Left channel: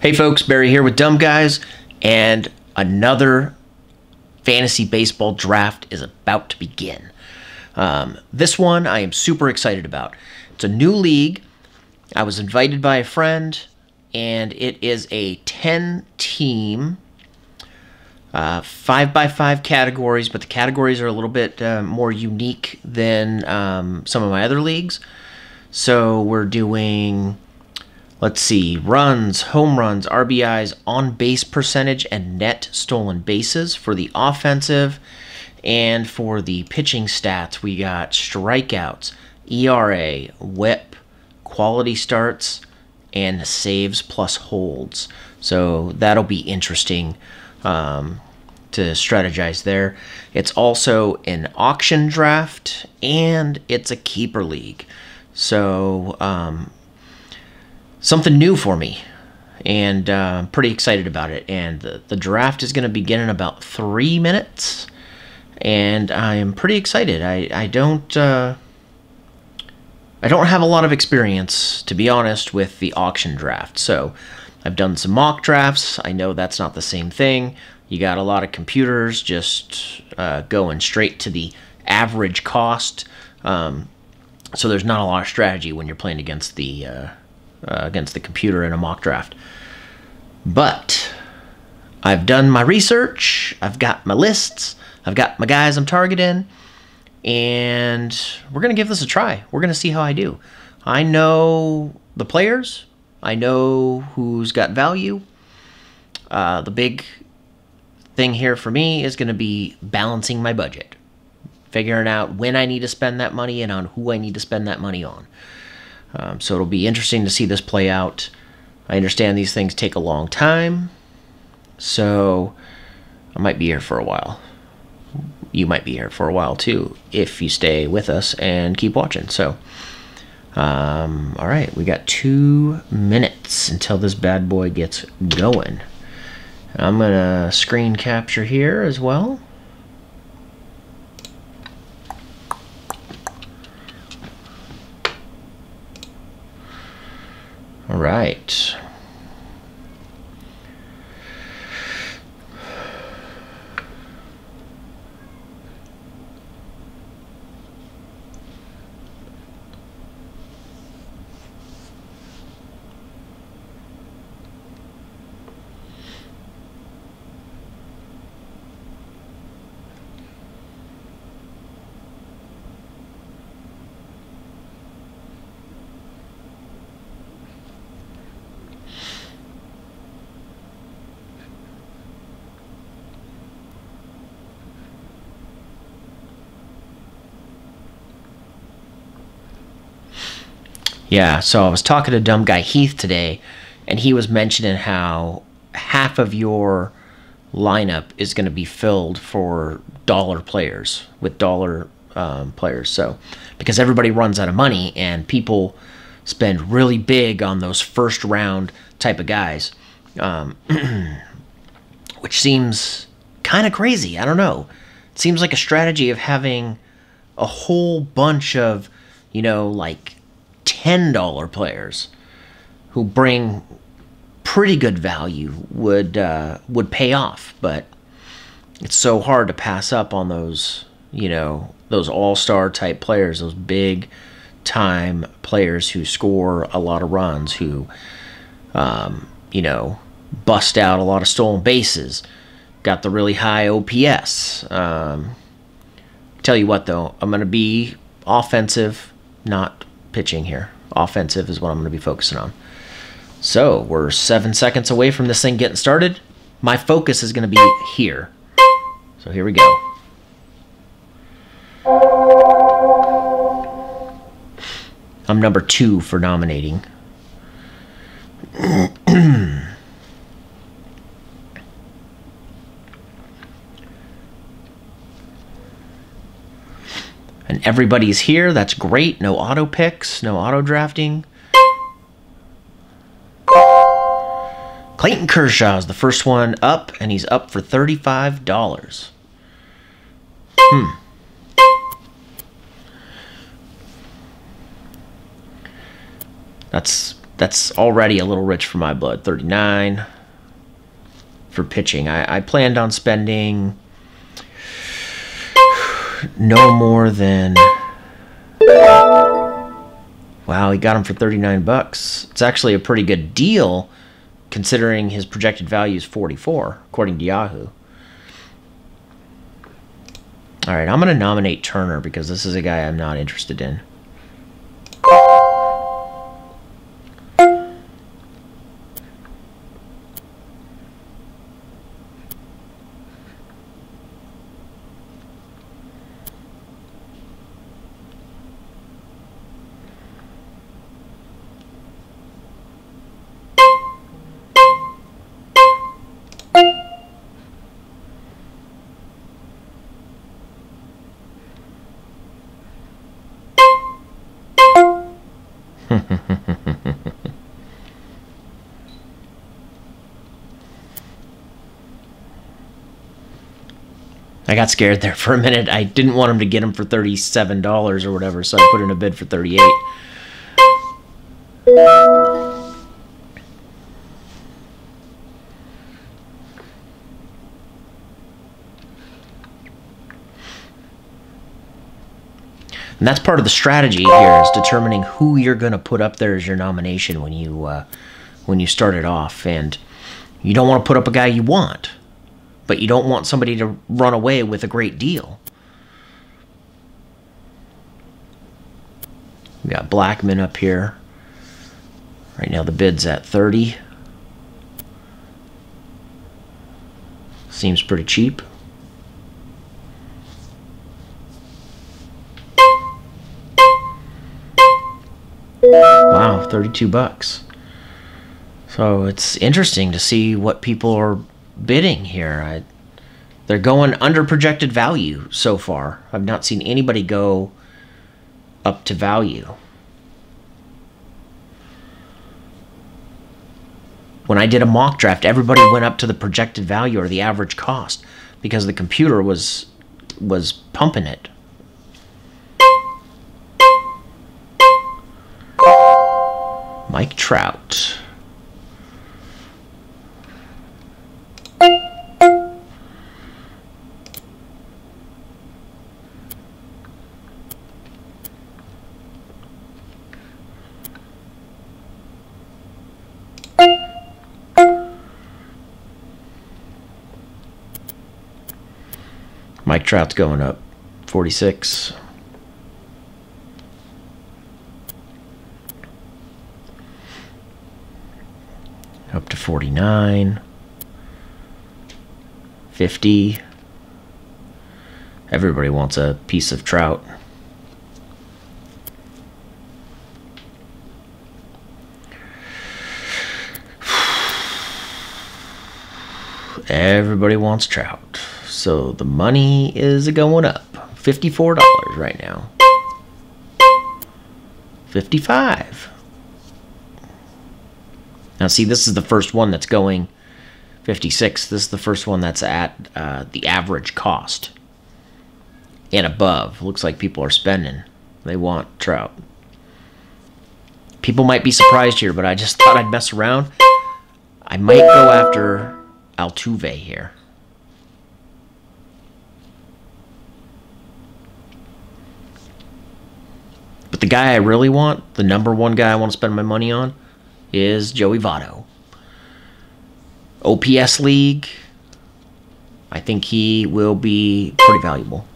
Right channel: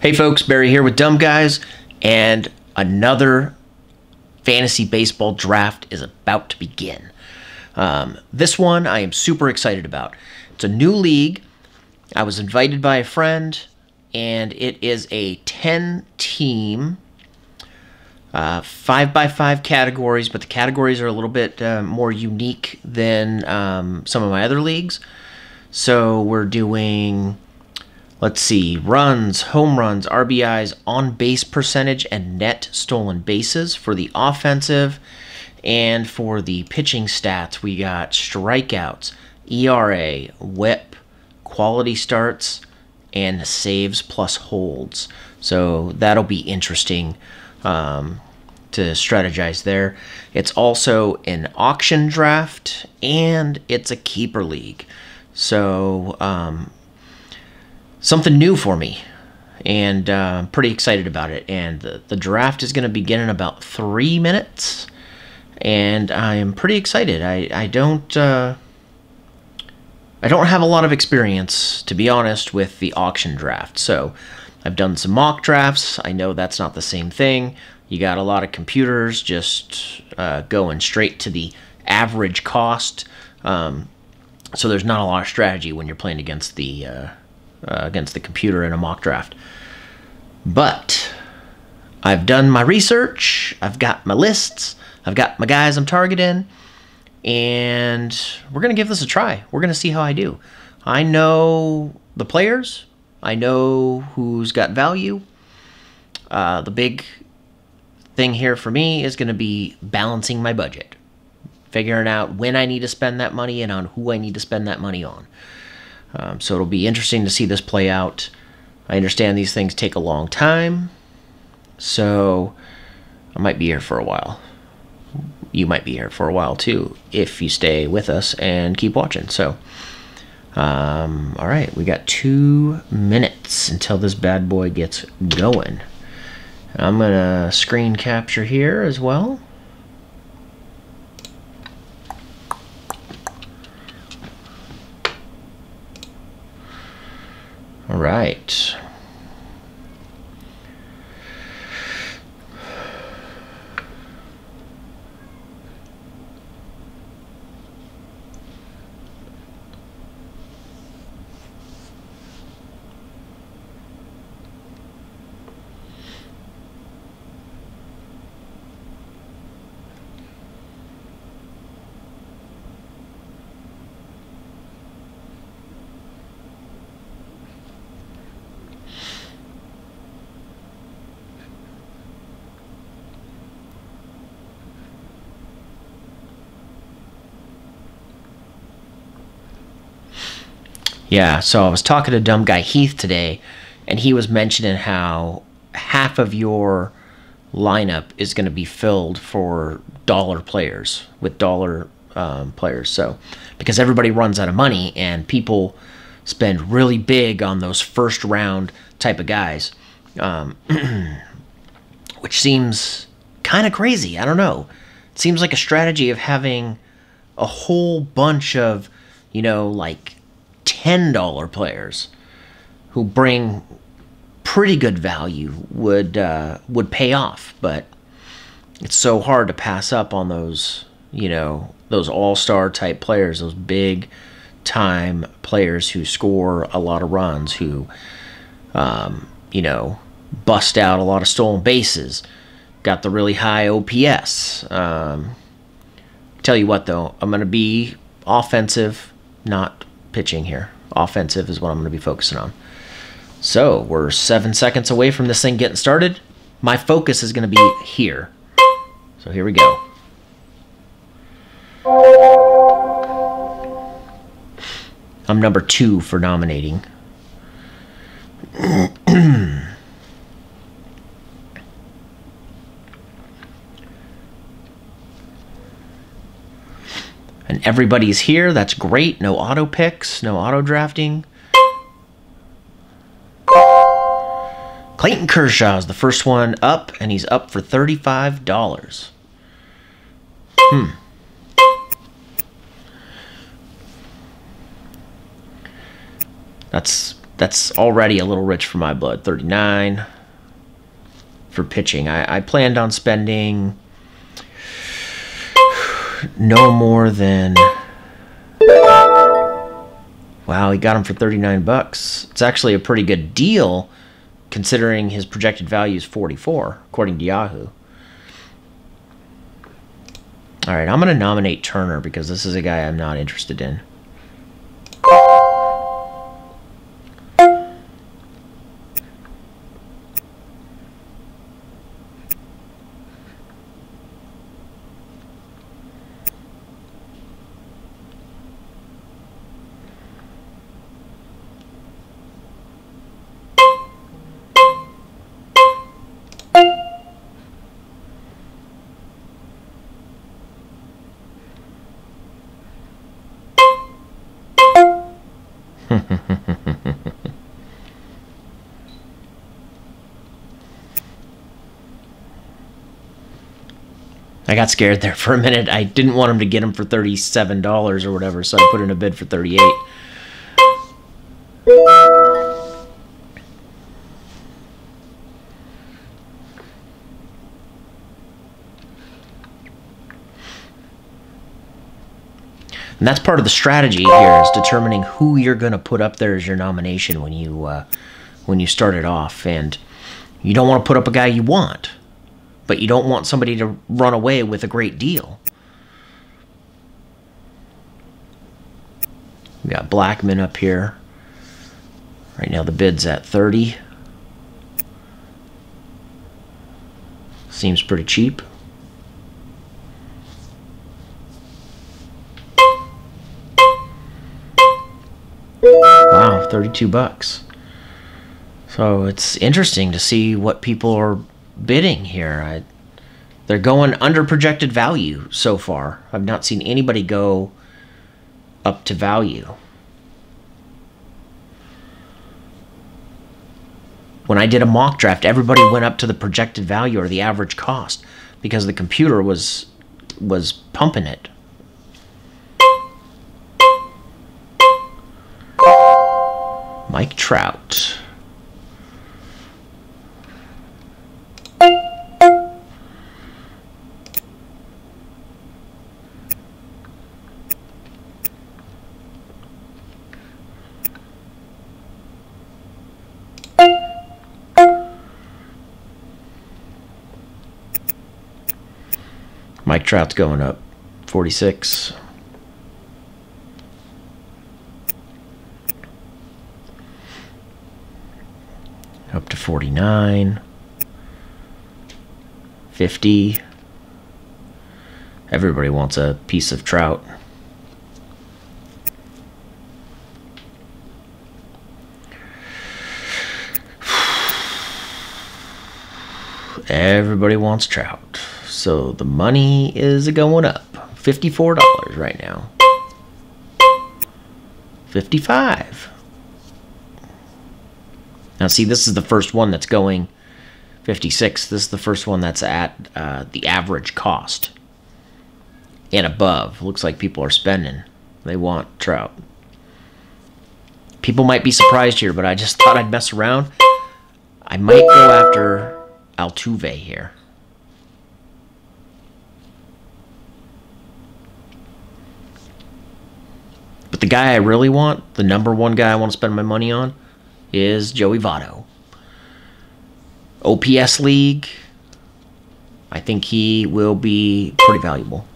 Hey folks, Barry here with Dumb Guys, and another fantasy baseball draft is about to begin. This one I am super excited about. It's a new league. I was invited by a friend, and it is a 10-team, 5x5 categories, but the categories are a little bit more unique than some of my other leagues. So we're doing, let's see, runs, home runs, RBIs, on-base percentage, and net stolen bases for the offensive. And for the pitching stats, we got strikeouts, ERA, WHIP, quality starts, and saves plus holds. So that'll be interesting to strategize there. It's also an auction draft, and it's a keeper league. So something new for me, and I'm pretty excited about it. And the draft is going to begin in about 3 minutes, and I am pretty excited. I don't have a lot of experience, to be honest, with the auction draft. So I've done some mock drafts. I know that's not the same thing. You got a lot of computers just going straight to the average cost. So there's not a lot of strategy when you're playing against the computer in a mock draft. But I've done my research. I've got my lists. I've got my guys I'm targeting. And we're going to give this a try. We're going to see how I do. I know the players. I know who's got value. The big thing here for me is going to be balancing my budget. Figuring out when I need to spend that money and on who I need to spend that money on. So it'll be interesting to see this play out. I understand these things take a long time. So I might be here for a while. You might be here for a while too, if you stay with us and keep watching. So, all right, we got 2 minutes until this bad boy gets going. I'm gonna screen capture here as well. All right. Yeah, so I was talking to Dumb Guy Heath today, and he was mentioning how half of your lineup is going to be filled for dollar players, with dollar players. So, because everybody runs out of money, and people spend really big on those first round type of guys, which seems kind of crazy. I don't know. It seems like a strategy of having a whole bunch of, like $10 players who bring pretty good value would pay off, but it's so hard to pass up on those, those all-star type players, those big time players who score a lot of runs, who bust out a lot of stolen bases, got the really high OPS. Tell you what though, I'm going to be offensive, not pitching here. Offensive is what I'm going to be focusing on. So we're 7 seconds away from this thing getting started. My focus is going to be here. So here we go. I'm number 2 for nominating. And everybody's here. That's great. No auto picks, no auto drafting. Clayton Kershaw is the first one up, and he's up for $35. That's That's already a little rich for my blood. 39 for pitching. I planned on spending no more than... Wow, he got him for 39 bucks. It's actually a pretty good deal considering his projected value is 44, according to Yahoo. All right, I'm going to nominate Turner because this is a guy I'm not interested in. I got scared there for a minute. I didn't want him to get him for $37 or whatever, so I put in a bid for 38. And that's part of the strategy here, is determining who you're going to put up there as your nomination when you start it off. And you don't want to put up a guy you want, but you don't want somebody to run away with a great deal. We got Blackman up here. Right now the bid's at 30. Seems pretty cheap. Wow, 32 bucks. So it's interesting to see what people are bidding here. They're going under projected value so far. I've not seen anybody go up to value. When I did a mock draft, everybody went up to the projected value or the average cost because the computer was pumping it. Mike Trout. Mike Trout's going up 46. Up to 49. 50. Everybody wants a piece of Trout. Everybody wants Trout. So the money is going up. $54 right now. 55. Now see, this is the first one that's going 56. This is the first one that's at the average cost and above. Looks like people are spending. They want Trout. People might be surprised here, but I just thought I'd mess around. I might go after Altuve here. But the guy I really want, the number one guy I want to spend my money on, is Joey Votto. OPS League, I think he will be pretty valuable.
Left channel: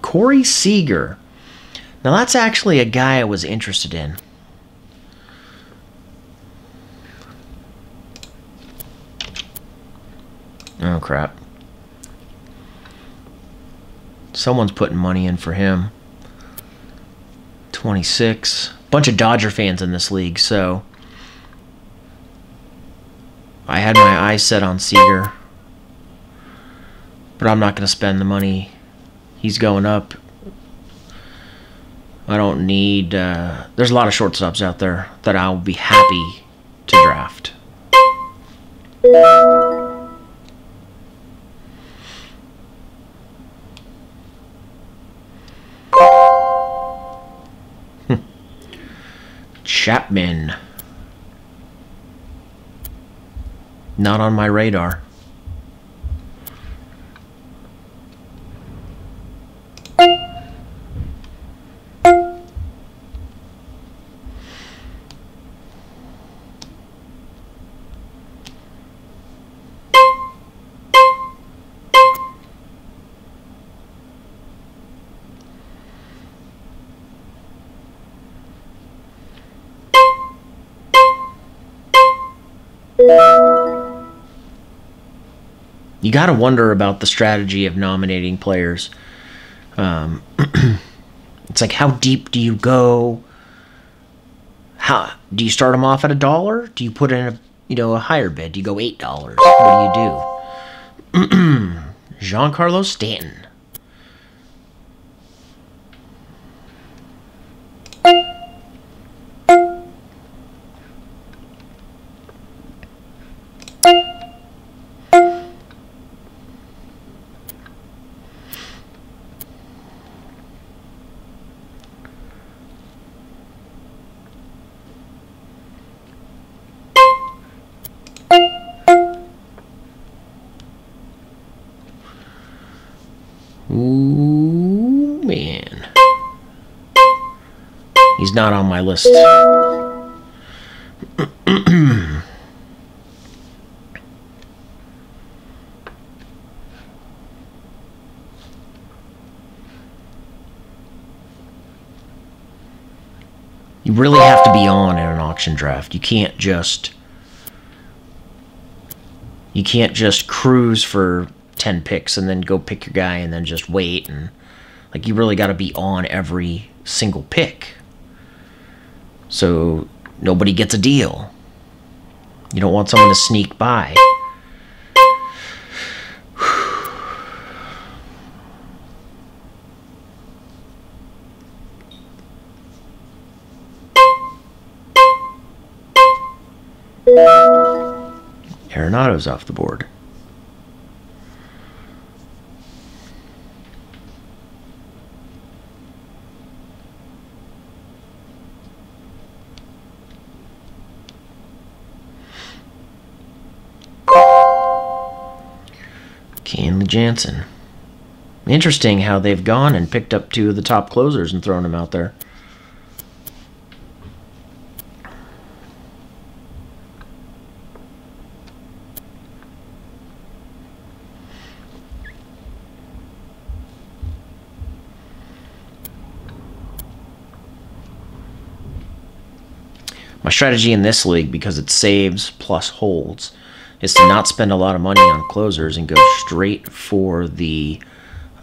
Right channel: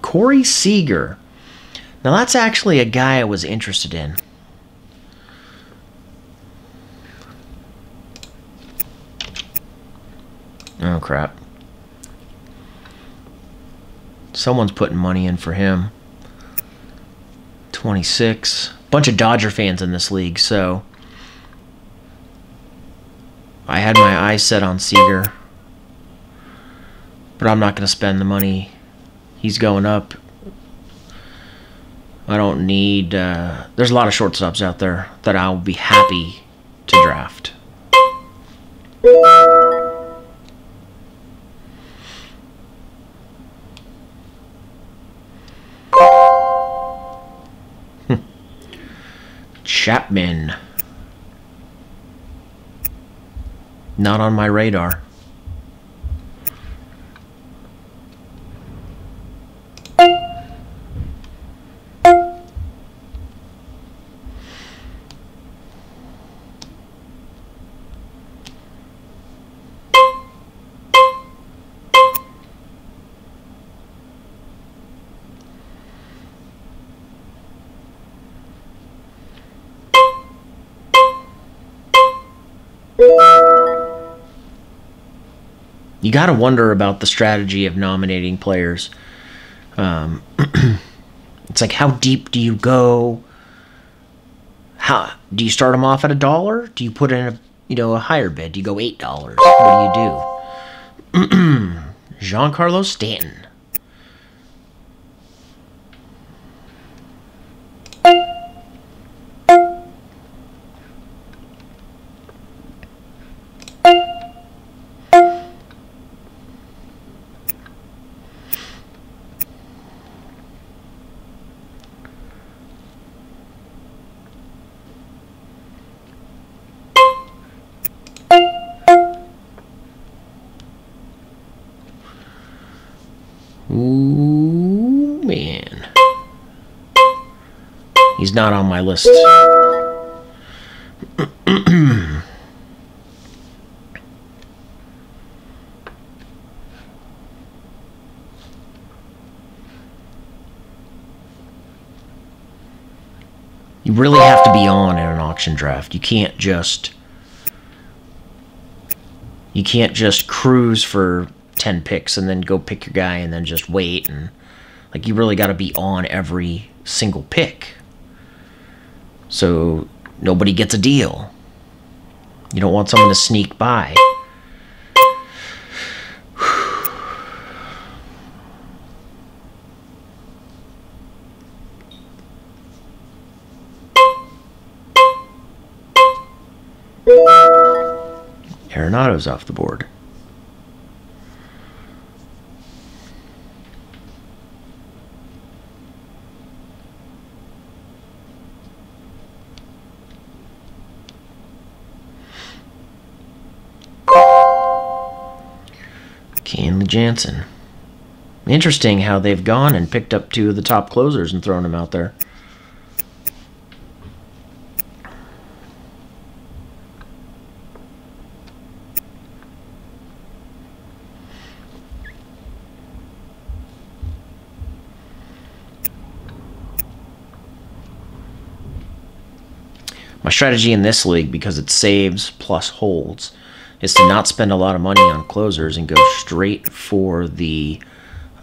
Corey Seager. Now that's actually a guy I was interested in. Oh crap. Someone's putting money in for him. 26. Bunch of Dodger fans in this league, so I had my eyes set on Seager. But I'm not going to spend the money. He's going up. I don't need... there's a lot of shortstops out there that I'll be happy to draft. Chapman. Not on my radar. You got to wonder about the strategy of nominating players. It's like, how deep do you go? How do you start them off at $1? Do you put in a higher bid? Do you go $8? What do you do? Giancarlo Stanton. Ooh, man. He's not on my list. You really have to be on in an auction draft. You can't just cruise for 10 picks and then go pick your guy and then just wait. And like, you really got to be on every single pick so nobody gets a deal. You don't want someone to sneak by. Arenado's off the board. Kenley Jansen. Interesting how they've gone and picked up two of the top closers and thrown them out there. My strategy in this league, because it saves plus holds, is to not spend a lot of money on closers and go straight for the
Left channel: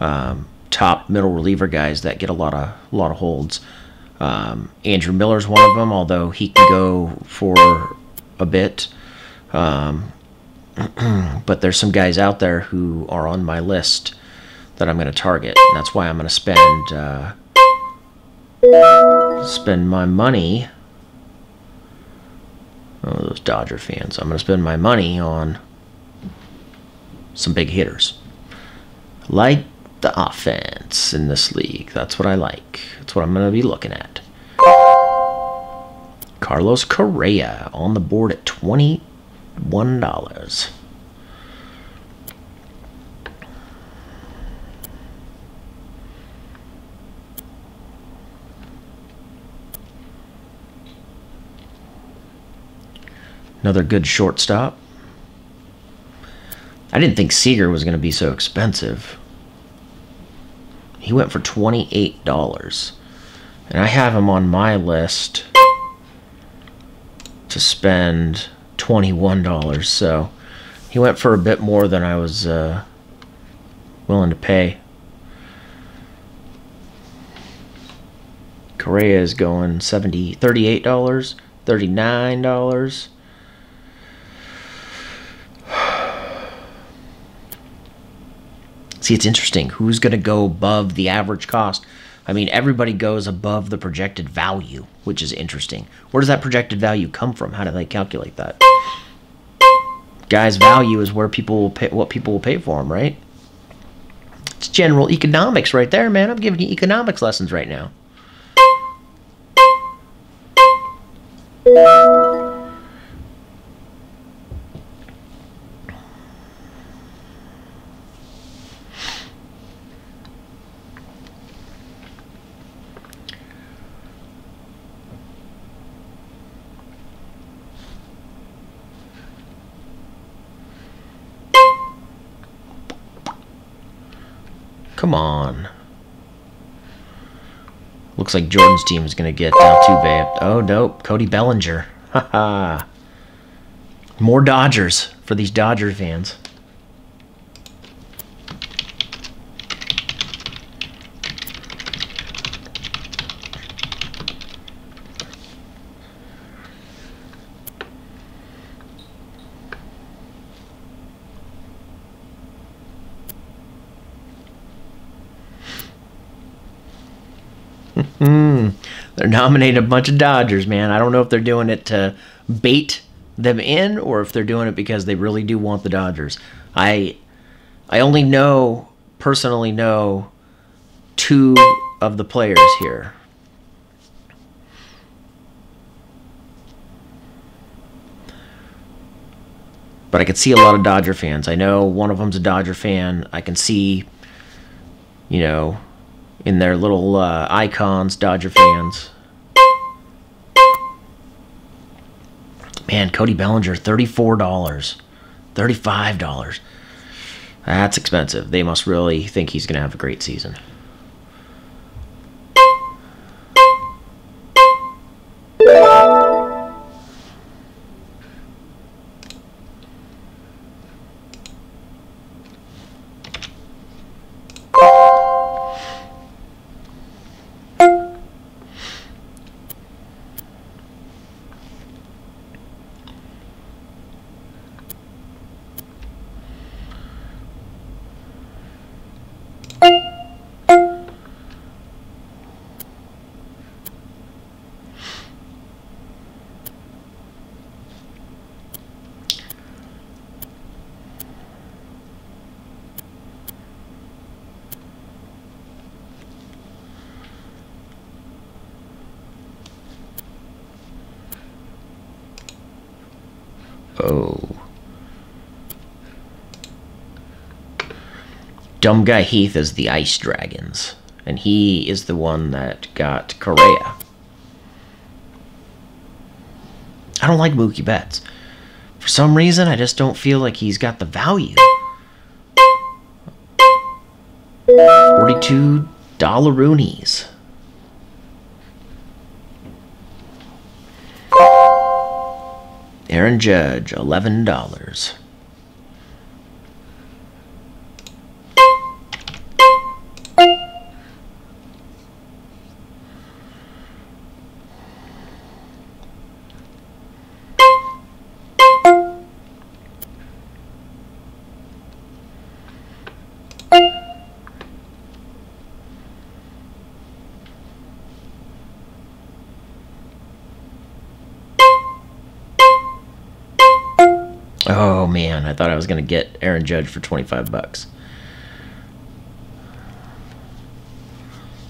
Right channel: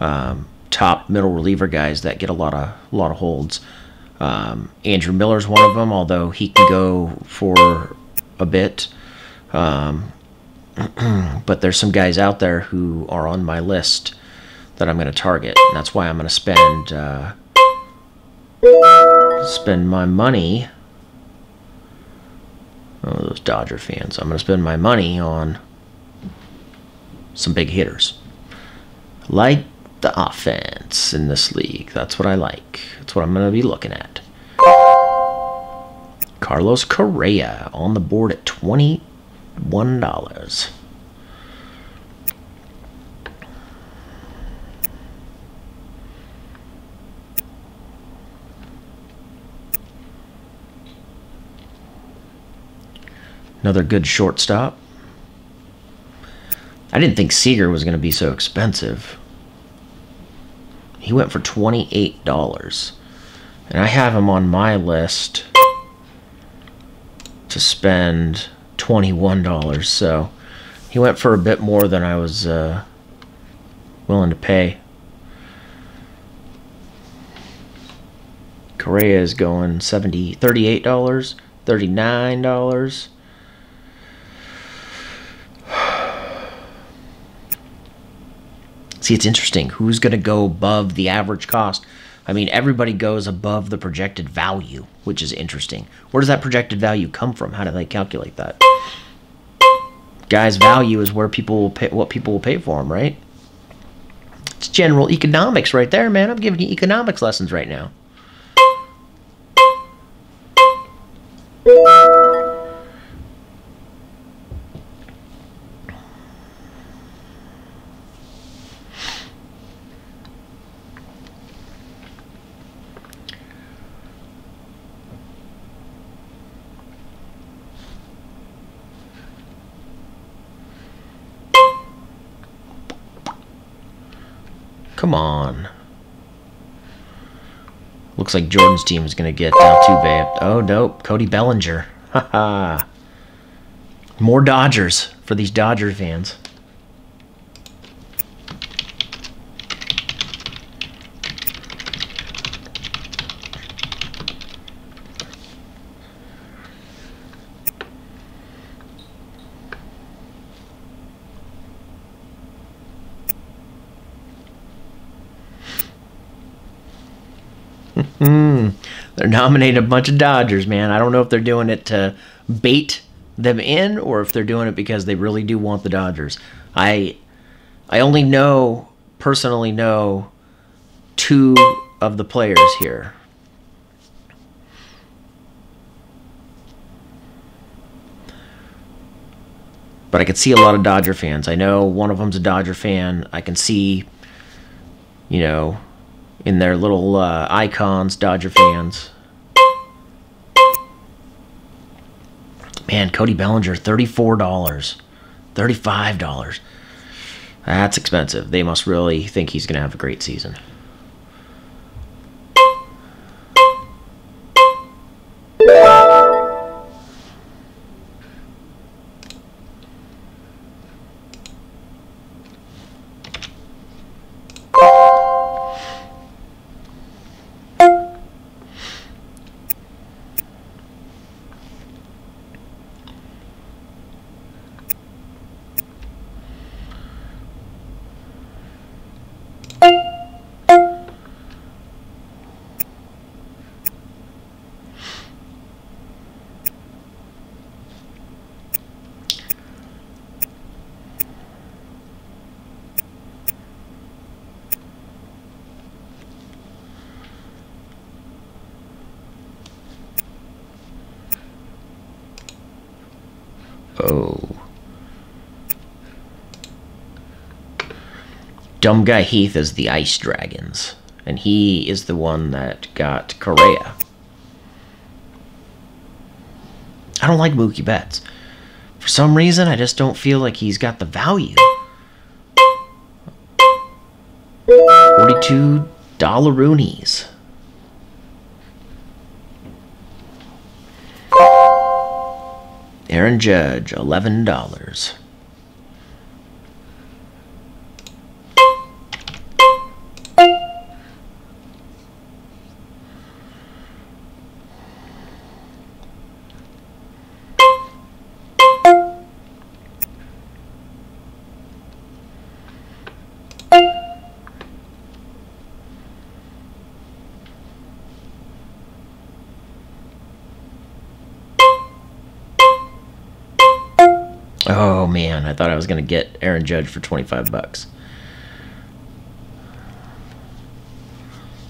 top middle reliever guys that get a lot of holds. Andrew Miller's one of them, although he can go for a bit. But there's some guys out there who are on my list that I'm going to target, and that's why I'm going to spend my money. Oh, those Dodger fans. I'm going to spend my money on some big hitters. Like the offense in this league. That's what I like. That's what I'm going to be looking at. Carlos Correa on the board at $21. Another good shortstop. I didn't think Seager was going to be so expensive. He went for $28. And I have him on my list to spend $21. So he went for a bit more than I was willing to pay. Correa is going $38, $39. See, it's interesting. Who's going to go above the average cost? I mean, everybody goes above the projected value, which is interesting. Where does that projected value come from? How do they calculate that? Guys, value is where people will pay, what people will pay for them, right? It's general economics right there, man. I'm giving you economics lessons right now. Come on. Looks like Jordan's team is going to get Altuve. Oh, nope. Cody Bellinger. Haha. More Dodgers for these Dodger fans. They're nominating a bunch of Dodgers, man. I don't know if they're doing it to bait them in or if they're doing it because they really do want the Dodgers. I only personally know 2 of the players here. But I could see a lot of Dodger fans. I know one of them's a Dodger fan. I can see, you know, in their little icons, Dodger fans. Man, Cody Bellinger, $34. $35. That's expensive. They must really think he's going to have a great season. Oh. Dumb Guy Heath is the Ice Dragons. And he is the one that got Correa. I don't like Mookie Betts. For some reason, I just don't feel like he's got the value. $42 Roonies. Aaron Judge, $11. Oh man, I thought I was going to get Aaron Judge for $25.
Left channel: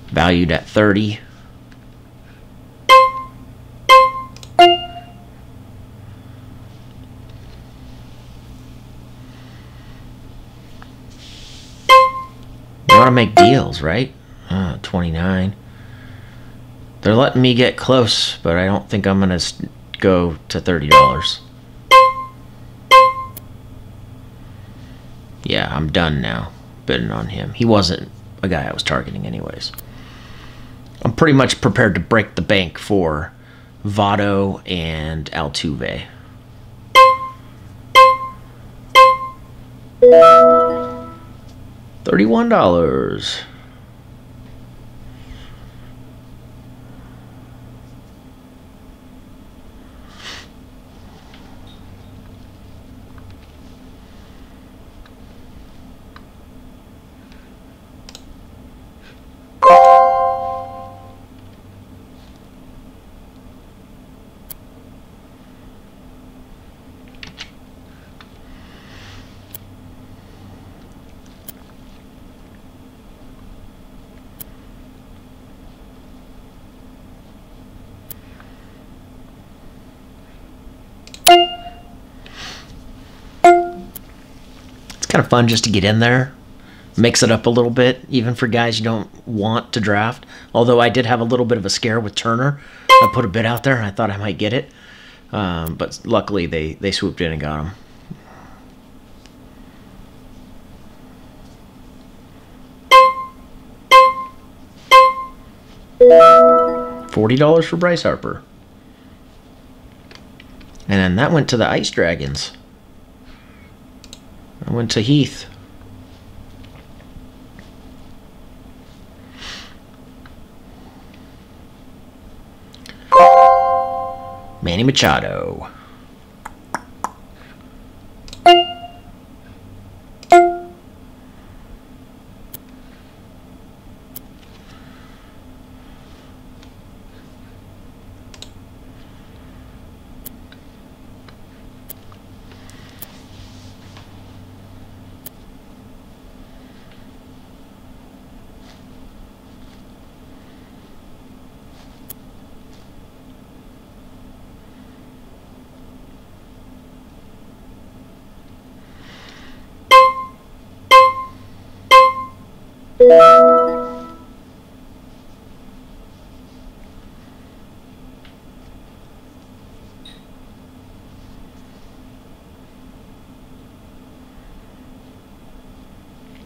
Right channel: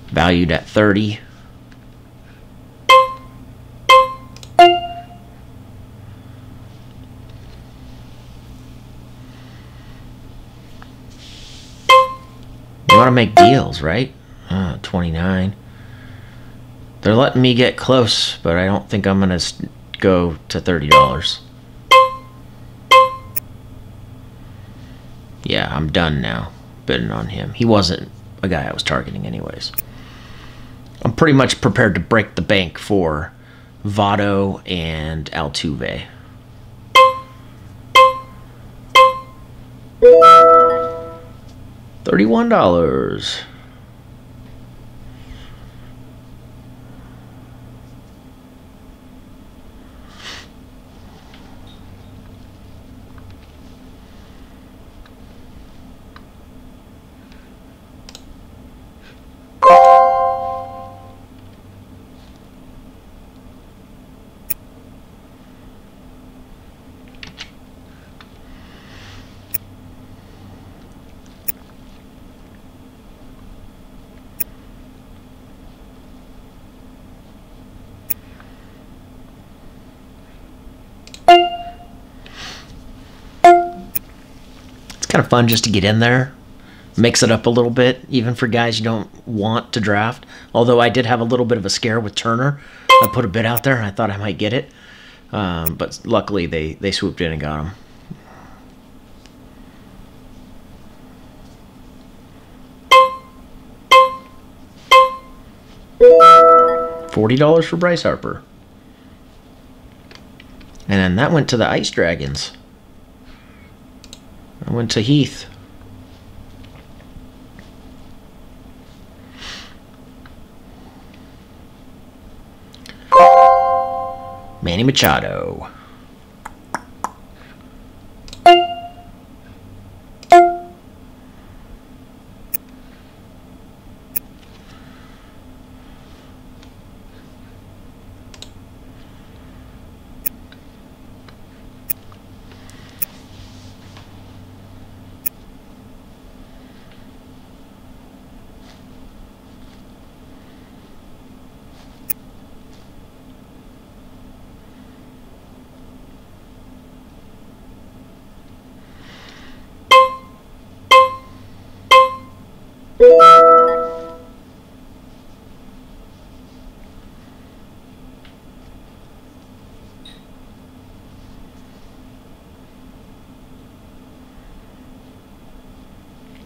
Valued at $30. You want to make deals, right? 29. They're letting me get close, but I don't think I'm going to go to $30. Yeah, I'm done now bidding on him. He wasn't a guy I was targeting anyways. I'm pretty much prepared to break the bank for Votto and Altuve. $31. Kind of fun just to get in there, mix it up a little bit, even for guys you don't want to draft. Although I did have a little bit of a scare with Turner. I put a bid out there and I thought I might get it, but luckily they swooped in and got him. $40 for Bryce Harper. And then that went to the Ice Dragons. I went to Heath. Manny Machado.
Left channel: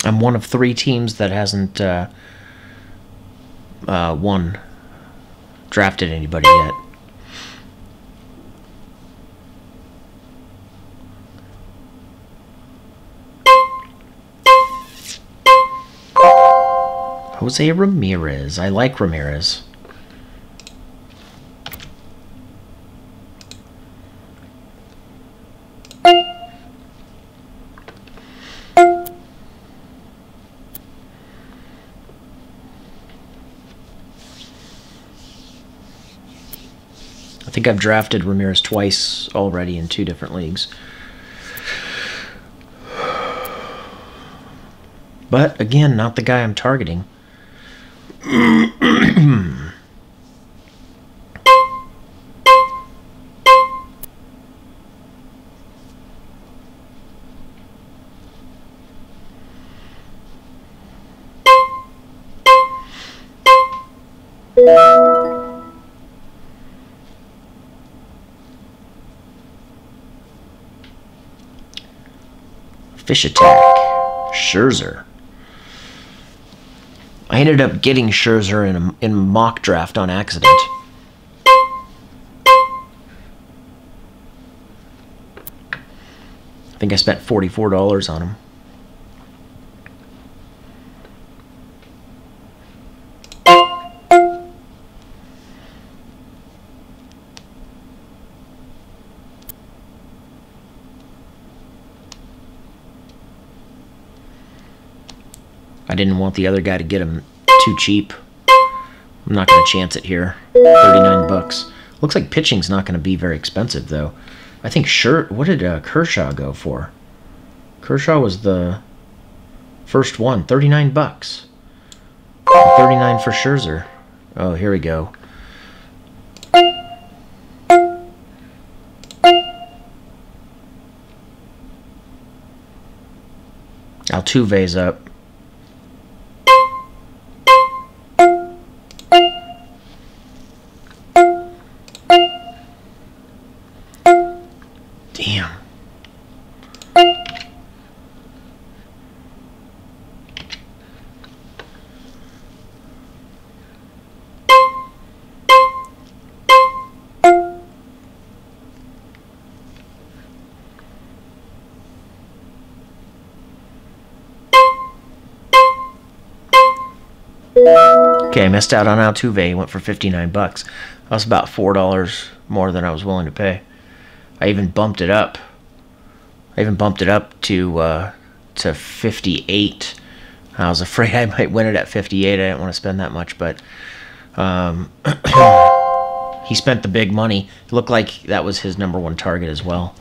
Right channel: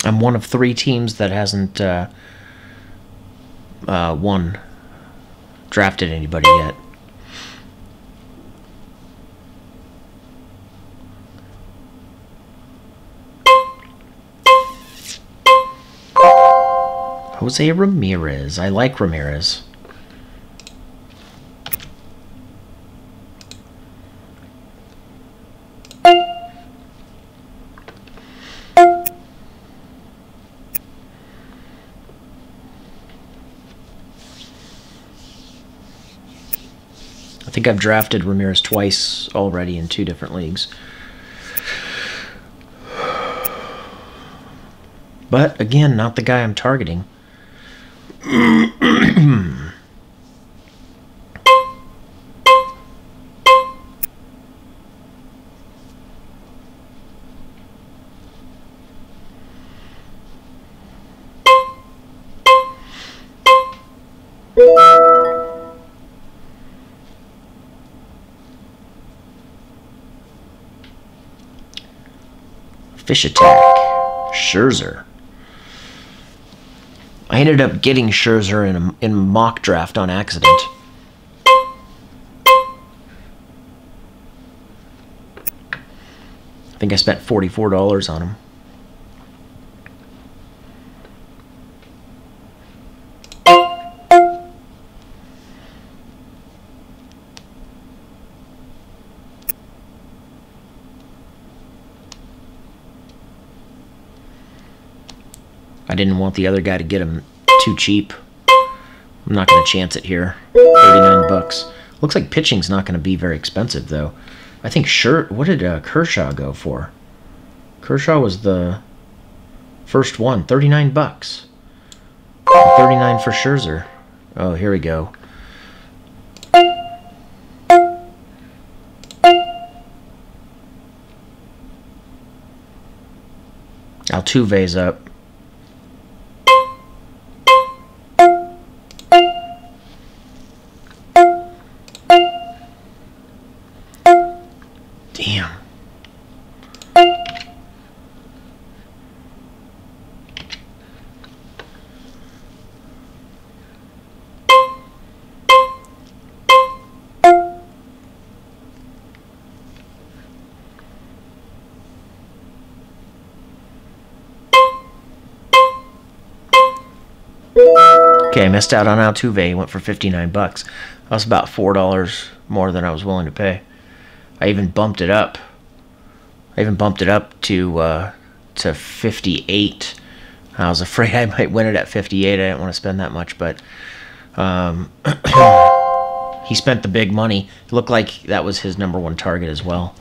I'm one of 3 teams that hasn't drafted anybody yet. Jose Ramirez. I like Ramirez. I think I've drafted Ramirez twice already in 2 different leagues. But, again, not the guy I'm targeting. Fish attack. Scherzer. I ended up getting Scherzer in mock draft on accident. I think I spent $44 on him. I didn't want the other guy to get him too cheap. I'm not going to chance it here. $39. Looks like pitching's not going to be very expensive, though. I think what did Kershaw go for? Kershaw was the first one. $39. $39 for Scherzer. Oh, here we go. Altuve's up. Damn. Okay, I missed out on Altuve. He went for $59. That was about $4 more than I was willing to pay. I even bumped it up. To 58. I was afraid I might win it at 58. I didn't want to spend that much, but he spent the big money. It looked like that was his #1 target as well.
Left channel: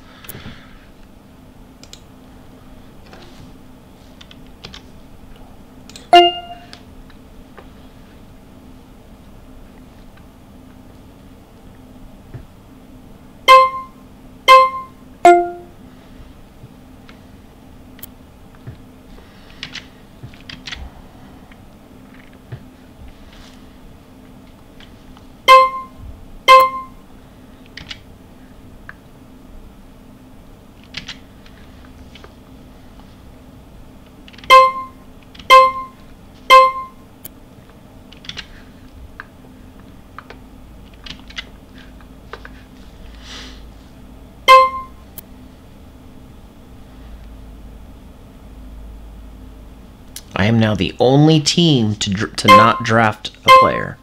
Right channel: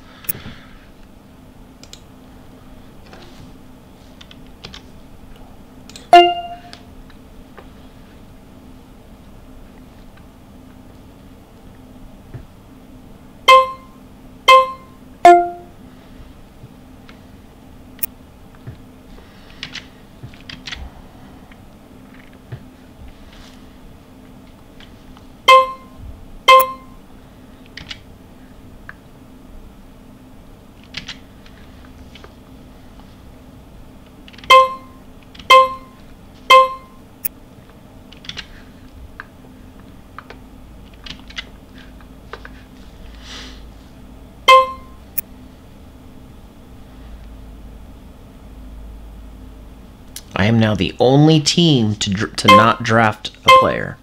I am now the only team to not draft a player.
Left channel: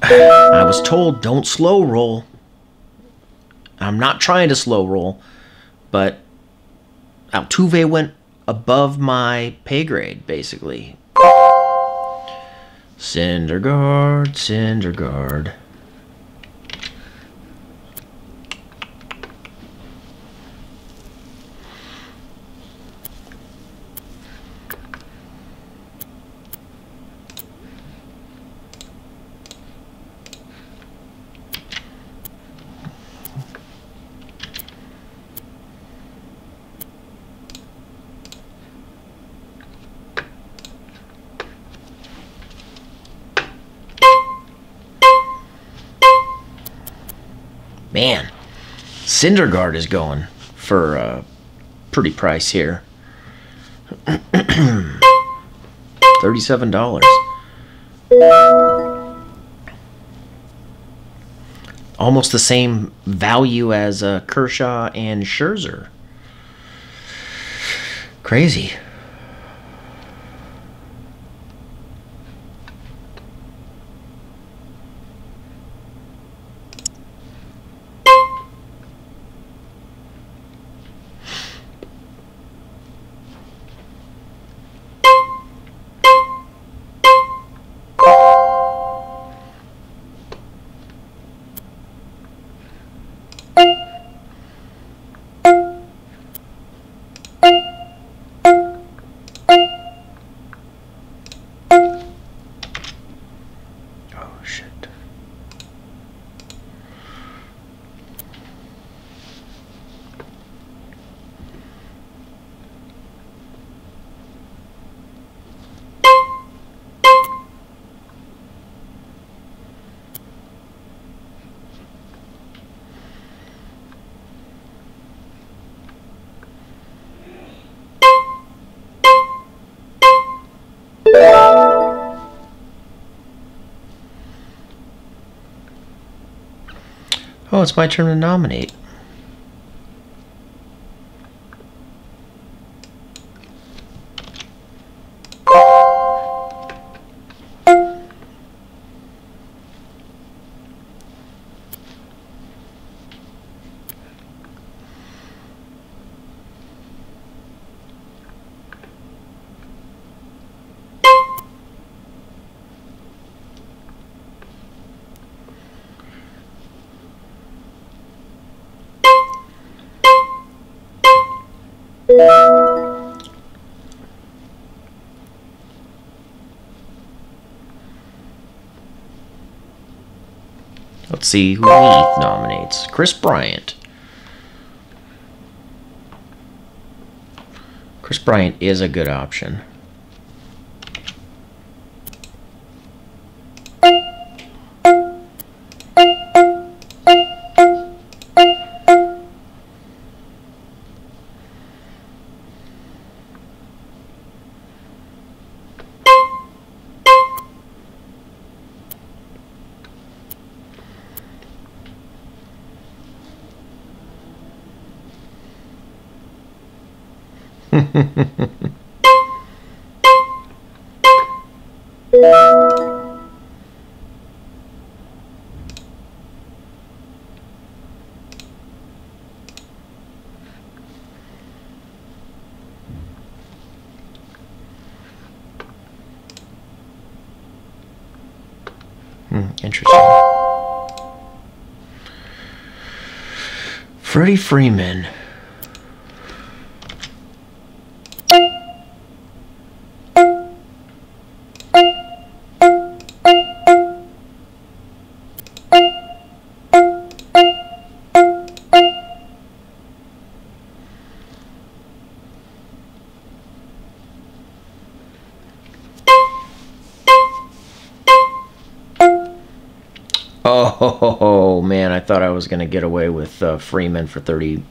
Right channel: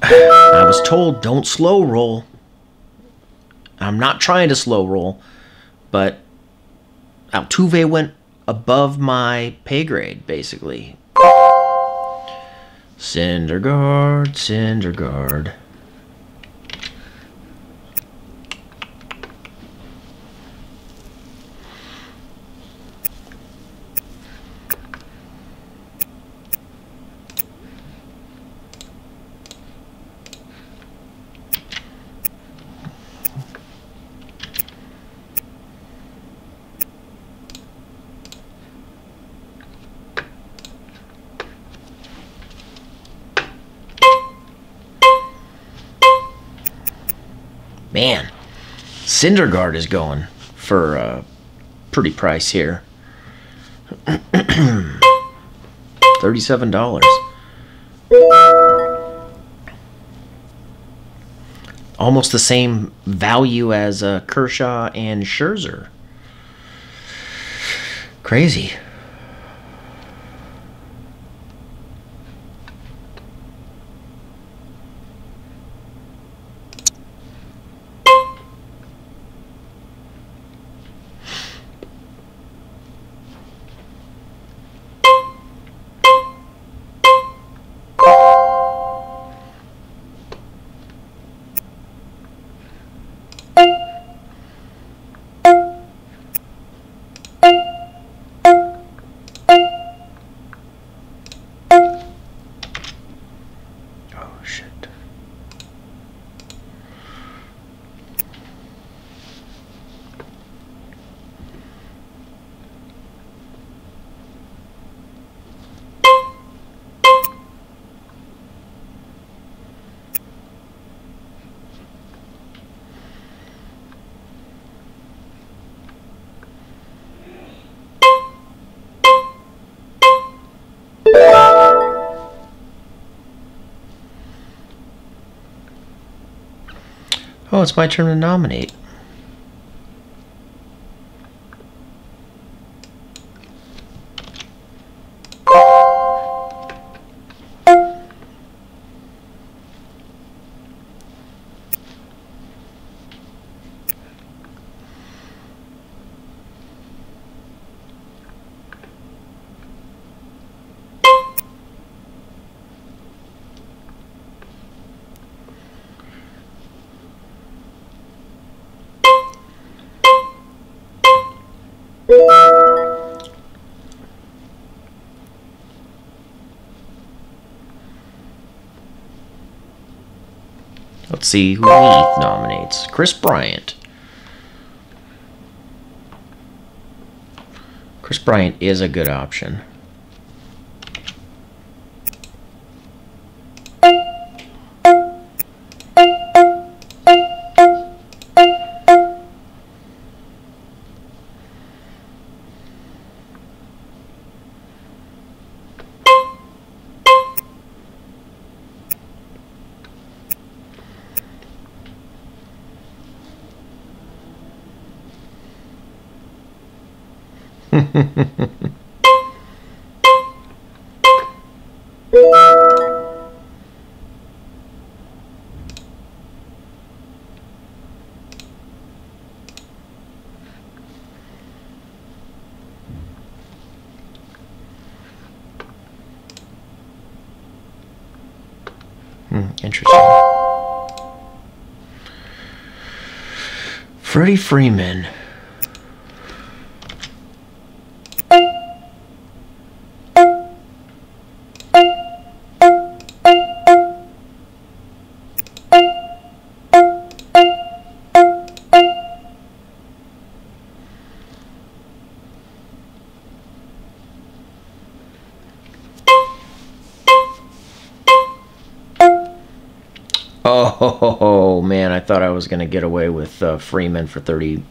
I was told don't slow roll. I'm not trying to slow roll, but Altuve went above my pay grade, basically. Syndergaard, Syndergaard. Man, Syndergaard is going for a pretty price here. $37. Almost the same value as Kershaw and Scherzer. Crazy. Oh, it's my turn to nominate. Let's see who Heath nominates. Chris Bryant. Chris Bryant is a good option. Interesting. Freddie Freeman. Oh man, I thought I was gonna get away with Freeman for $31.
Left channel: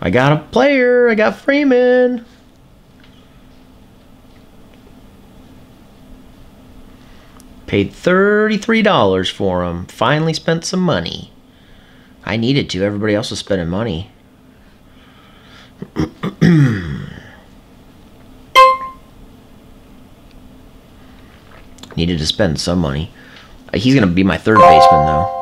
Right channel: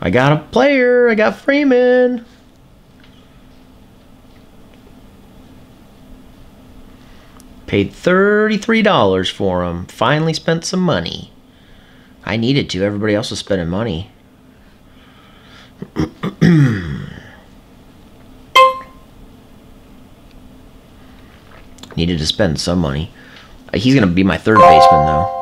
I got a player. I got Freeman. Paid $33 for him. Finally spent some money. I needed to. Everybody else was spending money. Needed to spend some money. He's going to be my third baseman, though.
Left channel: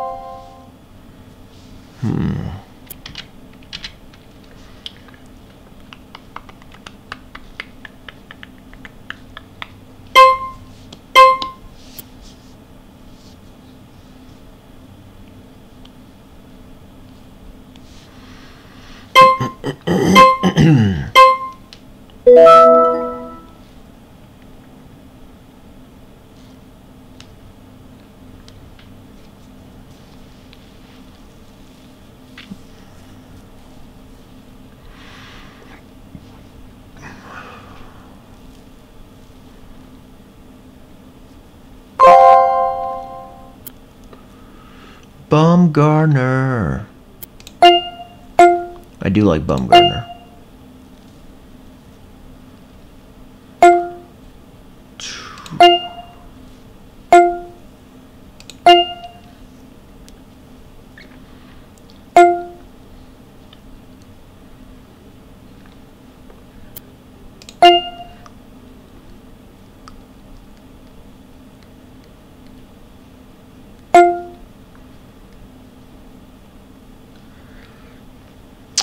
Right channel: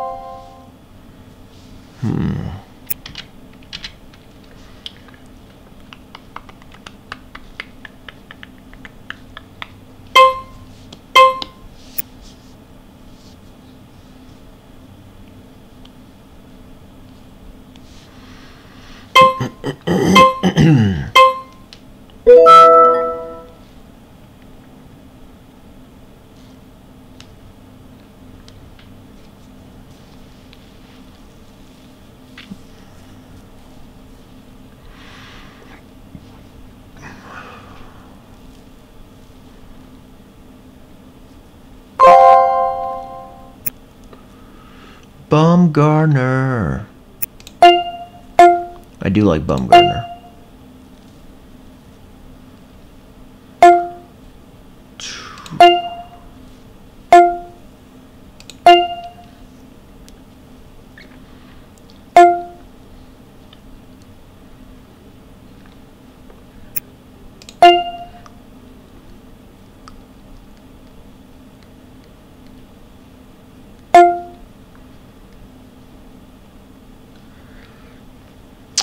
Bumgarner. I do like Bumgarner.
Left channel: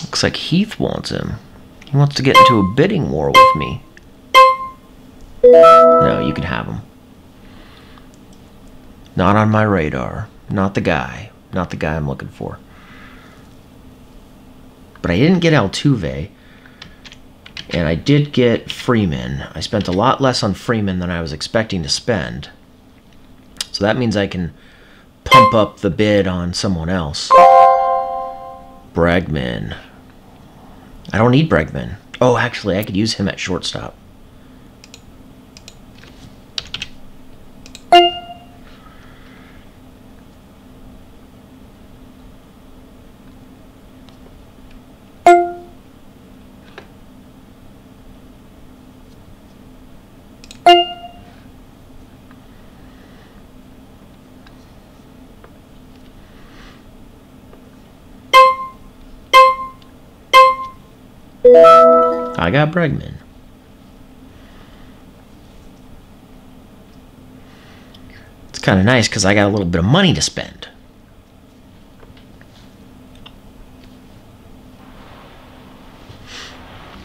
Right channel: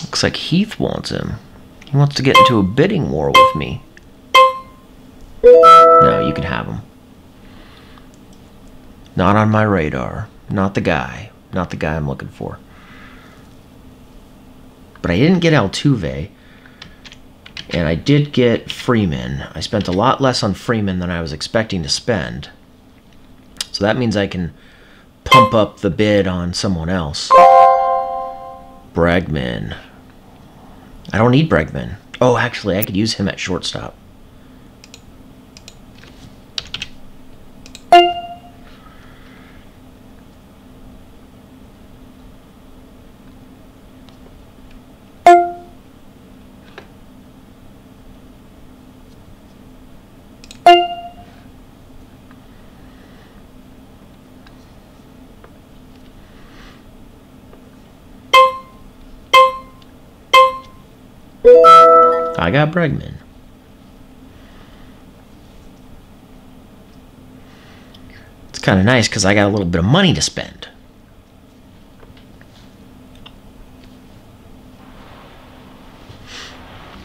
Looks like Heath wants him. He wants to get into a bidding war with me. No, you can have him. Not on my radar. Not the guy. Not the guy I'm looking for. But I didn't get Altuve. And I did get Freeman. I spent a lot less on Freeman than I was expecting to spend. So that means I can pump up the bid on someone else. Bregman. I don't need Bregman. Oh, actually, I could use him at shortstop. I got Bregman. It's kind of nice because I got a little bit of money to spend.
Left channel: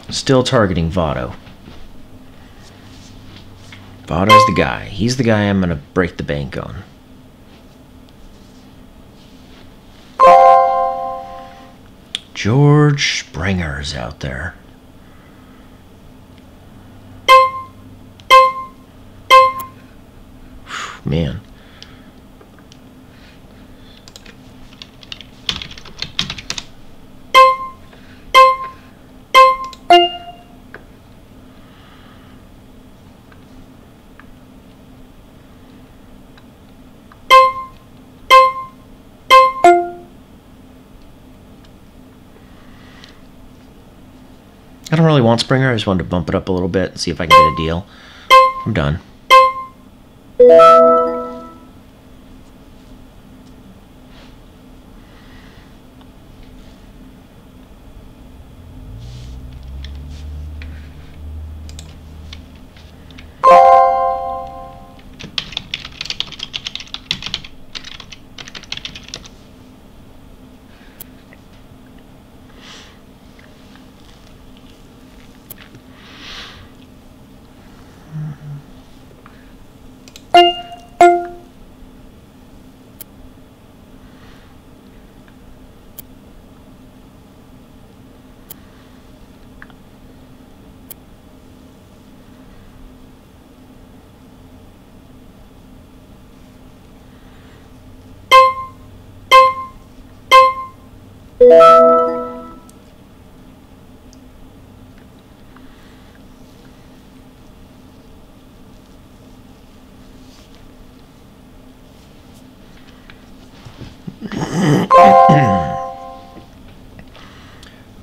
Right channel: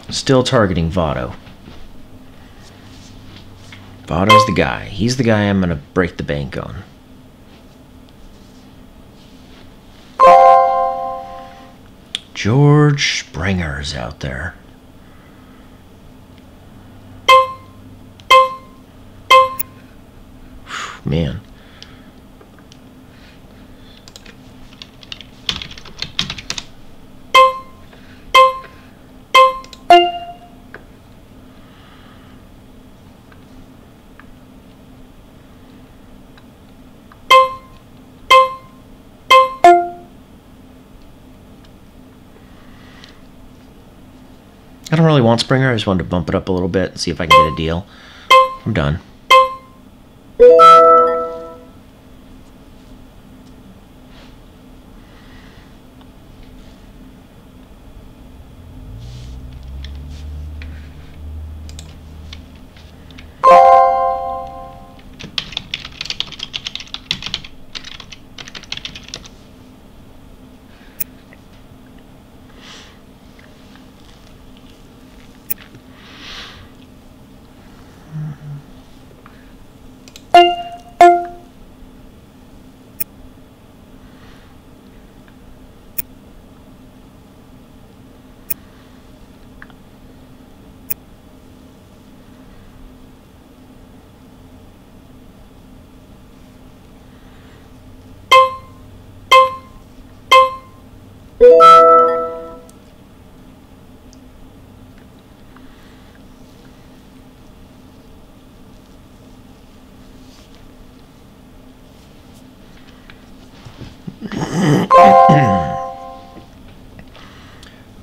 Still targeting Votto. Votto's the guy. He's the guy I'm going to break the bank on. George Springer's out there. Man. I don't really want Springer. I just wanted to bump it up a little bit and see if I can get a deal. I'm done.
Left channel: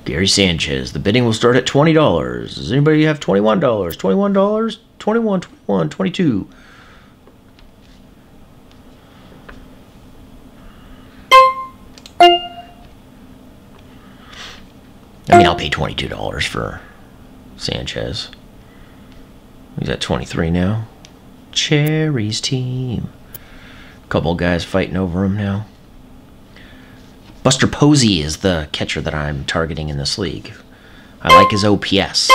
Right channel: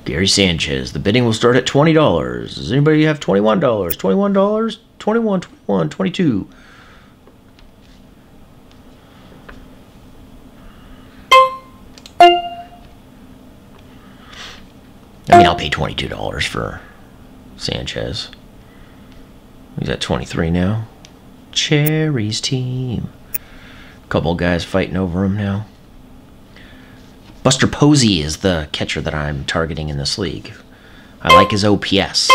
Gary Sanchez. The bidding will start at $20. Does anybody have $21? $21? $21, $21, $22. I'll pay $22 for Sanchez. He's at 23 now. Cherry's team. Couple guys fighting over him now. Buster Posey is the catcher that I'm targeting in this league. I like his OPS.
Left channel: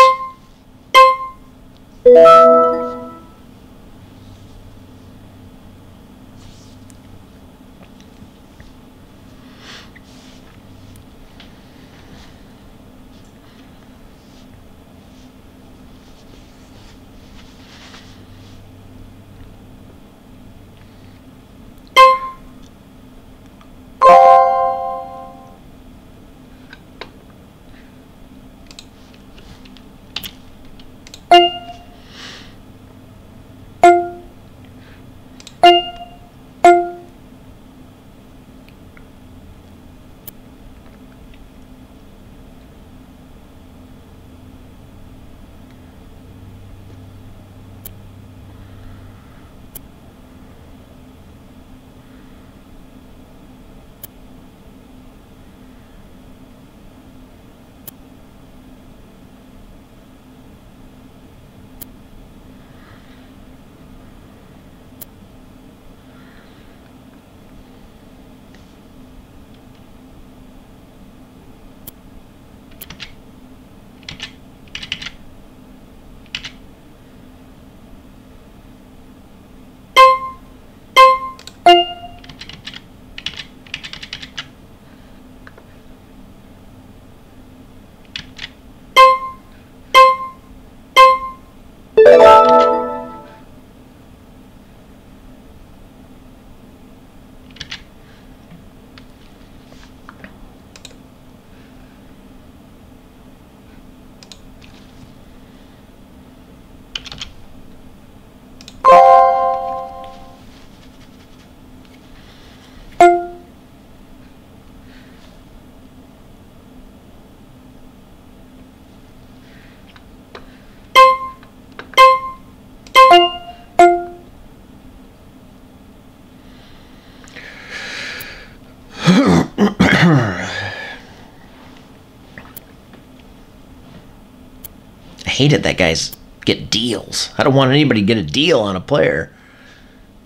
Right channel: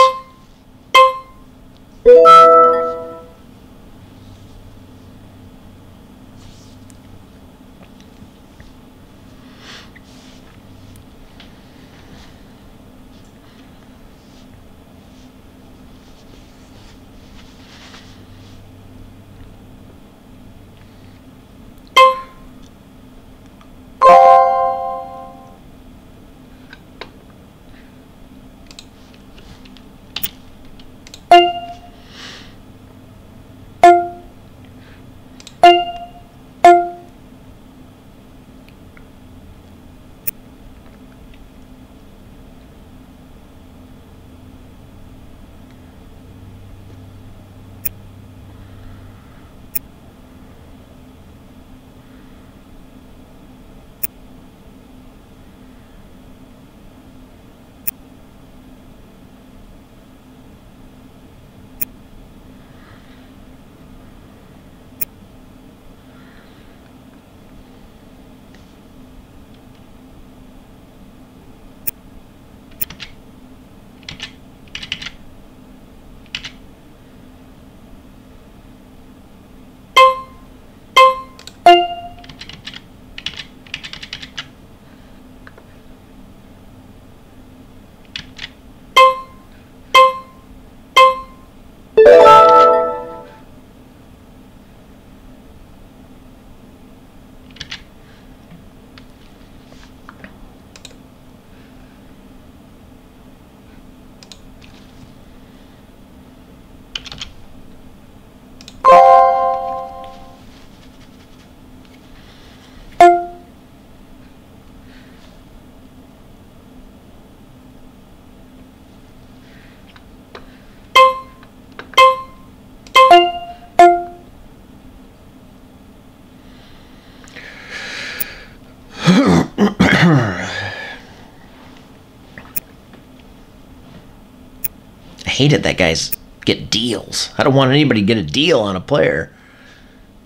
I hate it that guys get deals. I don't want anybody to get a deal on a player,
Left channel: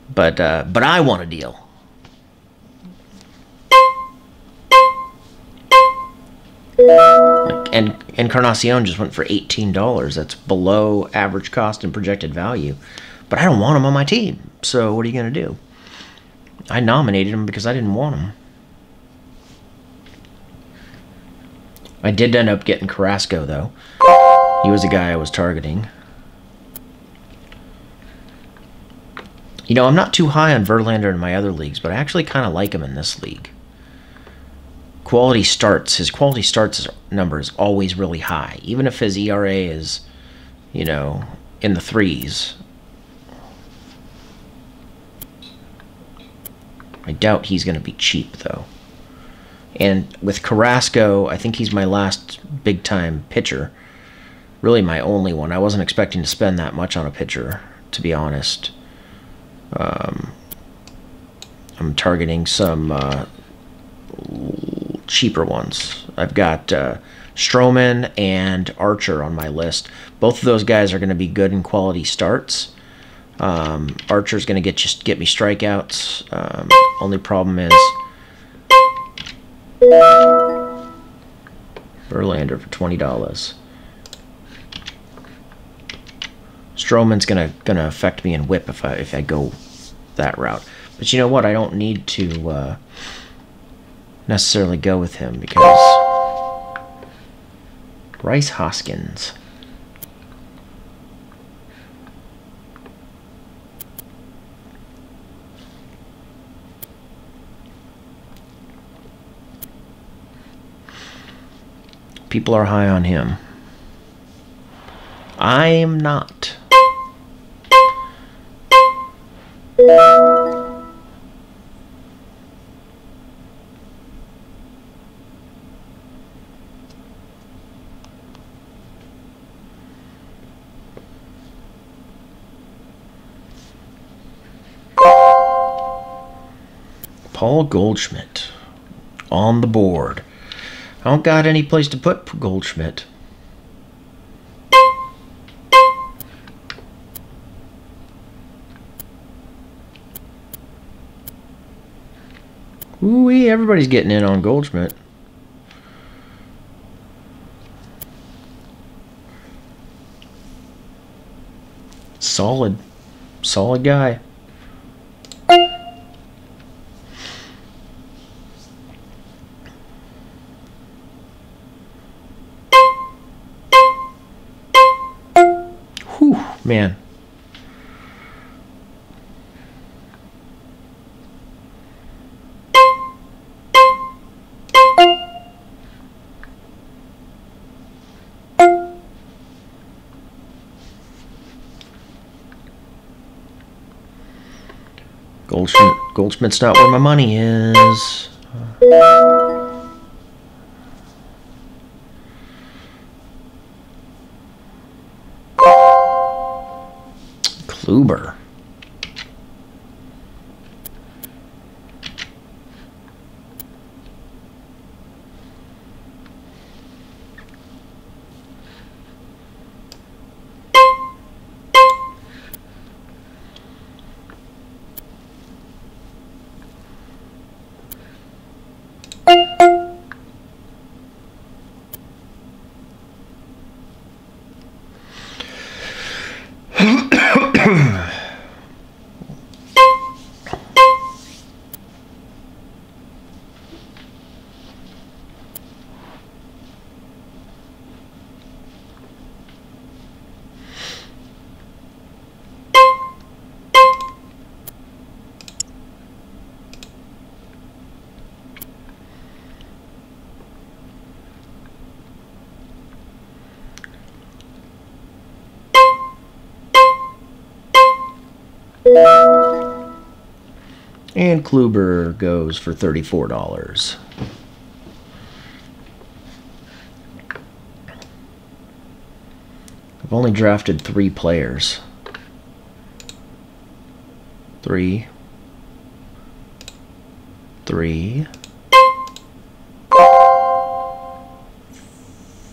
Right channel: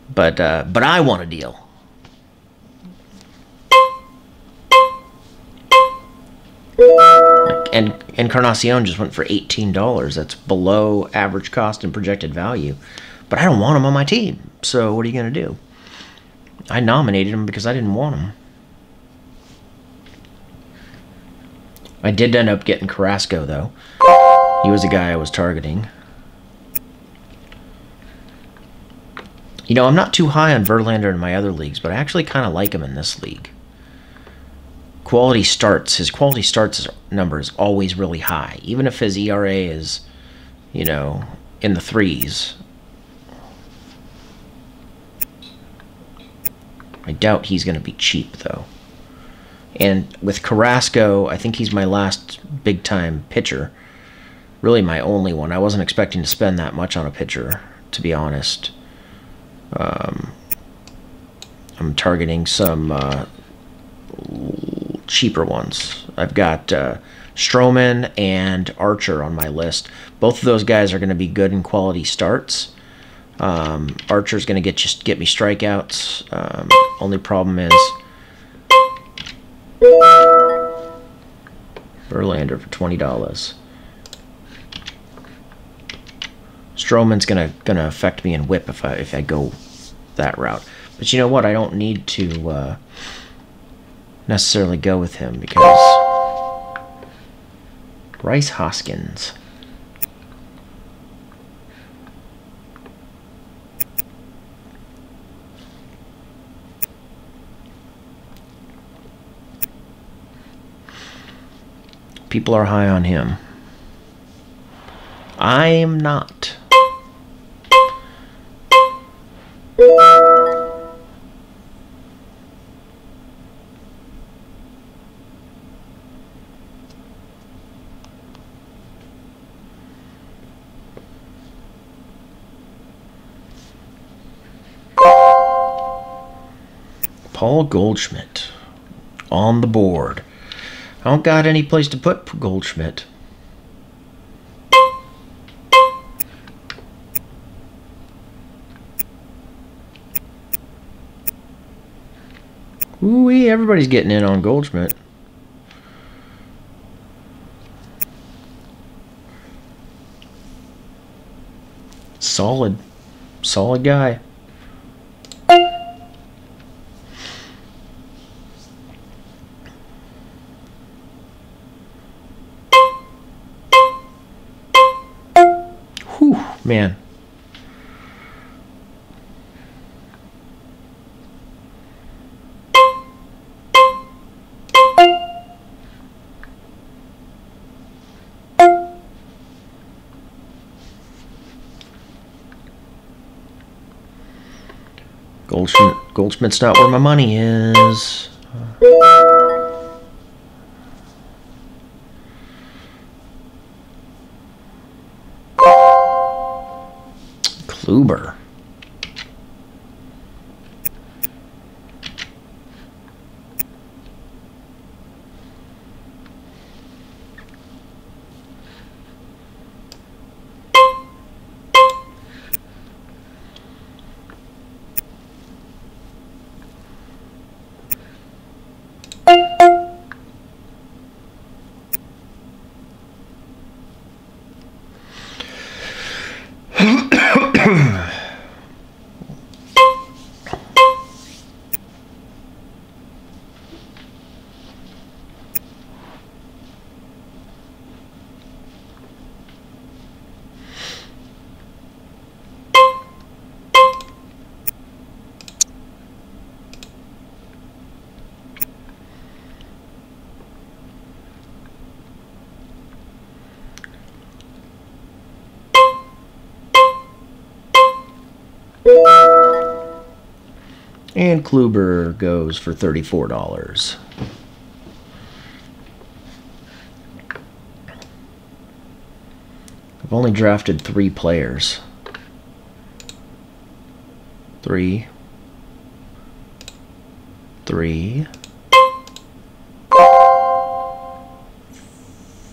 but I want a deal. And Encarnacion just went for $18. That's below average cost and projected value, but I don't want him on my team. So what are you gonna do? I nominated him because I didn't want him. I did end up getting Carrasco, though. He was a guy I was targeting. You know, I'm not too high on Verlander in my other leagues, but I actually kind of like him in this league. Quality starts. His quality starts number is always really high. Even if his ERA is, you know, in the threes. I doubt he's going to be cheap, though. And with Carrasco, I think he's my last big-time pitcher. Really my only one. I wasn't expecting to spend that much on a pitcher, to be honest. I'm targeting some cheaper ones. I've got Stroman and Archer on my list. Both of those guys are going to be good in quality starts. Archer's going to get me strikeouts. Only problem is Verlander for $20. Stroman's gonna affect me in whip if I go that route. But you know what? I don't need to necessarily go with him because Bryce Hoskins. People are high on him. I am not. Paul Goldschmidt on the board. I don't got any place to put Goldschmidt. Ooh-wee, everybody's getting in on Goldschmidt. Solid guy. Whew, man. Goldschmidt's not where my money is. Kluber. And Kluber goes for $34. I've only drafted 3 players. 3,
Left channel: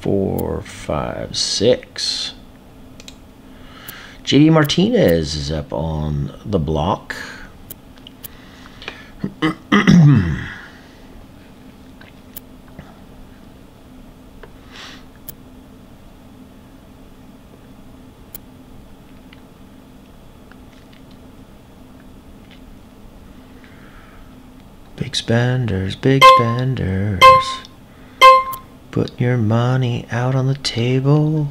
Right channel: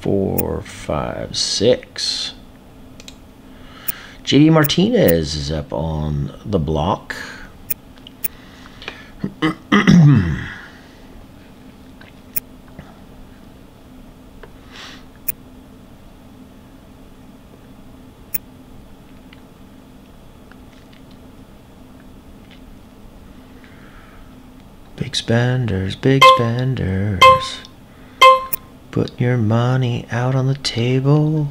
4, 5, 6. JD Martinez is up on the block. Big spenders, big spenders. Put your money out on the table.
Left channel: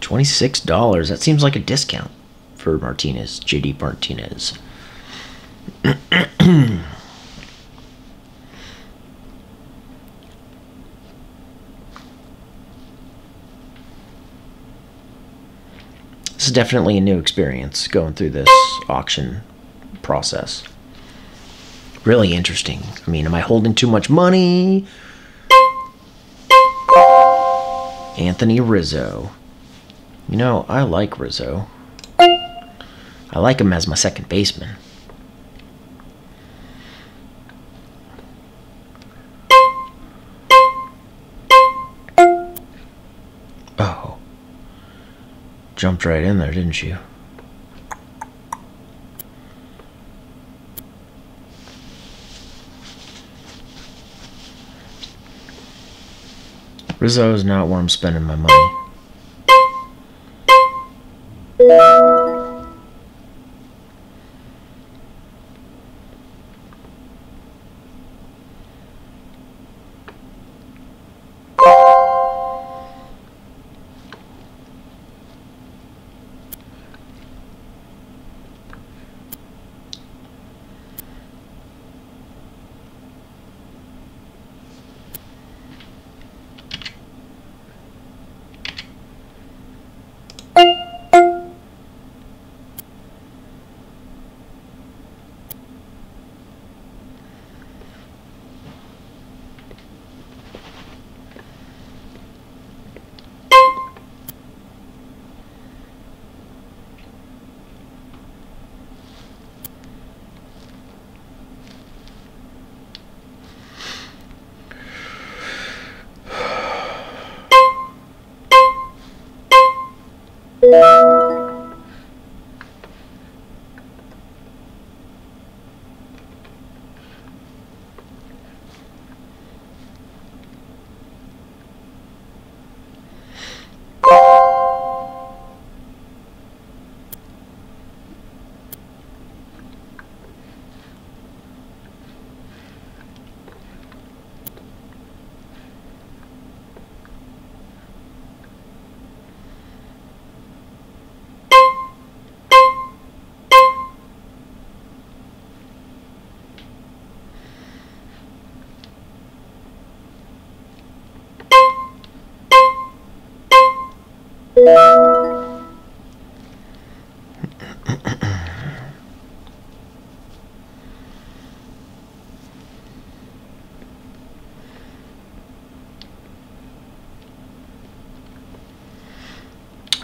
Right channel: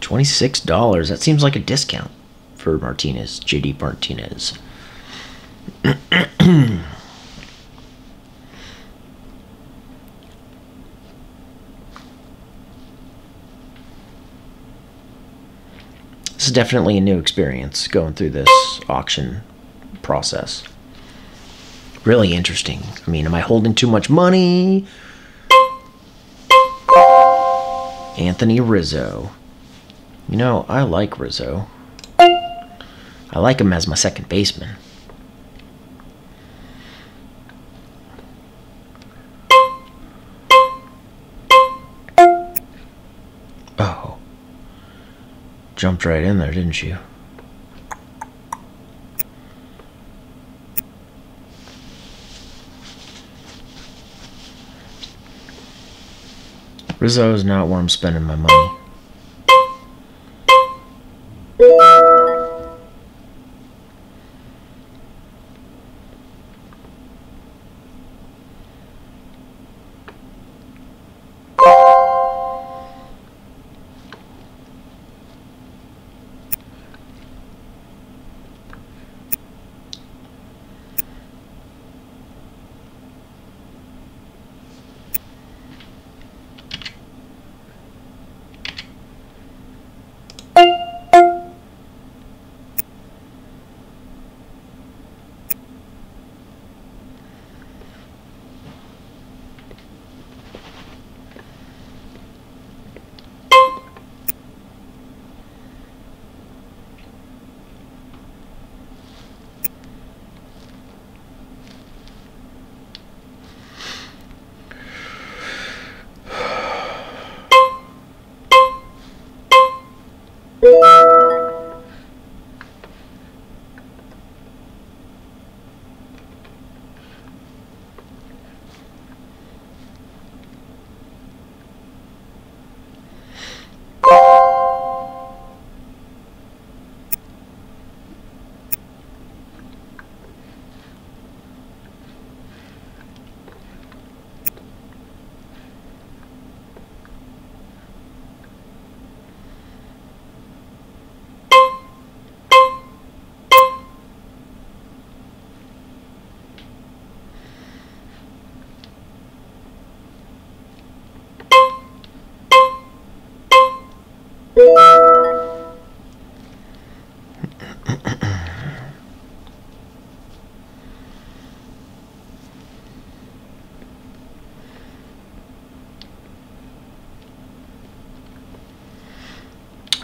$26. That seems like a discount for Martinez, JD Martinez. This is definitely a new experience going through this auction process. Really interesting. I mean, am I holding too much money? Anthony Rizzo. You know, I like Rizzo. I like him as my second baseman. Oh. Jumped right in there, didn't you? Rizzo is not where I'm spending my money.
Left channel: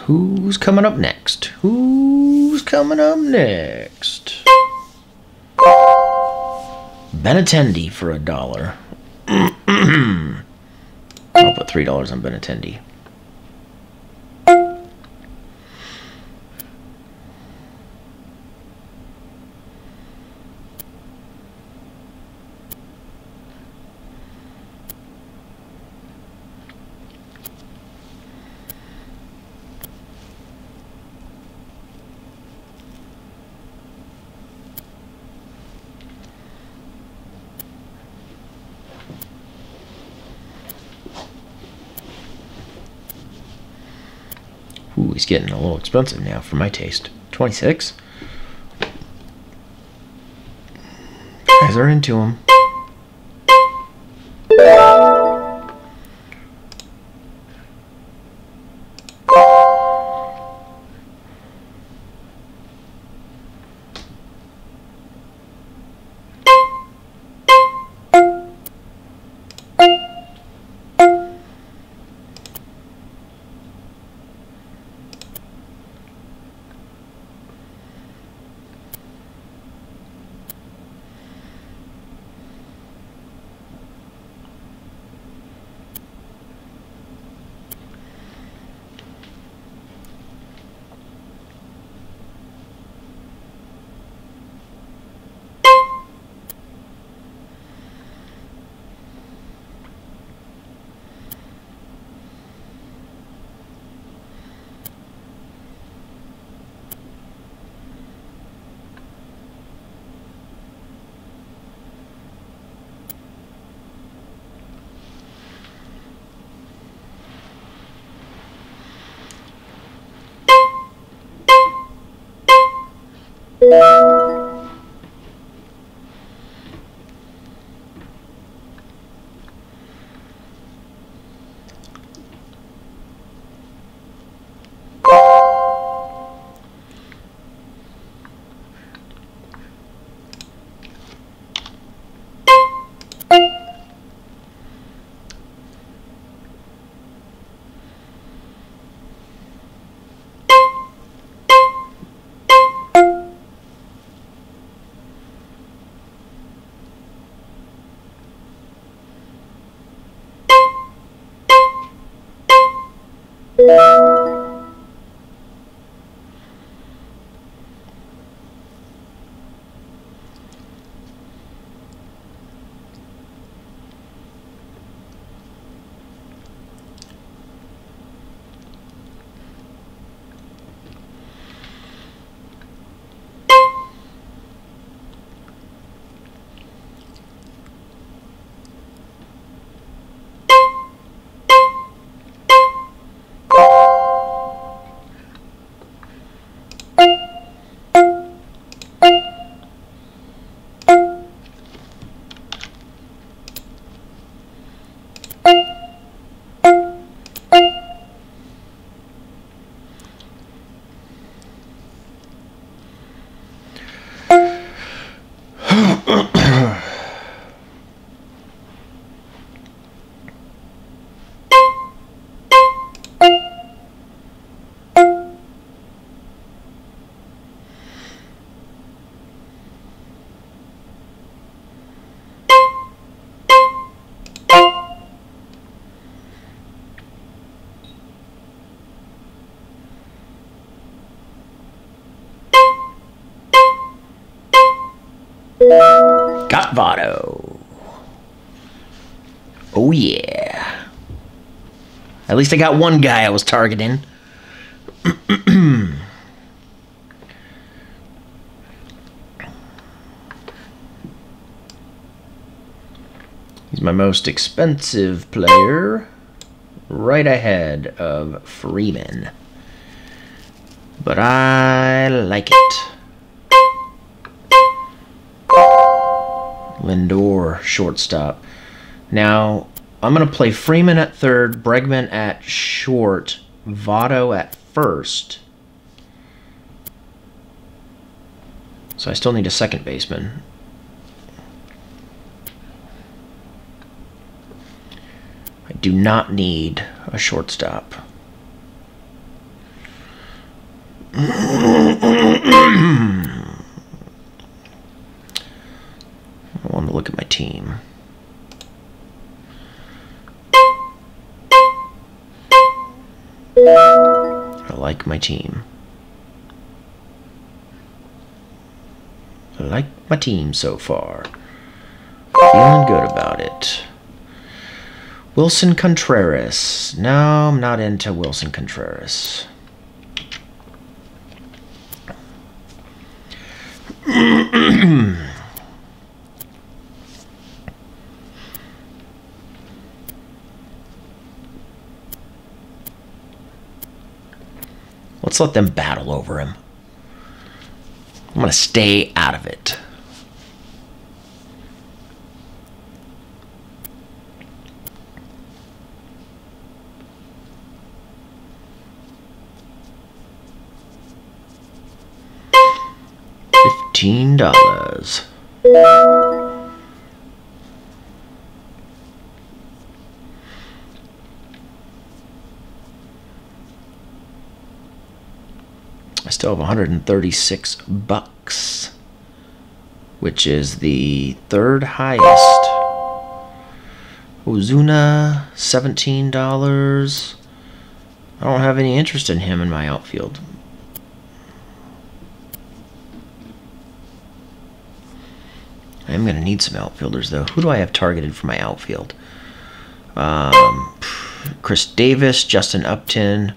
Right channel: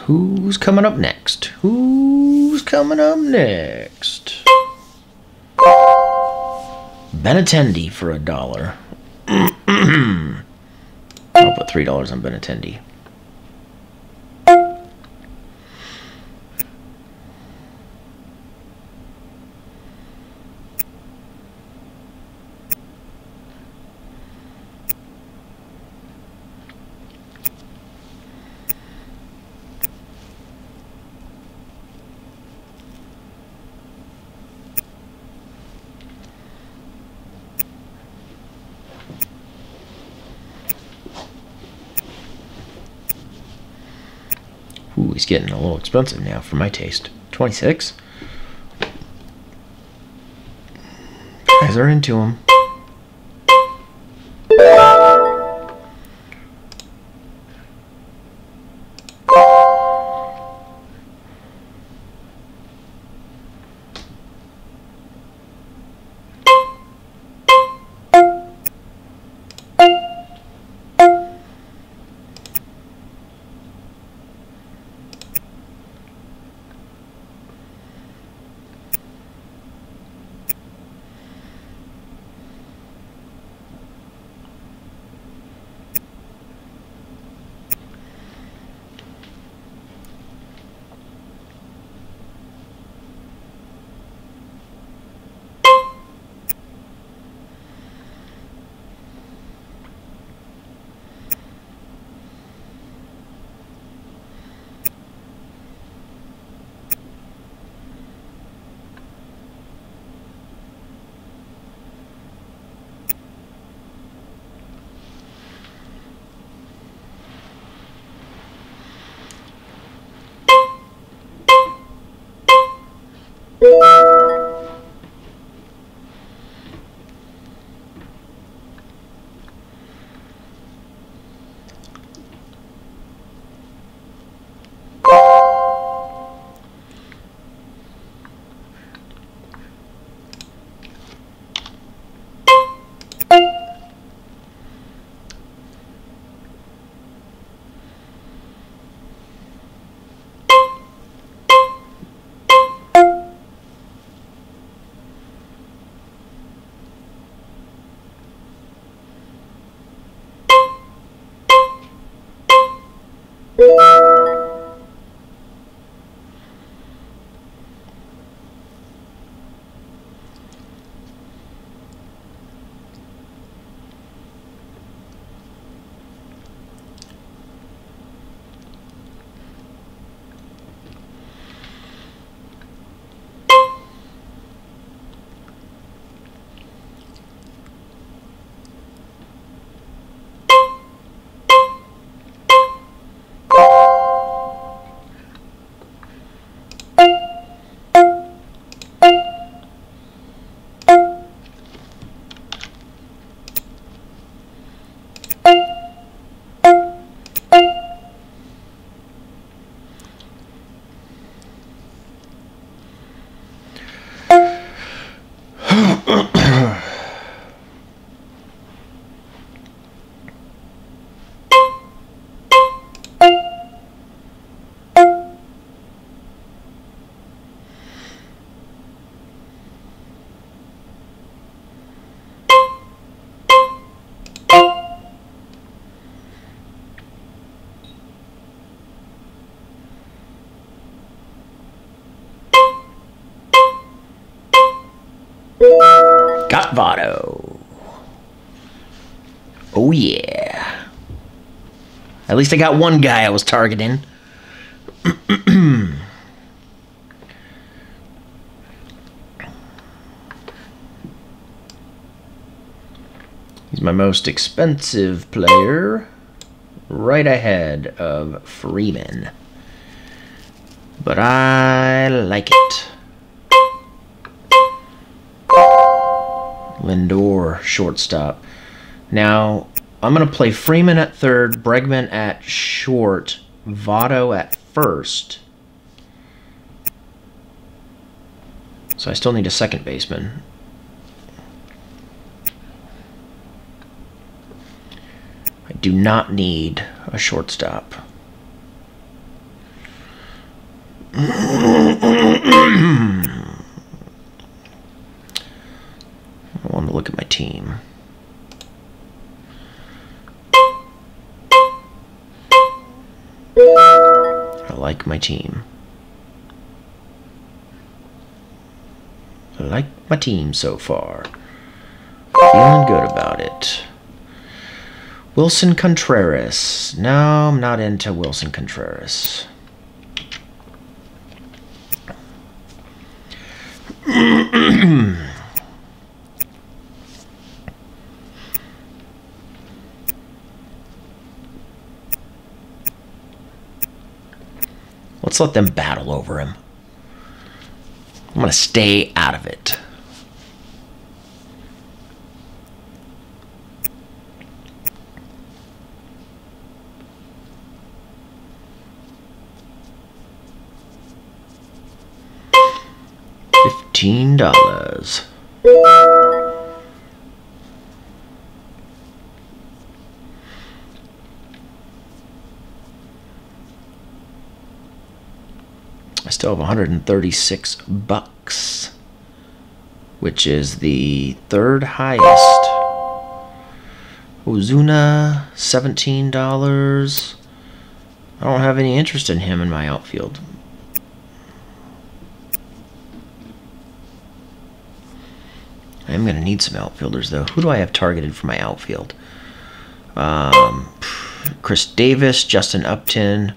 Who's coming up next? Who's coming up next? Benintendi for $1. I'll put $3 on Benintendi. Ooh, he's getting a little expensive now for my taste. 26. Guys are into him. Got Votto. Oh, yeah. At least I got one guy I was targeting. He's my most expensive player, right ahead of Freeman. But I like it. Lindor, shortstop. Now, I'm going to play Freeman at third, Bregman at short, Votto at first. So I still need a second baseman. I do not need a shortstop. I want to look at my team. I like my team. I like my team so far. Feeling good about it. Wilson Contreras. No, I'm not into Wilson Contreras. Let's let them battle over him. I'm going to stay out of it. $15. I still have 136 bucks, which is the third highest. Ozuna, $17. I don't have any interest in him in my outfield. I am going to need some outfielders, though. Who do I have targeted for my outfield? Chris Davis, Justin Upton,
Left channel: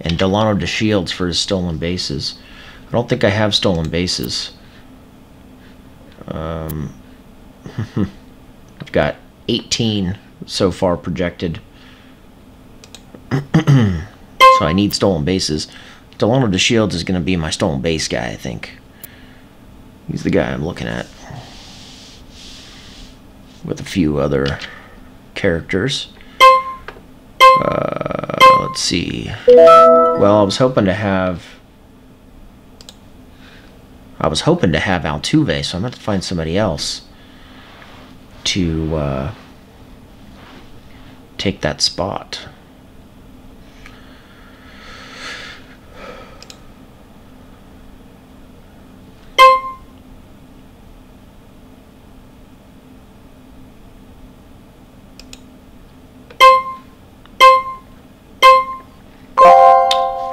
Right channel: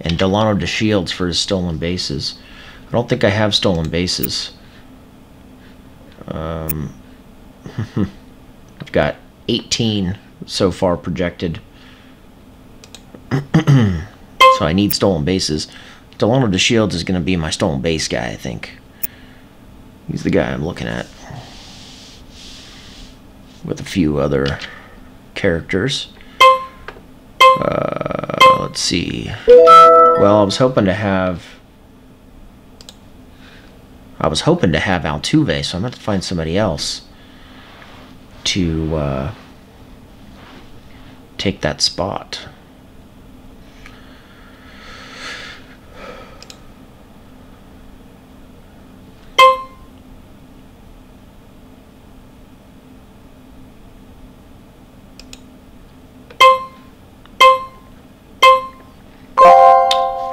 and Delano DeShields for his stolen bases. I don't think I have stolen bases. I've got 18 so far projected. So I need stolen bases. Delano DeShields is going to be my stolen base guy, I think. He's the guy I'm looking at. With a few other characters. Let's see. Well, I was hoping to have Altuve, so I'm going to have to find somebody else to take that spot.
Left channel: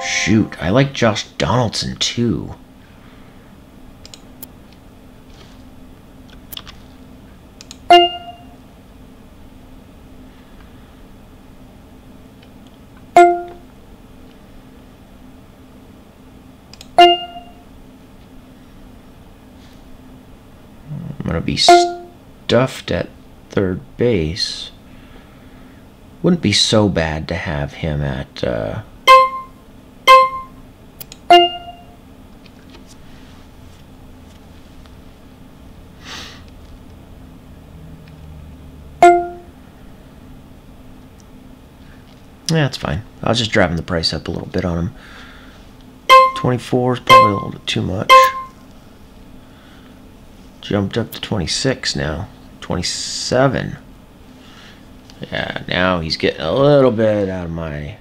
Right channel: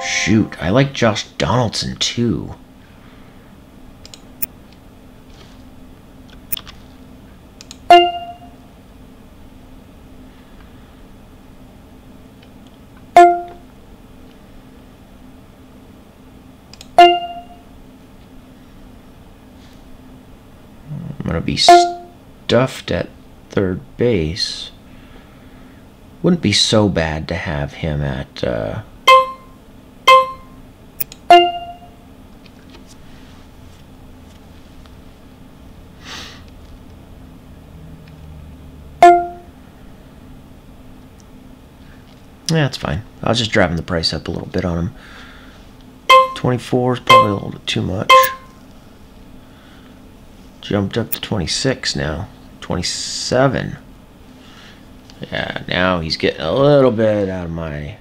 Shoot, I like Josh Donaldson too. I'm gonna be stuffed at third base. Wouldn't be so bad to have him at yeah, that's fine. I was just driving the price up a little bit on him. 24 is probably a little bit too much. Jumped up to 26 now. 27. Yeah, now he's getting a little bit out of my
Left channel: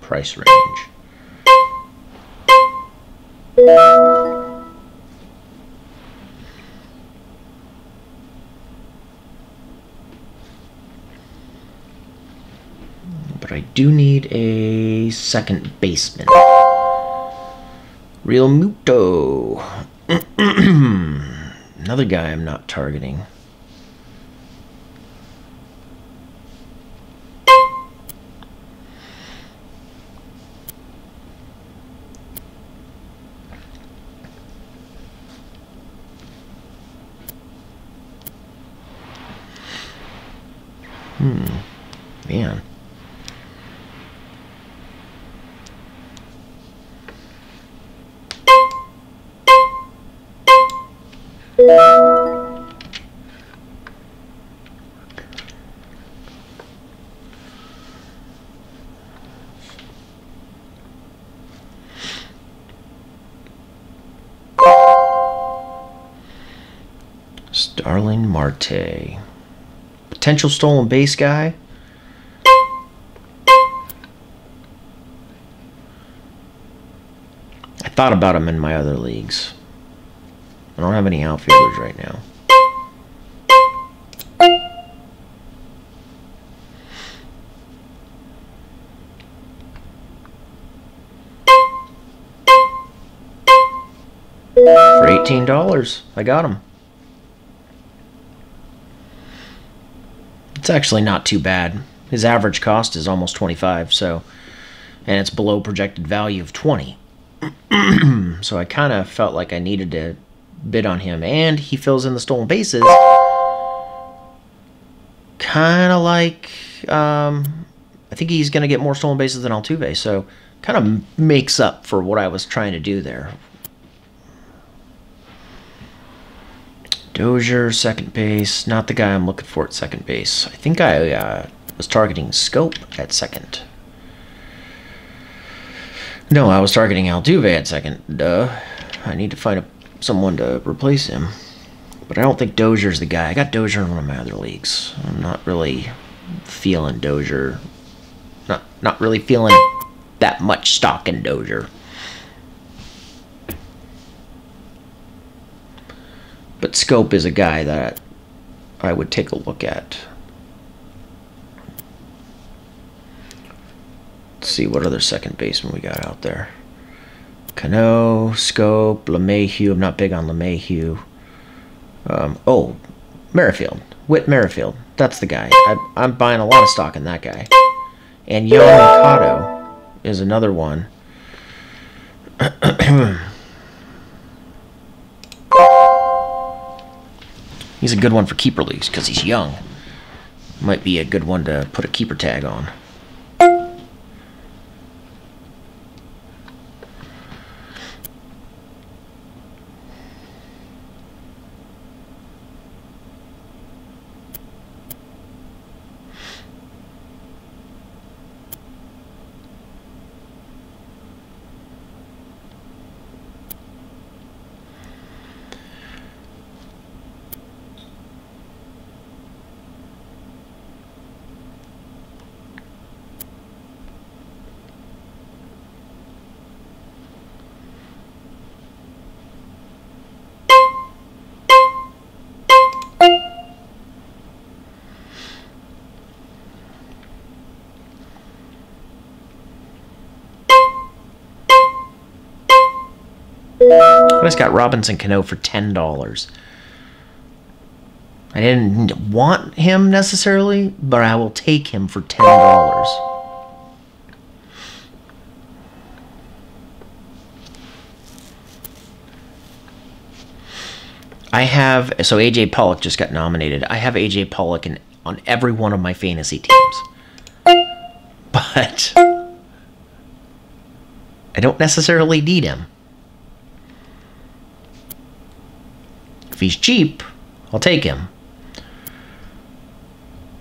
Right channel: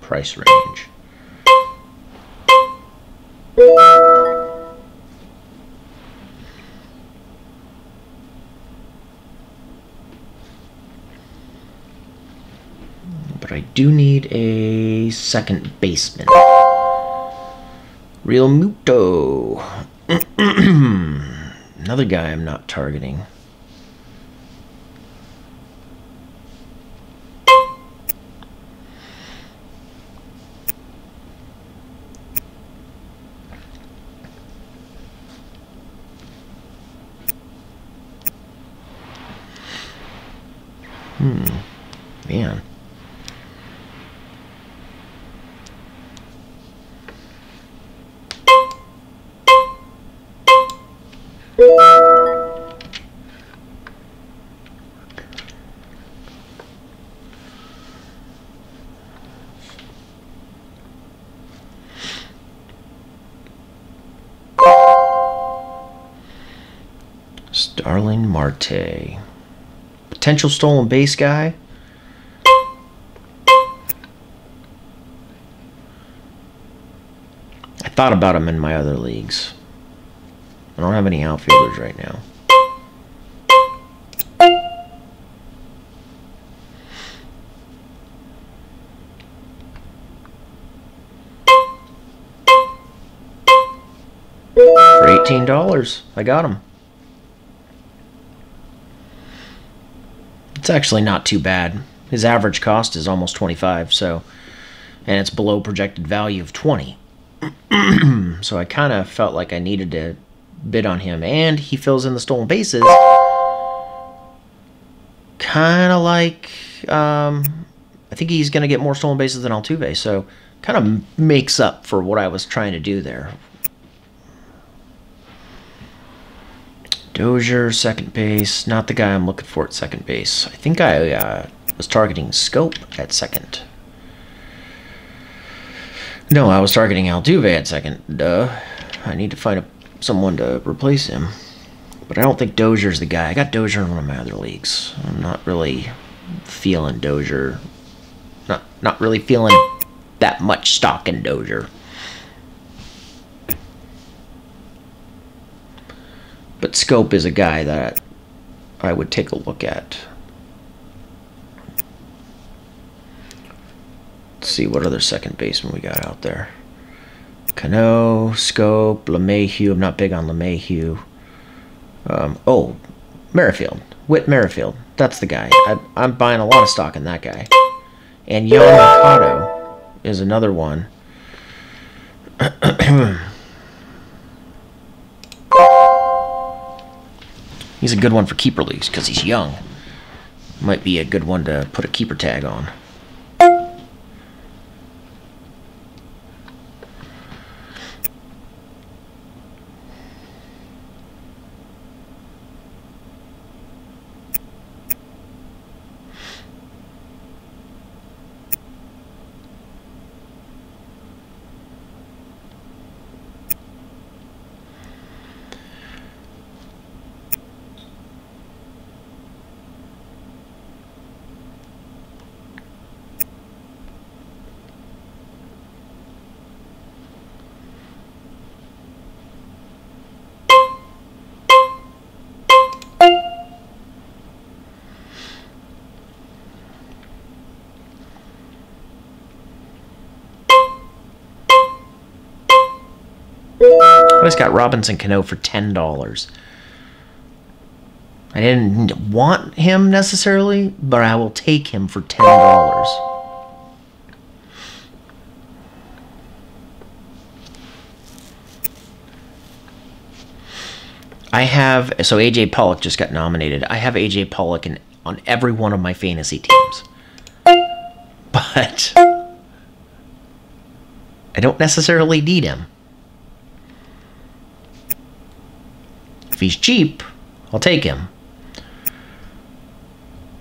price range. But I do need a second baseman. Real Muto. Another guy I'm not targeting. Man. Starling Marte. Potential stolen base guy. I thought about him in my other leagues. I don't have any outfielders right now. For $18, I got him. It's actually not too bad. His average cost is almost 25, so, and it's below projected value of 20. So I kind of felt like I needed to bid on him, and he fills in the stolen bases. Kind of like, I think he's going to get more stolen bases than Altuve, so kind of makes up for what I was trying to do there. Dozier, second base. Not the guy I'm looking for at second base. I think I was targeting Scope at second. No, I was targeting Altuve at second. Duh. I need to find someone to replace him. But I don't think Dozier's the guy. I got Dozier in one of my other leagues. I'm not really feeling Dozier. Not really feeling that much stock in Dozier. But Scope is a guy that I would take a look at. Let's see what other second baseman we got out there. Cano, Scope, LeMahieu. I'm not big on LeMahieu. Oh, Merrifield. Whit Merrifield. That's the guy. I'm buying a lot of stock in that guy. And Young Mercado is another one. He's a good one for keeper leagues because he's young. Might be a good one to put a keeper tag on. I just got Robinson Cano for $10. I didn't want him necessarily, but I will take him for $10. I have, so AJ Pollock just got nominated. I have AJ Pollock on every one of my fantasy teams. But I don't necessarily need him. If he's cheap, I'll take him.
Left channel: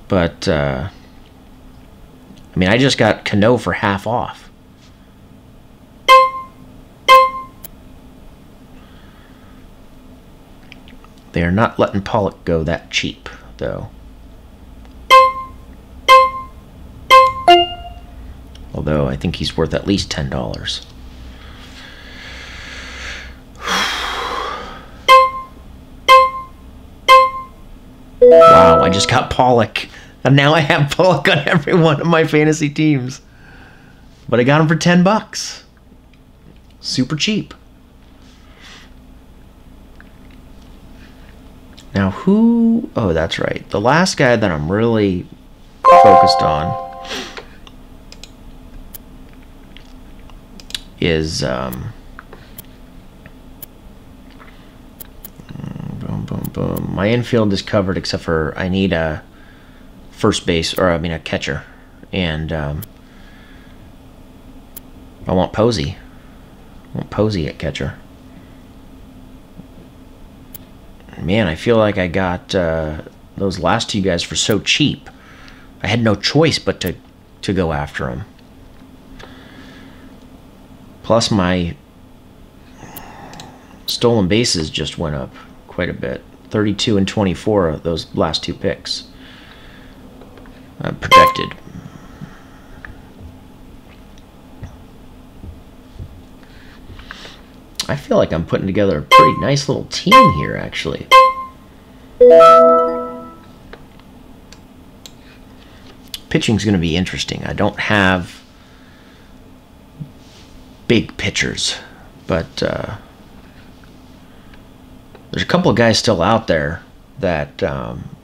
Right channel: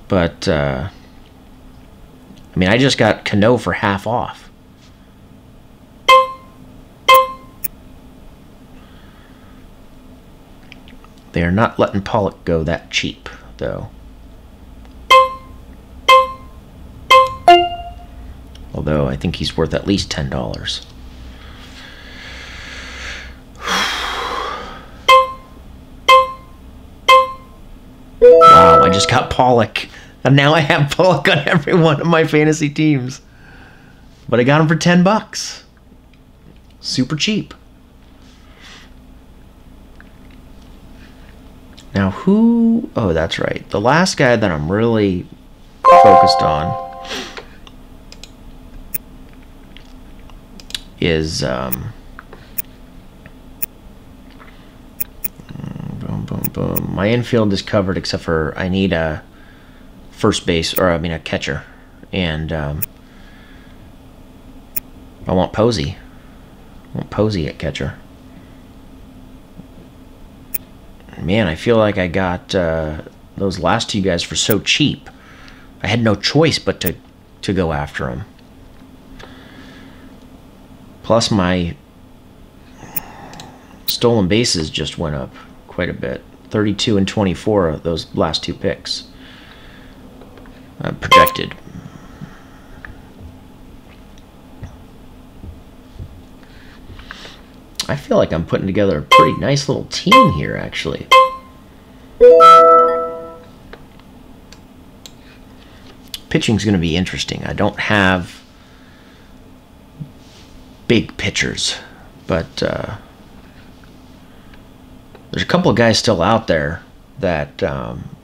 But, I mean, I just got Cano for half off. They are not letting Pollock go that cheap, though. Although, I think he's worth at least $10. Wow, I just got Pollock. And now I have Pollock on every one of my fantasy teams. But I got him for $10. Super cheap. Now who... Oh, that's right. The last guy that I'm really focused on is... boom, boom, boom. My infield is covered except for I need a first base, or I mean a catcher. And I want Posey. I want Posey at catcher. Man, I feel like I got those last two guys for so cheap. I had no choice but to go after them. Plus, my stolen bases just went up quite a bit. 32 and 24 of those last two picks. Projected. I feel like I'm putting together a pretty nice little team here, actually. Pitching's going to be interesting. I don't have big pitchers, but there's a couple of guys still out there that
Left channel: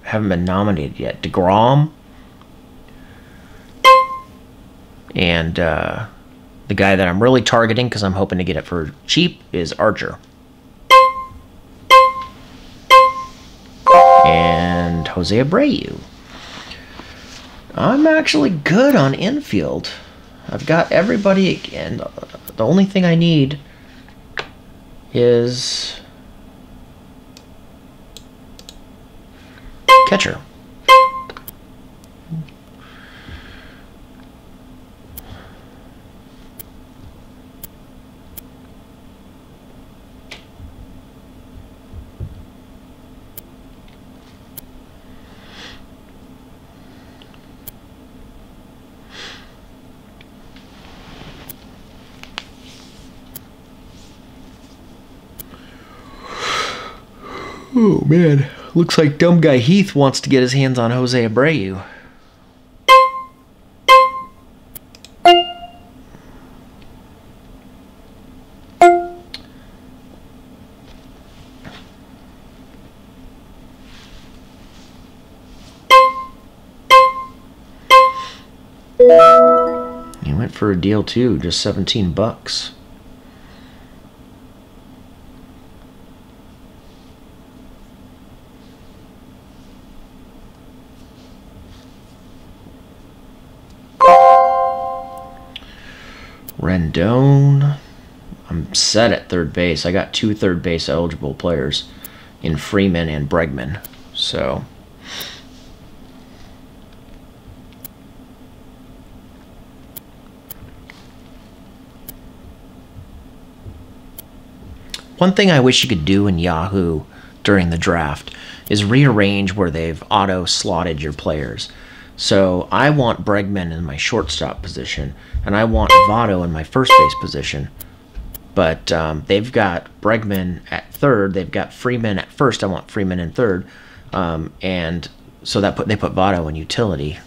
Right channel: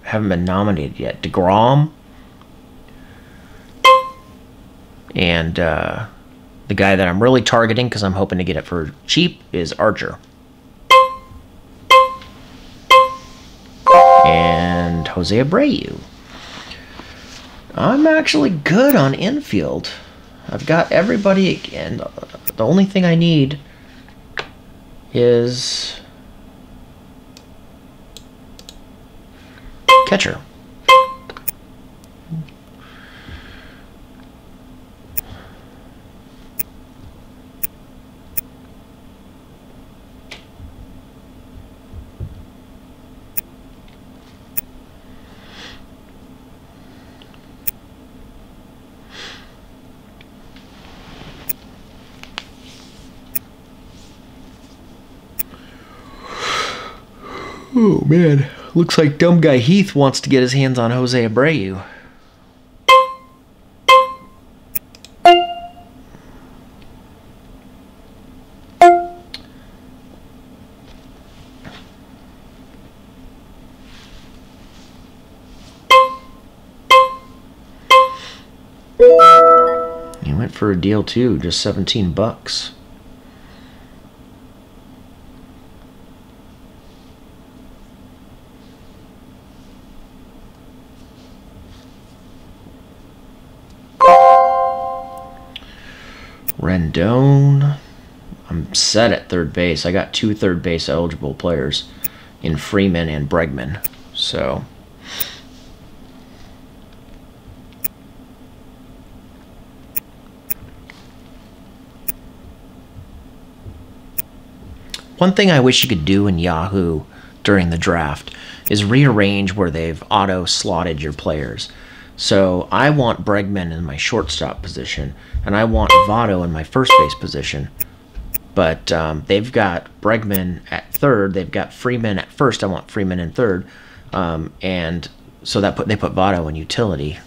haven't been nominated yet. DeGrom and the guy that I'm really targeting, because I'm hoping to get it for cheap, is Archer. And Jose Abreu. I'm actually good on infield. I've got everybody again. The only thing I need is catcher. Oh, man. Looks like dumb guy Heath wants to get his hands on Jose Abreu. He went for a deal too, just $17. Rendon. I'm set at third base. I got 2 third base eligible players in Freeman and Bregman. So one thing I wish you could do in Yahoo during the draft is rearrange where they've auto-slotted your players. So I want Bregman in my shortstop position, and I want Votto in my first base position. But they've got Bregman at third. They've got Freeman at first. I want Freeman in third. And so they put Votto in utility.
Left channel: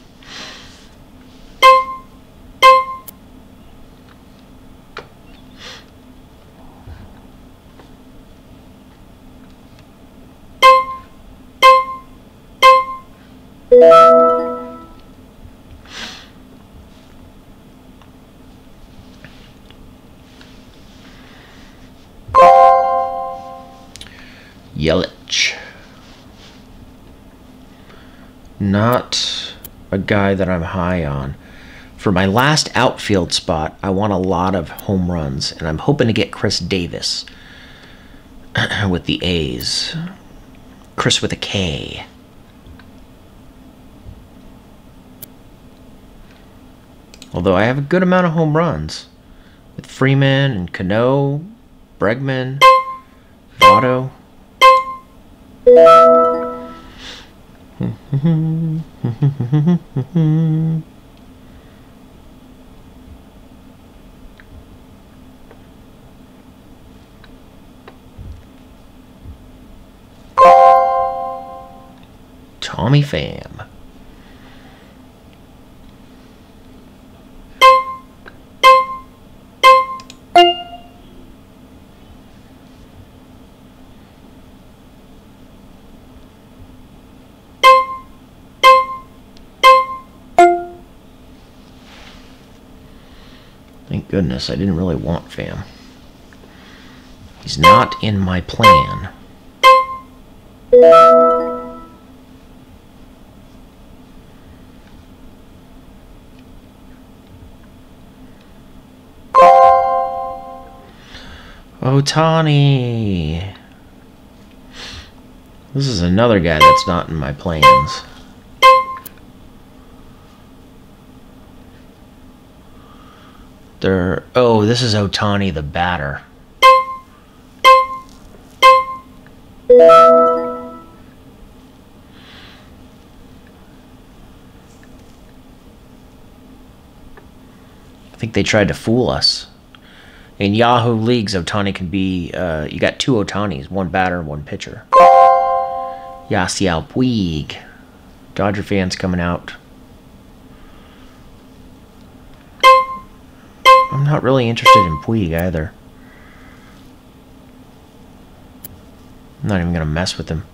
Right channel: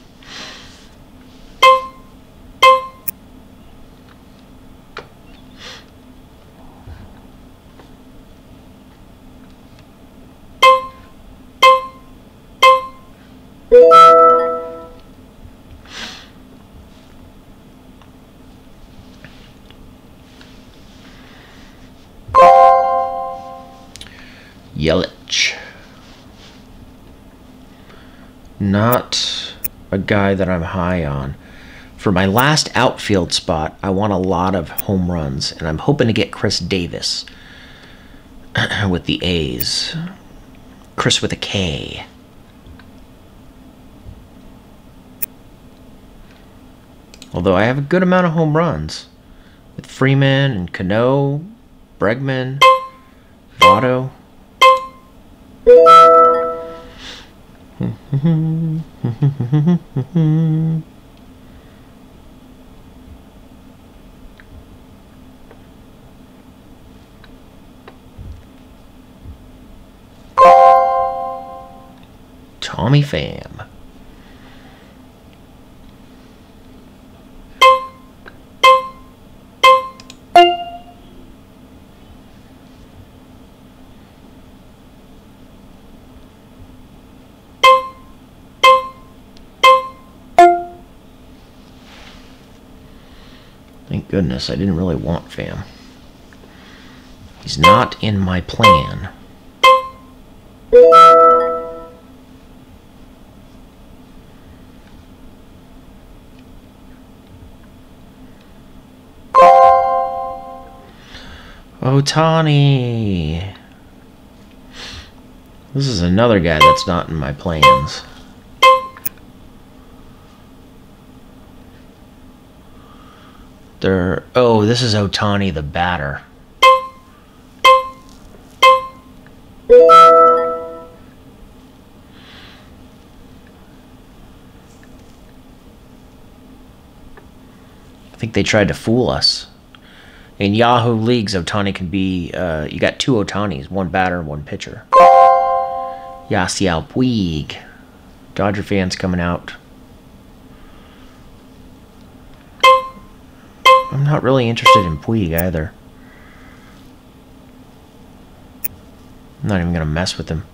Yelich. Not a guy that I'm high on. For my last outfield spot, I want a lot of home runs, and I'm hoping to get Chris Davis with the A's. Chris with a K. Although I have a good amount of home runs with Freeman and Cano, Bregman, Votto. Tommy Pham. goodness, I didn't really want Pham. He's not in my plan. Ohtani. This is another guy that's not in my plans. Oh, this is Ohtani, the batter. I think they tried to fool us. In Yahoo leagues, Ohtani can be, you got two Ohtanis, one batter, one pitcher. Yasiel Puig. Dodger fans coming out. I'm not really interested in Puig either. I'm not even going to mess with him.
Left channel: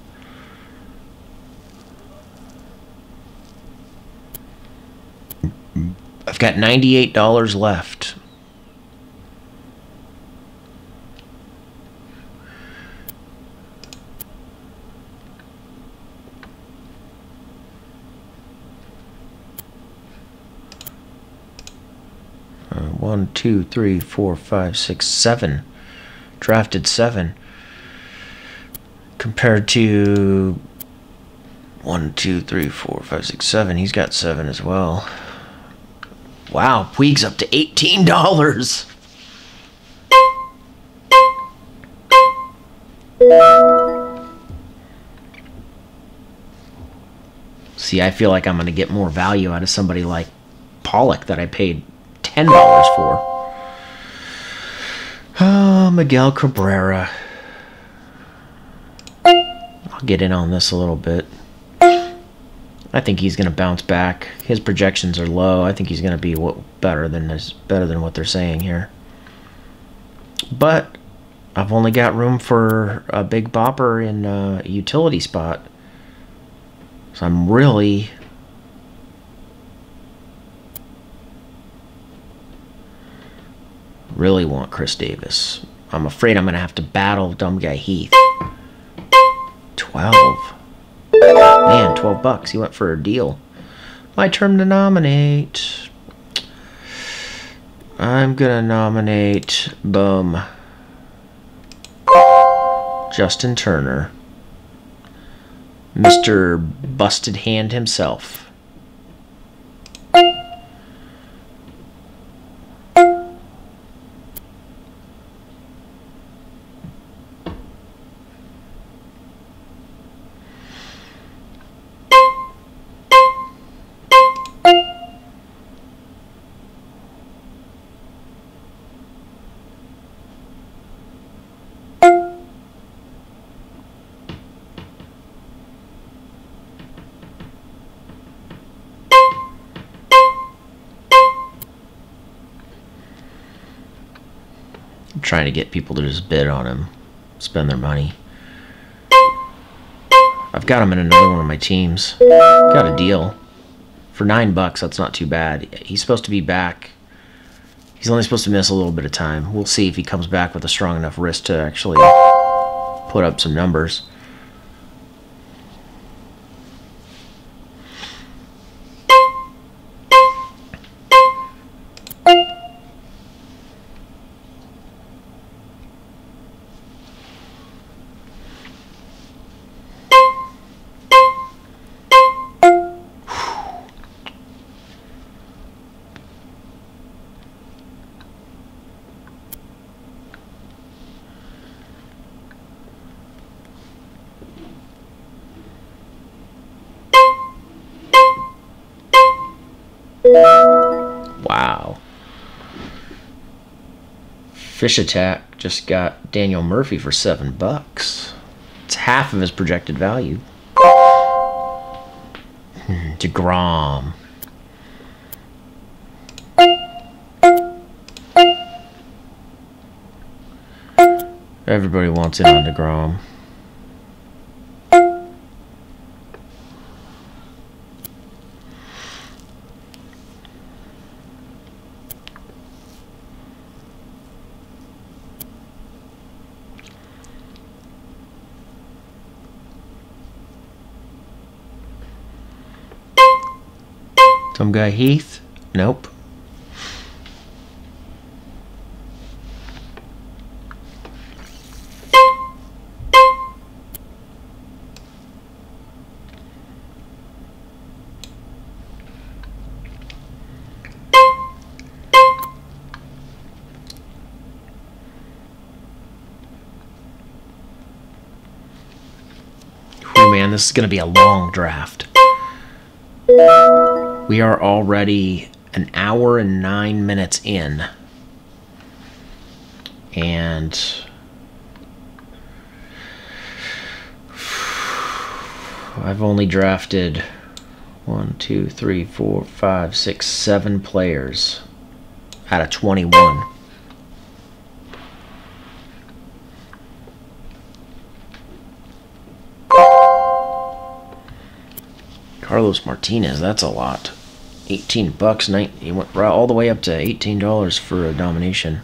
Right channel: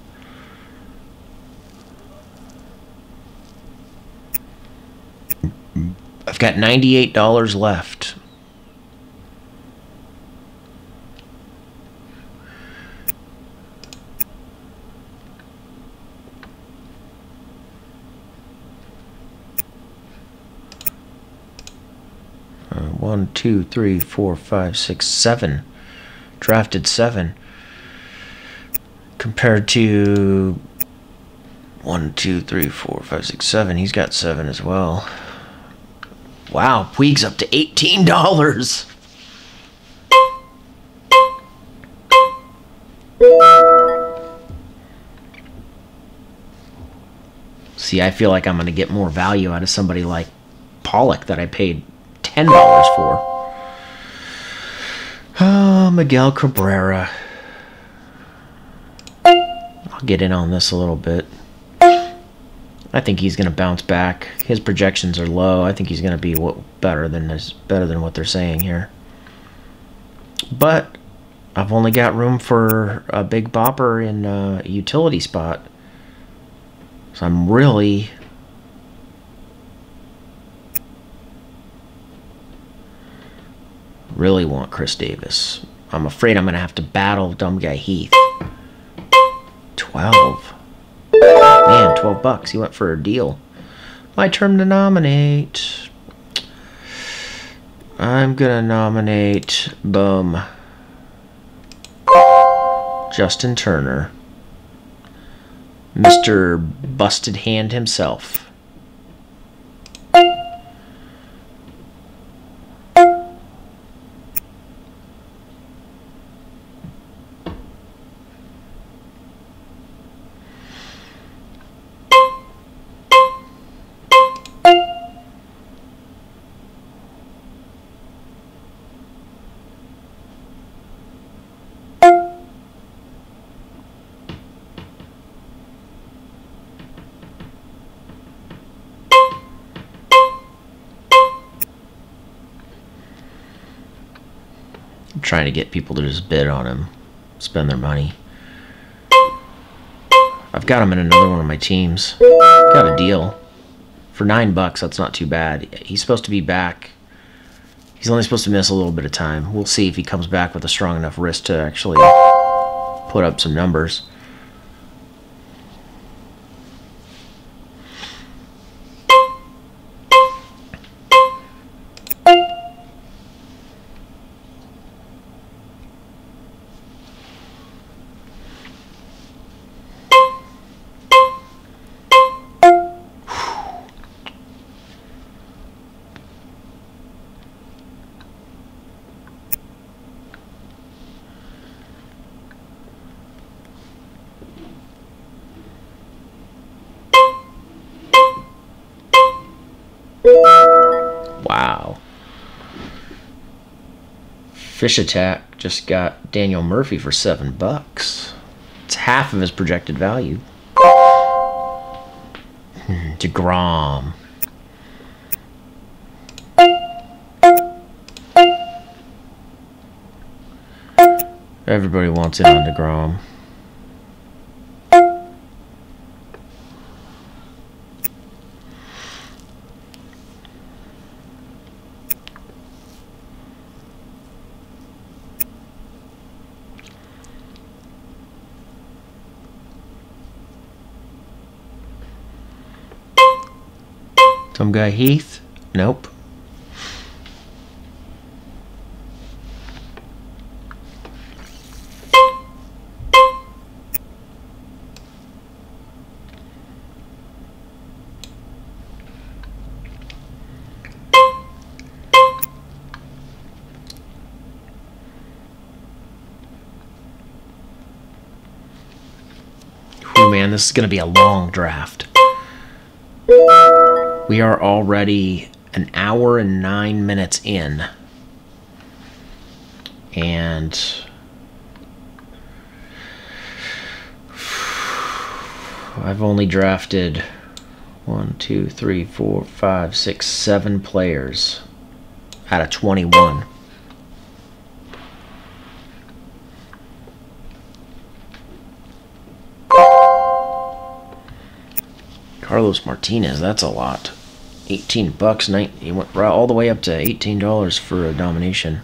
I've got $98 left. One, two, three, four, five, six, seven. Drafted 7. Compared to 1, 2, 3, 4, 5, 6, 7. He's got 7 as well. Wow, Puig's up to $18. See, I feel like I'm going to get more value out of somebody like Pollock that I paid $10 for. Oh, Miguel Cabrera. I'll get in on this a little bit. I think he's going to bounce back. His projections are low. I think he's going to be better than what they're saying here. But I've only got room for a big bopper in a utility spot. So I'm really want Chris Davis. I'm afraid I'm going to have to battle dumb guy Heath. 12. Man, $12. He went for a deal. My turn to nominate. I'm going to nominate, boom, Justin Turner. Mr. Busted Hand himself. Trying to get people to just bid on him, spend their money. I've got him in another one of my teams. Got a deal for $9. That's not too bad. He's supposed to be back. He's only supposed to miss a little bit of time. We'll see if he comes back with a strong enough wrist to actually put up some numbers. Wow. Fish Attack just got Daniel Murphy for $7. It's half of his projected value. DeGrom. Everybody wants in on DeGrom. Some guy Heath? Nope. Oh man, this is going to be a long draft. We are already an hour and 9 minutes in. And I've only drafted 1, 2, 3, 4, 5, 6, 7 players out of 21. Carlos Martinez, that's a lot. $18. He went all the way up to $18 for a nomination.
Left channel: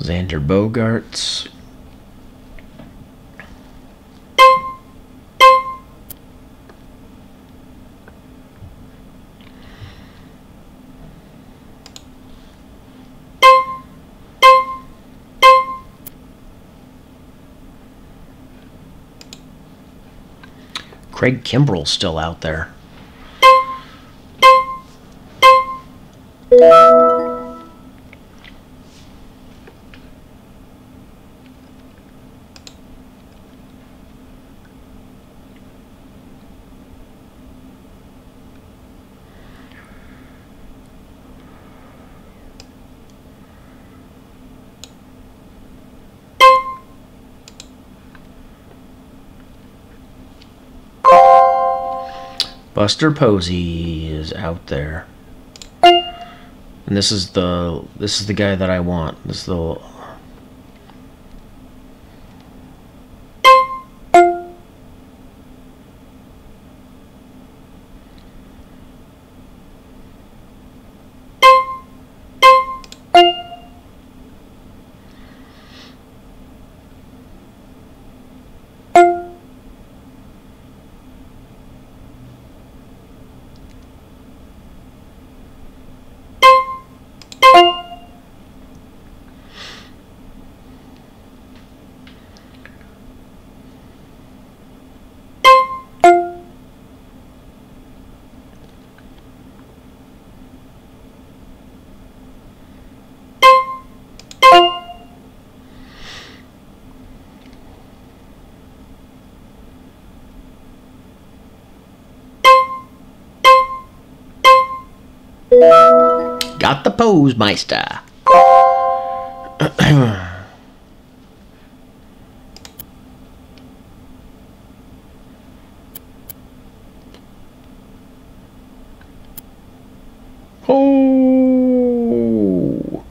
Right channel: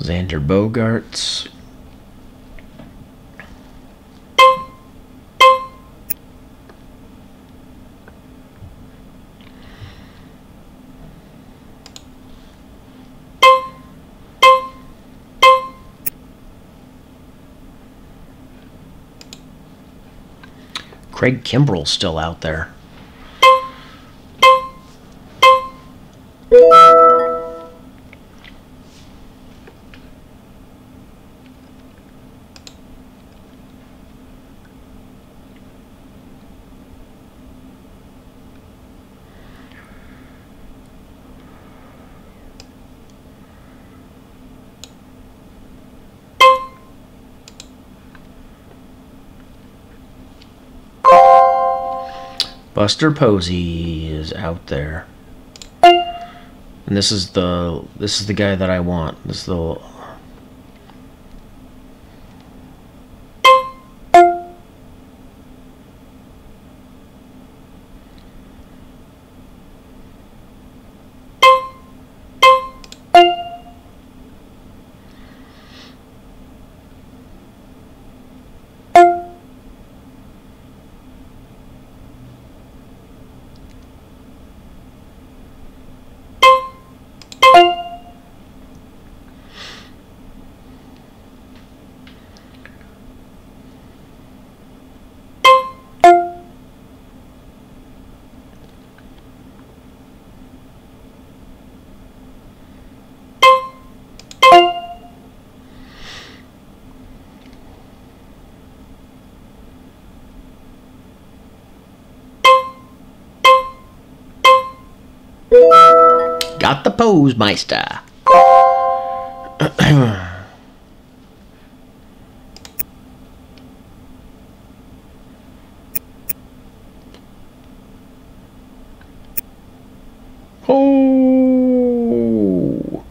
Xander Bogaerts. Craig Kimbrell's still out there. Buster Posey is out there, and this is the guy that I want. This is the got the pose, Meister. Oh,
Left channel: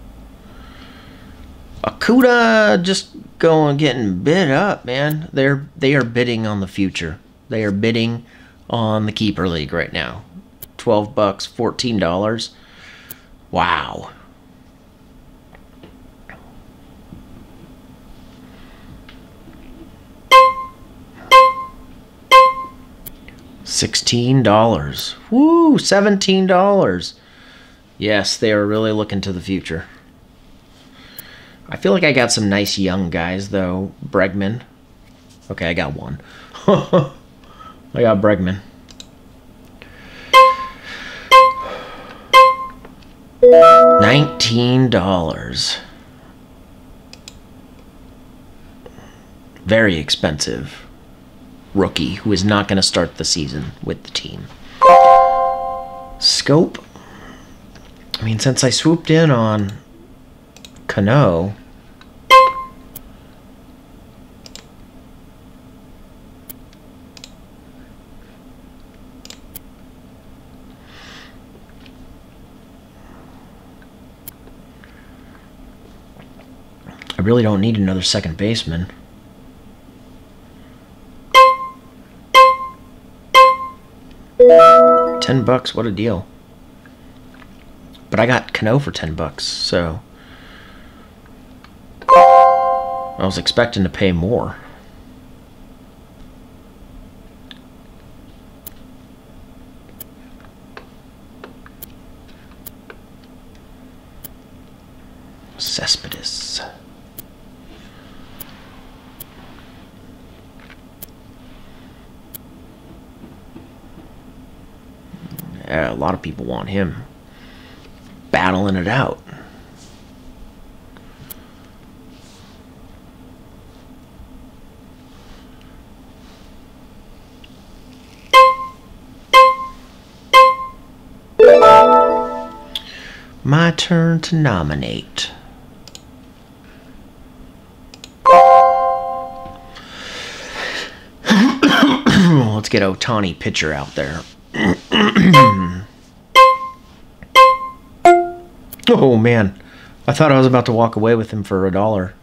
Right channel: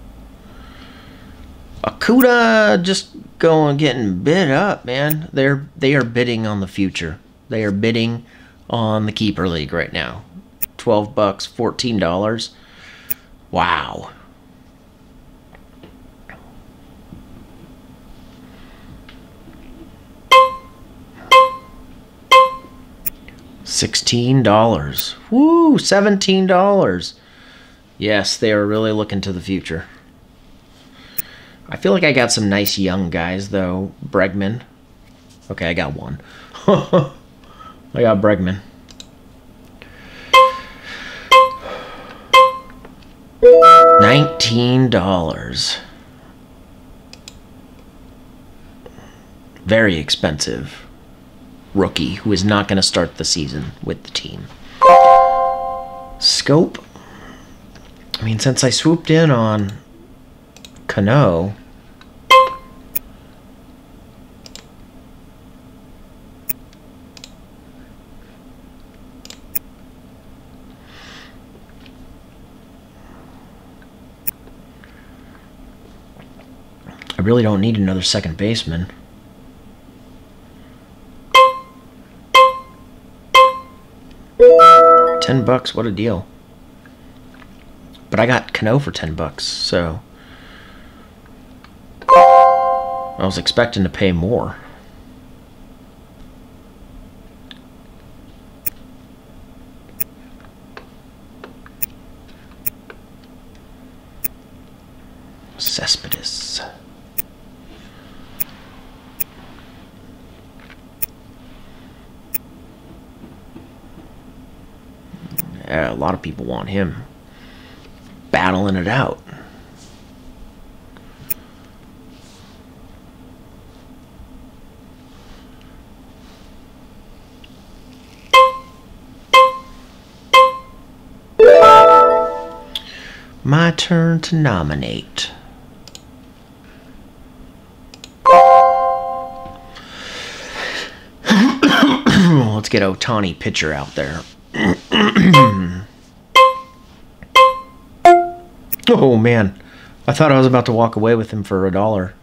Akuda just getting bid up, man. They are bidding on the future. They are bidding on the keeper league right now. $12, $14. Wow. $16. Woo, $17. Yes, they are really looking to the future. I feel like I got some nice young guys, though. Bregman. Okay, I got one. I got Bregman. $19. Very expensive rookie who is not going to start the season with the team. Scope. I mean, since I swooped in on Cano, I really don't need another second baseman. $10, what a deal. But I got Cano for $10, so I was expecting to pay more. Cespedes. Yeah, a lot of people want him. Battling it out. My turn to nominate. Let's get Ohtani pitcher out there. Oh man, I thought I was about to walk away with him for $1.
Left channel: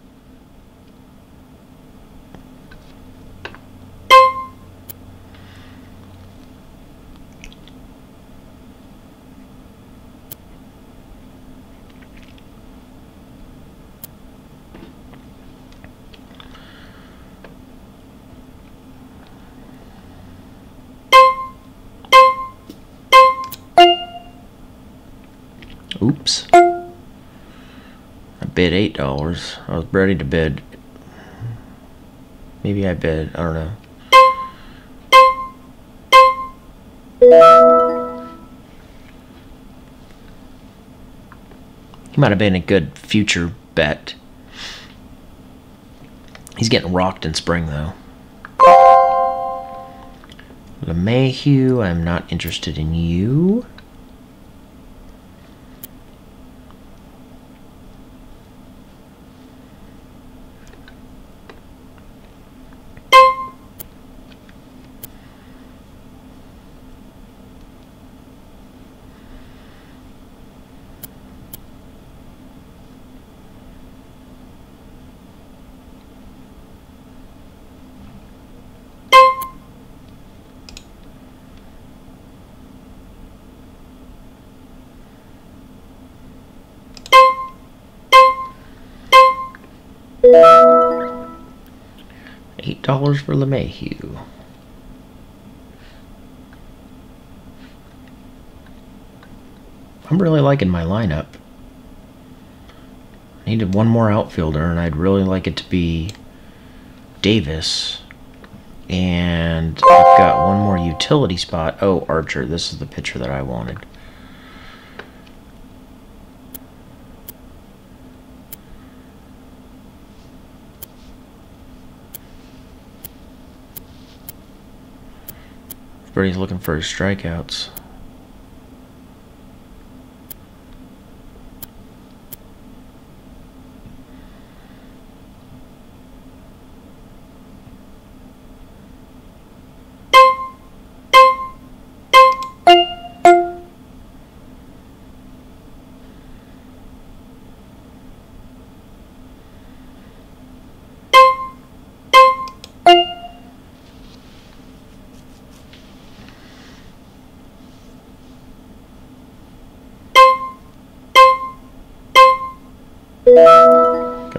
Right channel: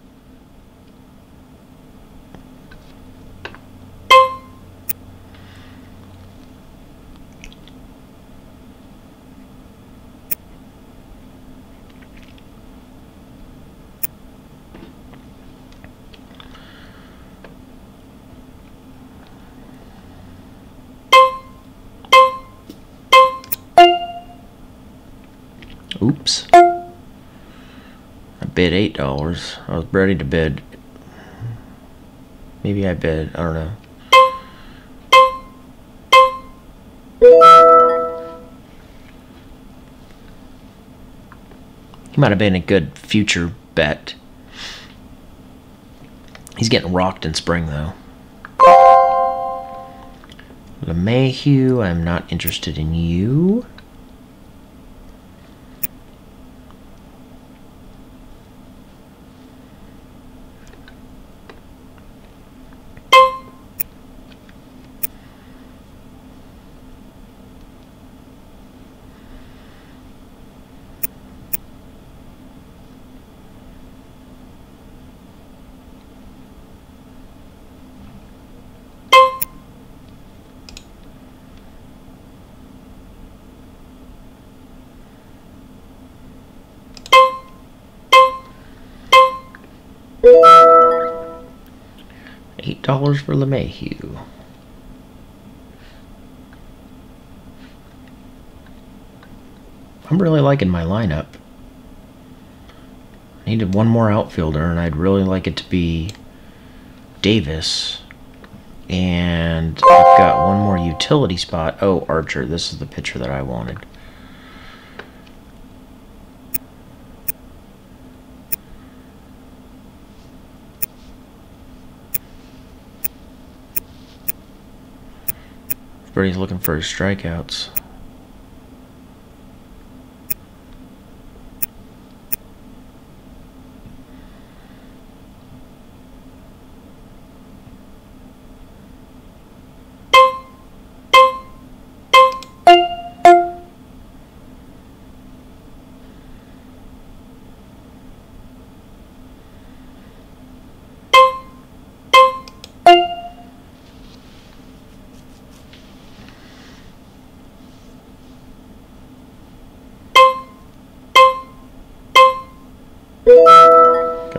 Oops. I bid $8. I was ready to bid. Maybe I bid. I don't know. He might have been a good future bet. He's getting rocked in spring, though. LeMahieu, I'm not interested in you. $8 for LeMahieu. I'm really liking my lineup. I needed one more outfielder, and I'd really like it to be Davis. And I've got one more utility spot. Oh, Archer. This is the pitcher that I wanted. Everybody's looking for his strikeouts.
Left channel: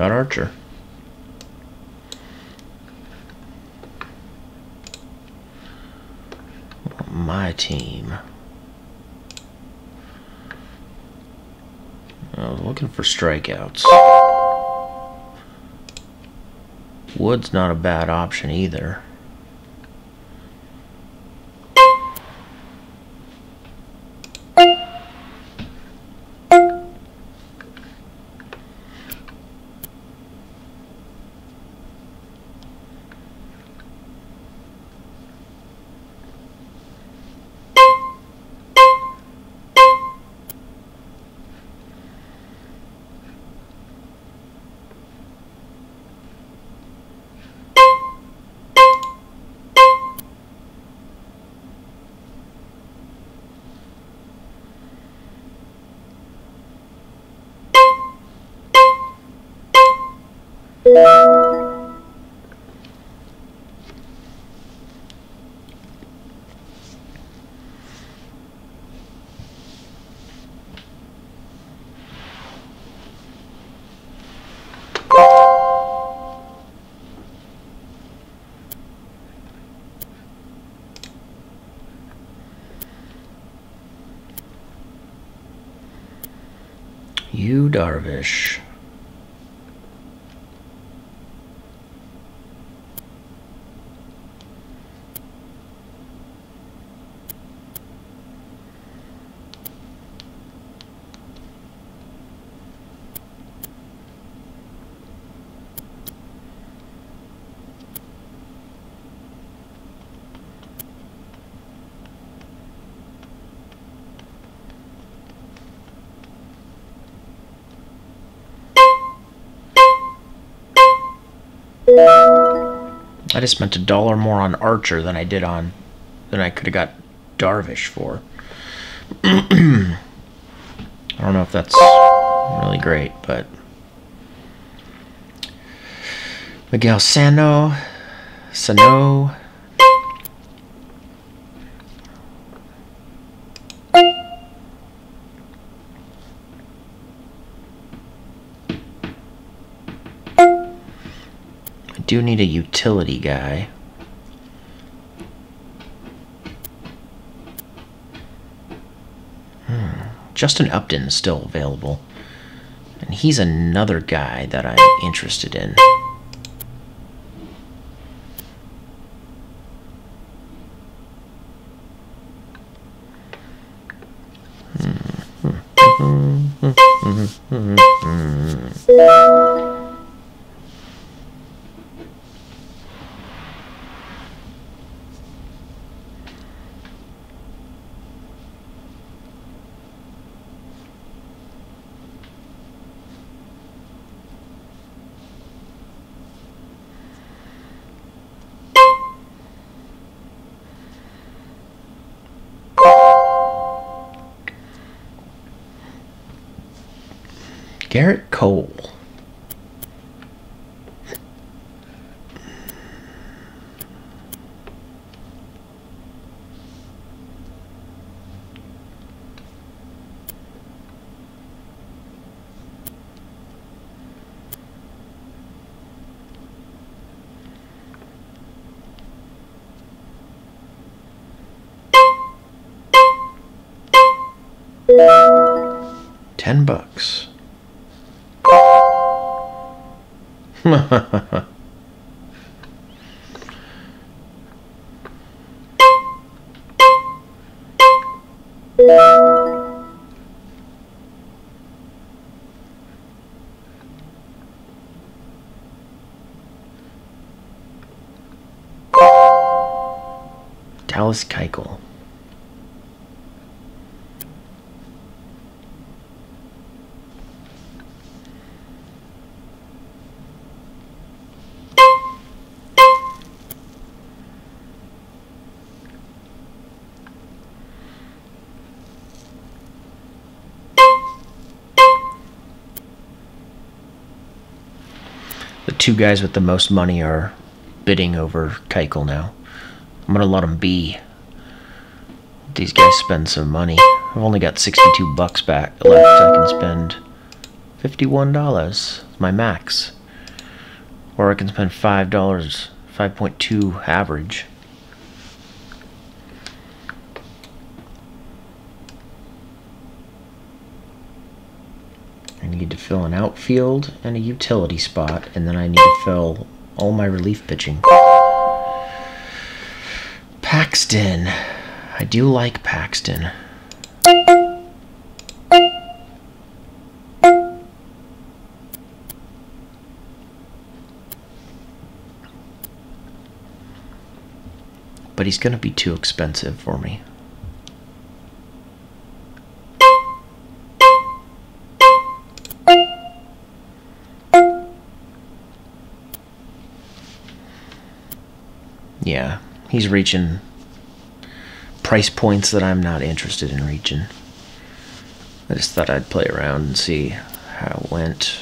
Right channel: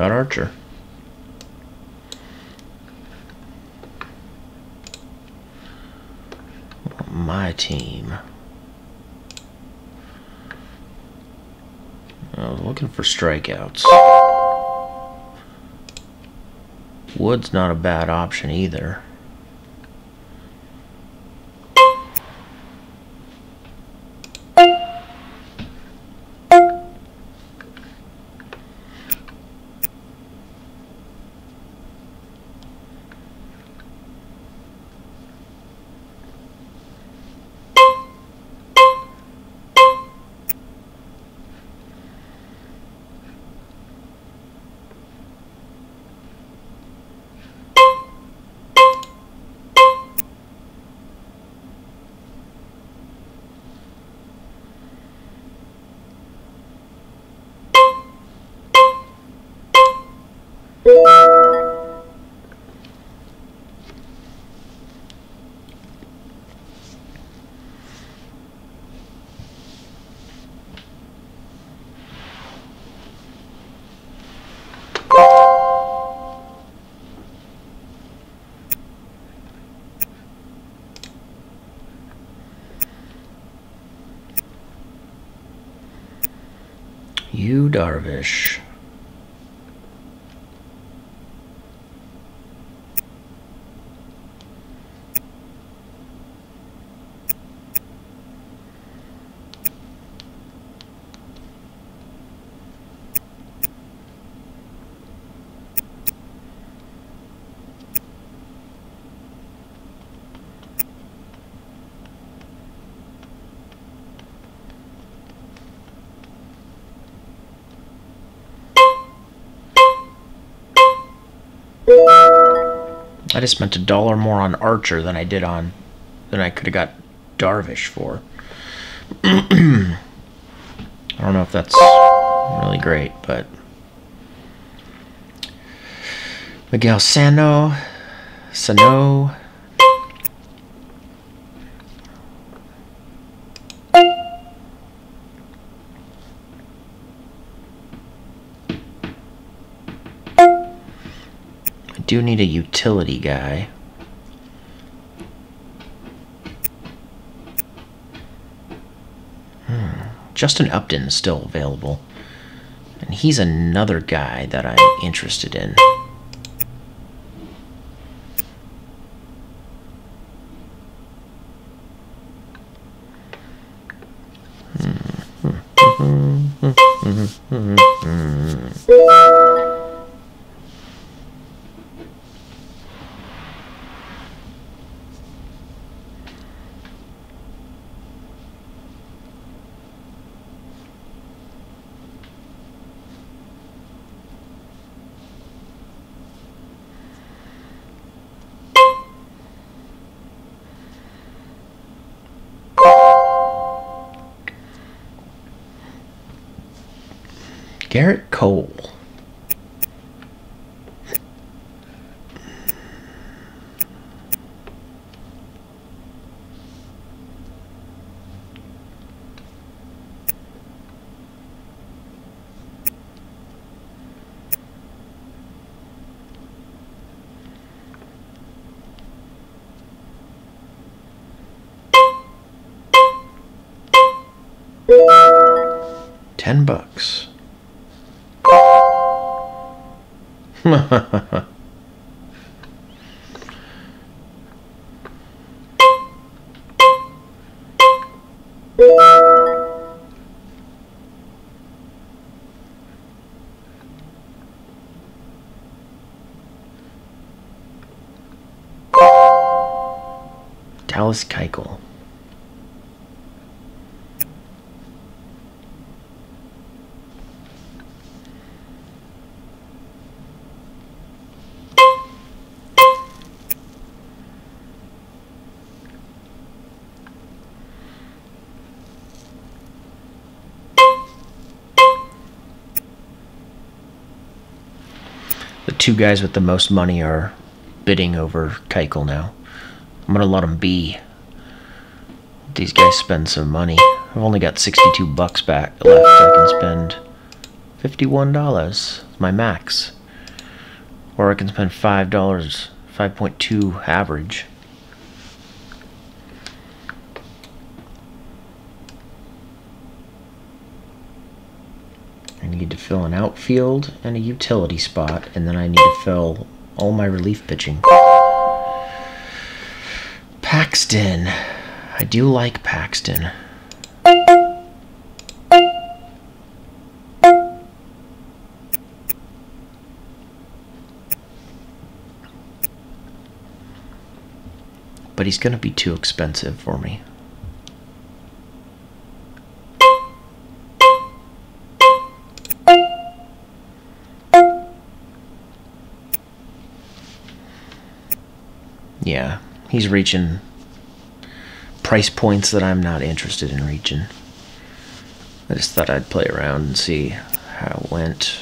Got Archer. My team. I was looking for strikeouts. Wood's not a bad option either. Yu Darvish. I just spent $1 more on Archer than I could have got Darvish for. I don't know if that's really great, but Miguel Sano. Do need a utility guy. Justin Upton is still available, and he's another guy that I'm interested in. Garrett Cole. $10. Dallas Keuchel. The two guys with the most money are bidding over Keuchel now. I'm gonna let them be. These guys spend some money. I've only got $62 back left. I can spend $51. my max. Or I can spend $5, 5.2 average. I need to fill an outfield and a utility spot, and then I need to fill all my relief pitching. Paxton. I do like Paxton. But he's going to be too expensive for me. Yeah, he's reaching price points that I'm not interested in reaching. I just thought I'd play around and see how it went.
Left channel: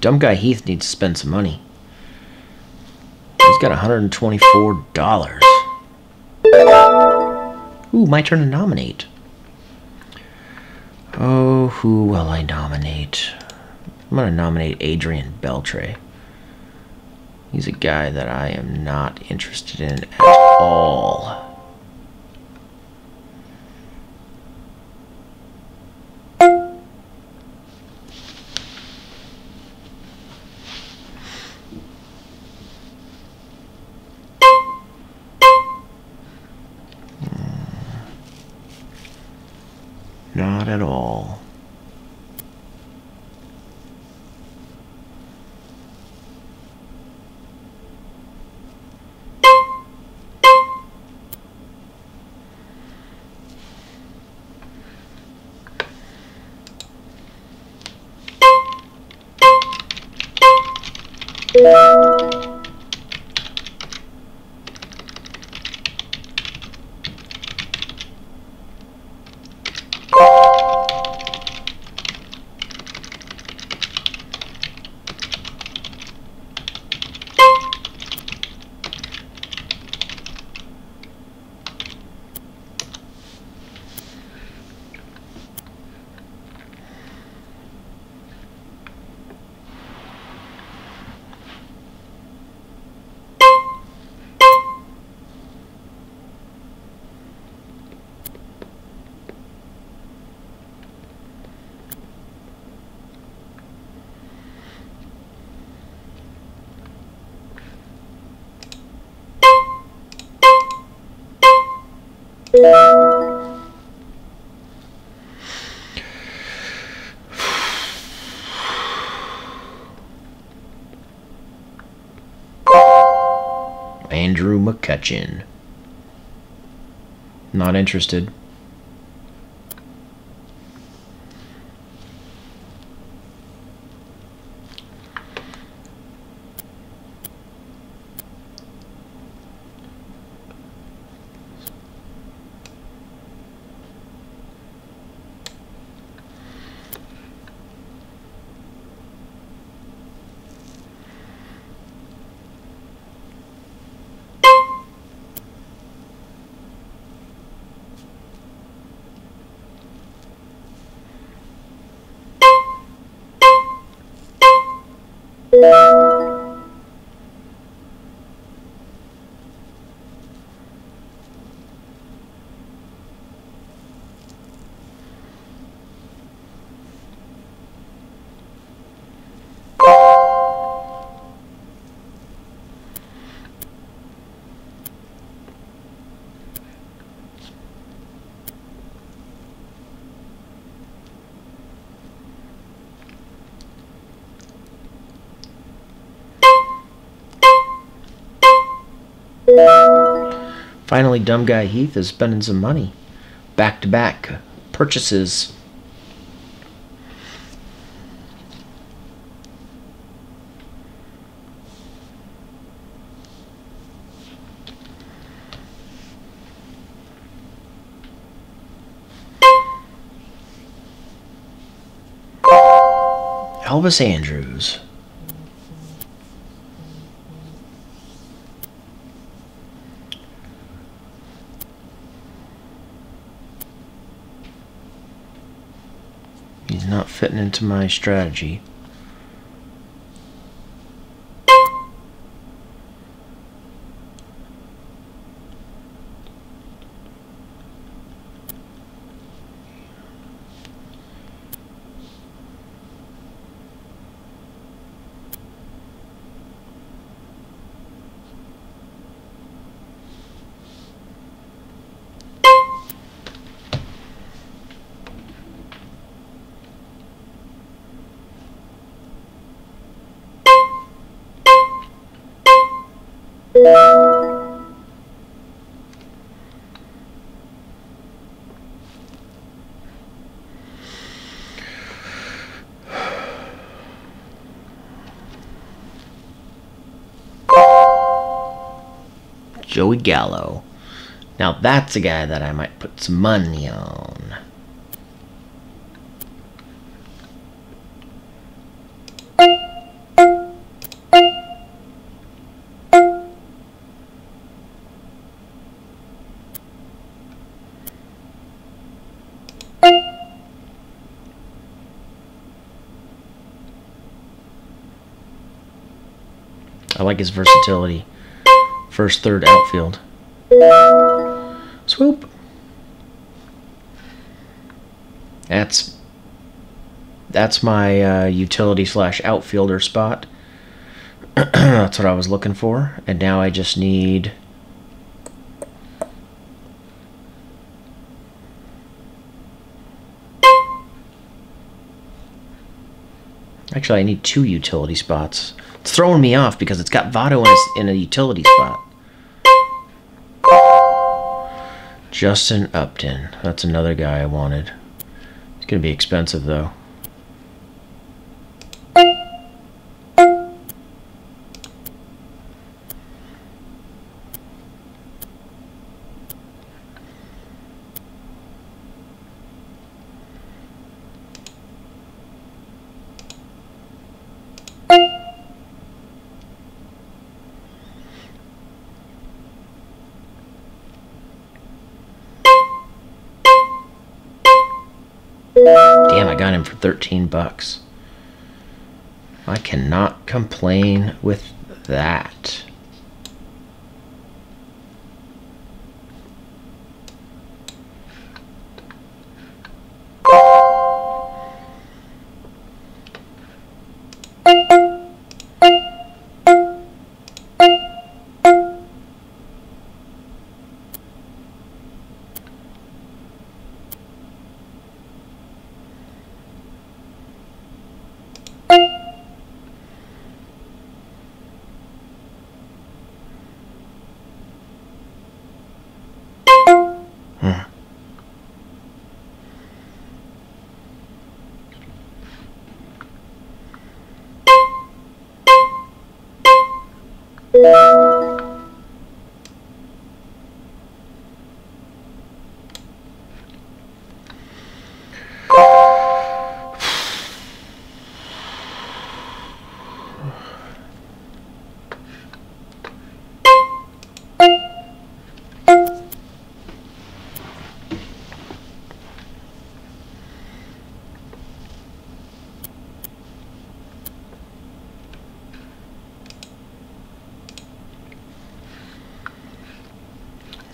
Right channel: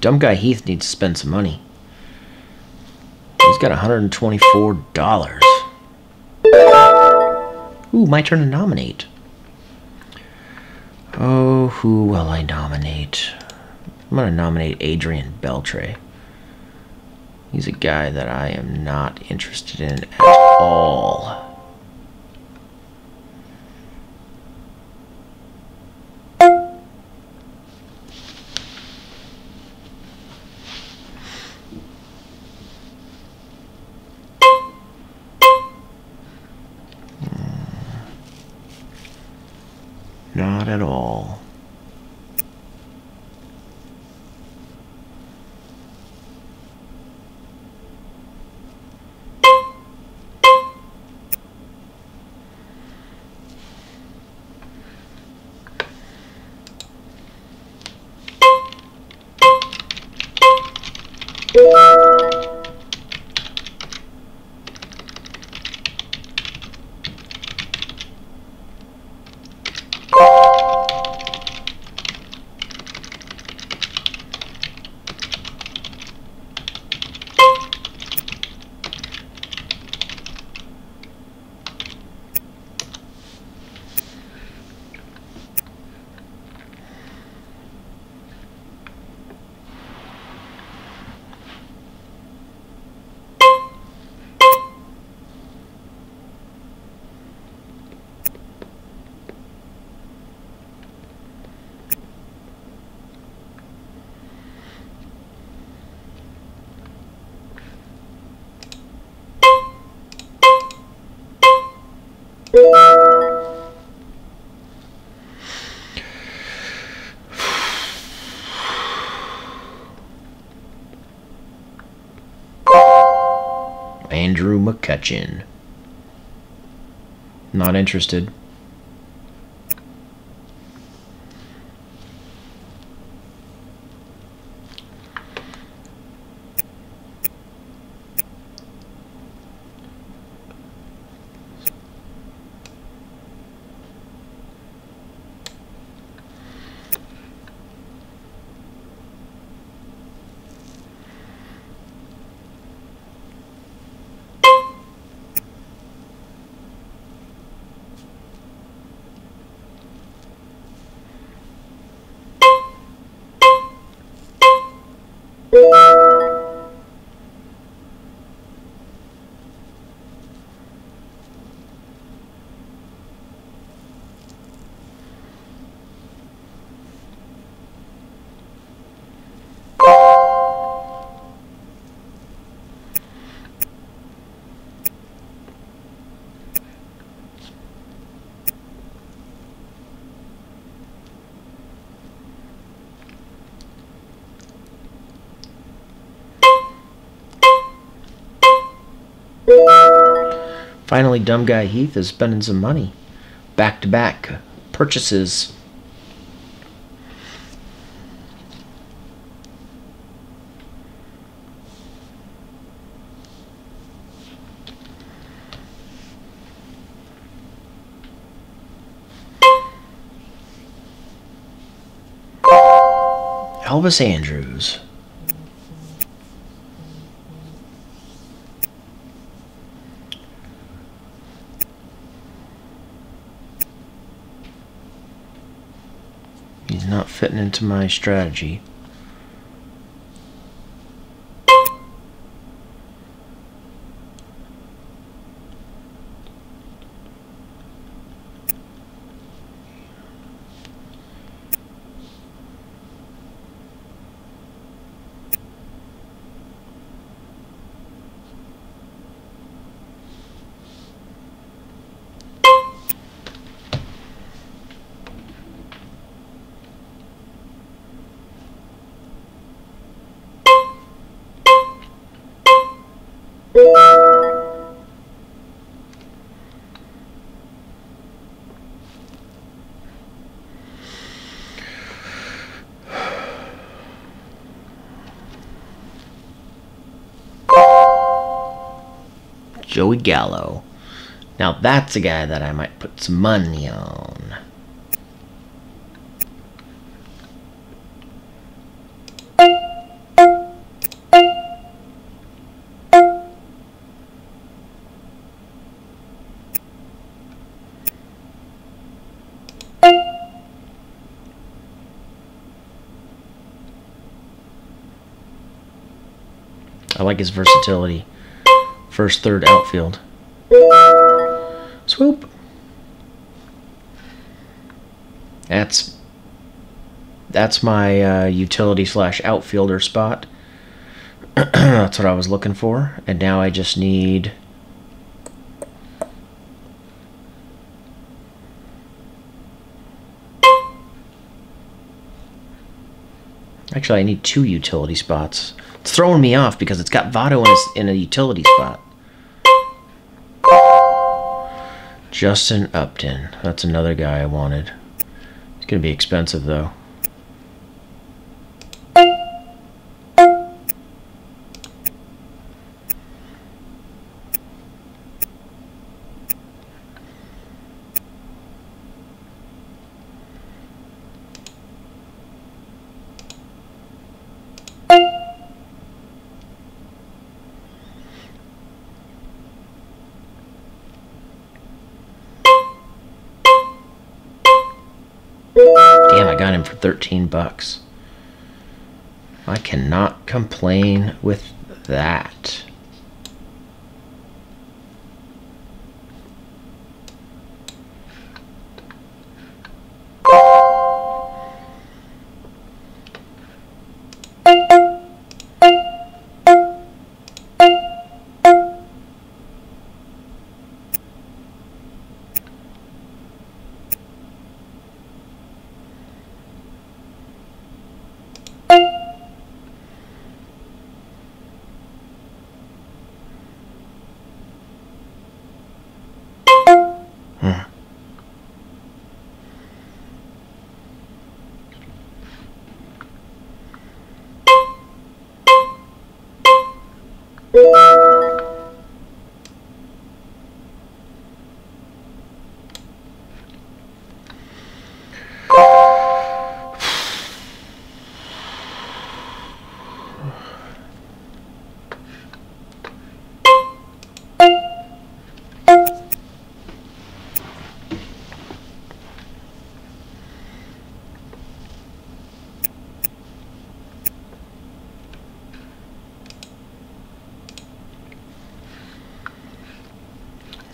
Dumb guy Heath needs to spend some money. He's got $124. Ooh, my turn to nominate. Oh, who will I nominate? I'm going to nominate Adrian Beltre. He's a guy that I am not interested in at all. Not at all. Andrew McCutchen. Not interested. Finally, dumb guy Heath is spending some money. Back-to-back purchases. Elvis Andrus. He's not fitting into my strategy. Joey Gallo. Now that's a guy that I might put some money on. I like his versatility. First, third, outfield. Swoop. That's my utility / outfielder spot. That's what I was looking for. And now I just need... Actually, I need 2 utility spots. It's throwing me off because it's got Votto in a utility spot. Justin Upton. That's another guy I wanted. It's going to be expensive, though. Damn, I got him for 13 bucks. I cannot complain with that.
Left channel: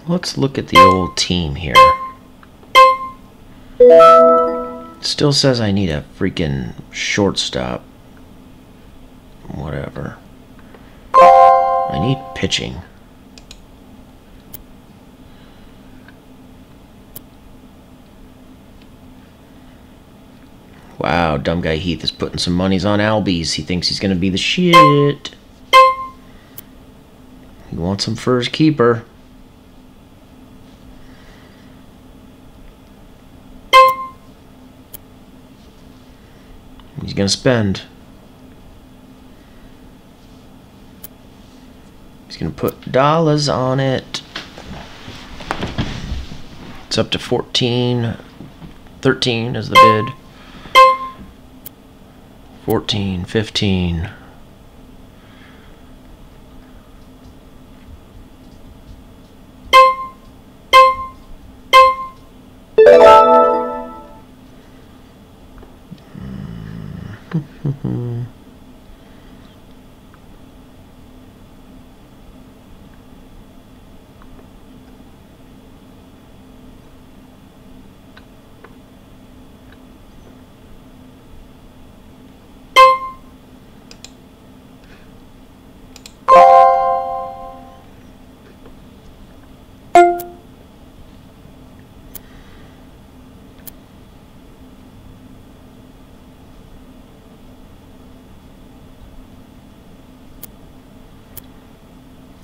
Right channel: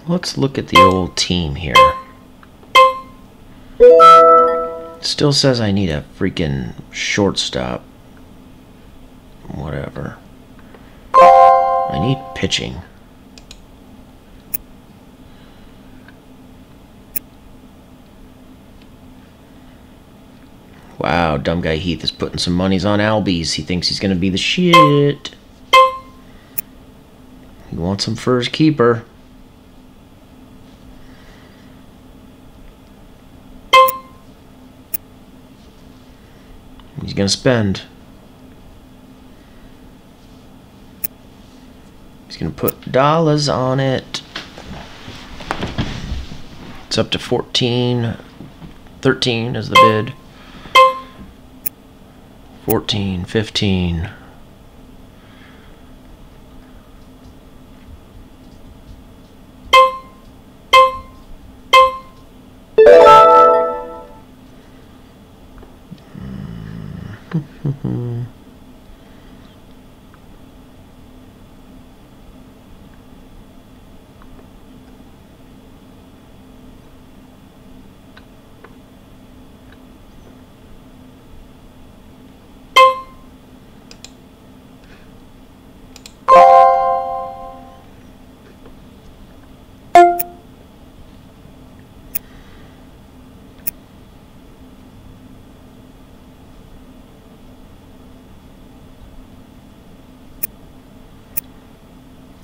Let's look at the old team here. Still says I need a freaking shortstop. Whatever. I need pitching. Wow, dumb guy Heath is putting some monies on Albies. He thinks he's going to be the shit. He wants him for his keeper. He's going to spend. He's going to put dollars on it. It's up to 14. 13 is the bid. 14, 15.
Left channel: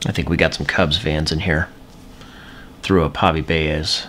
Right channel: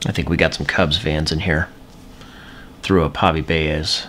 I think we got some Cubs fans in here. Threw up Javi Baez.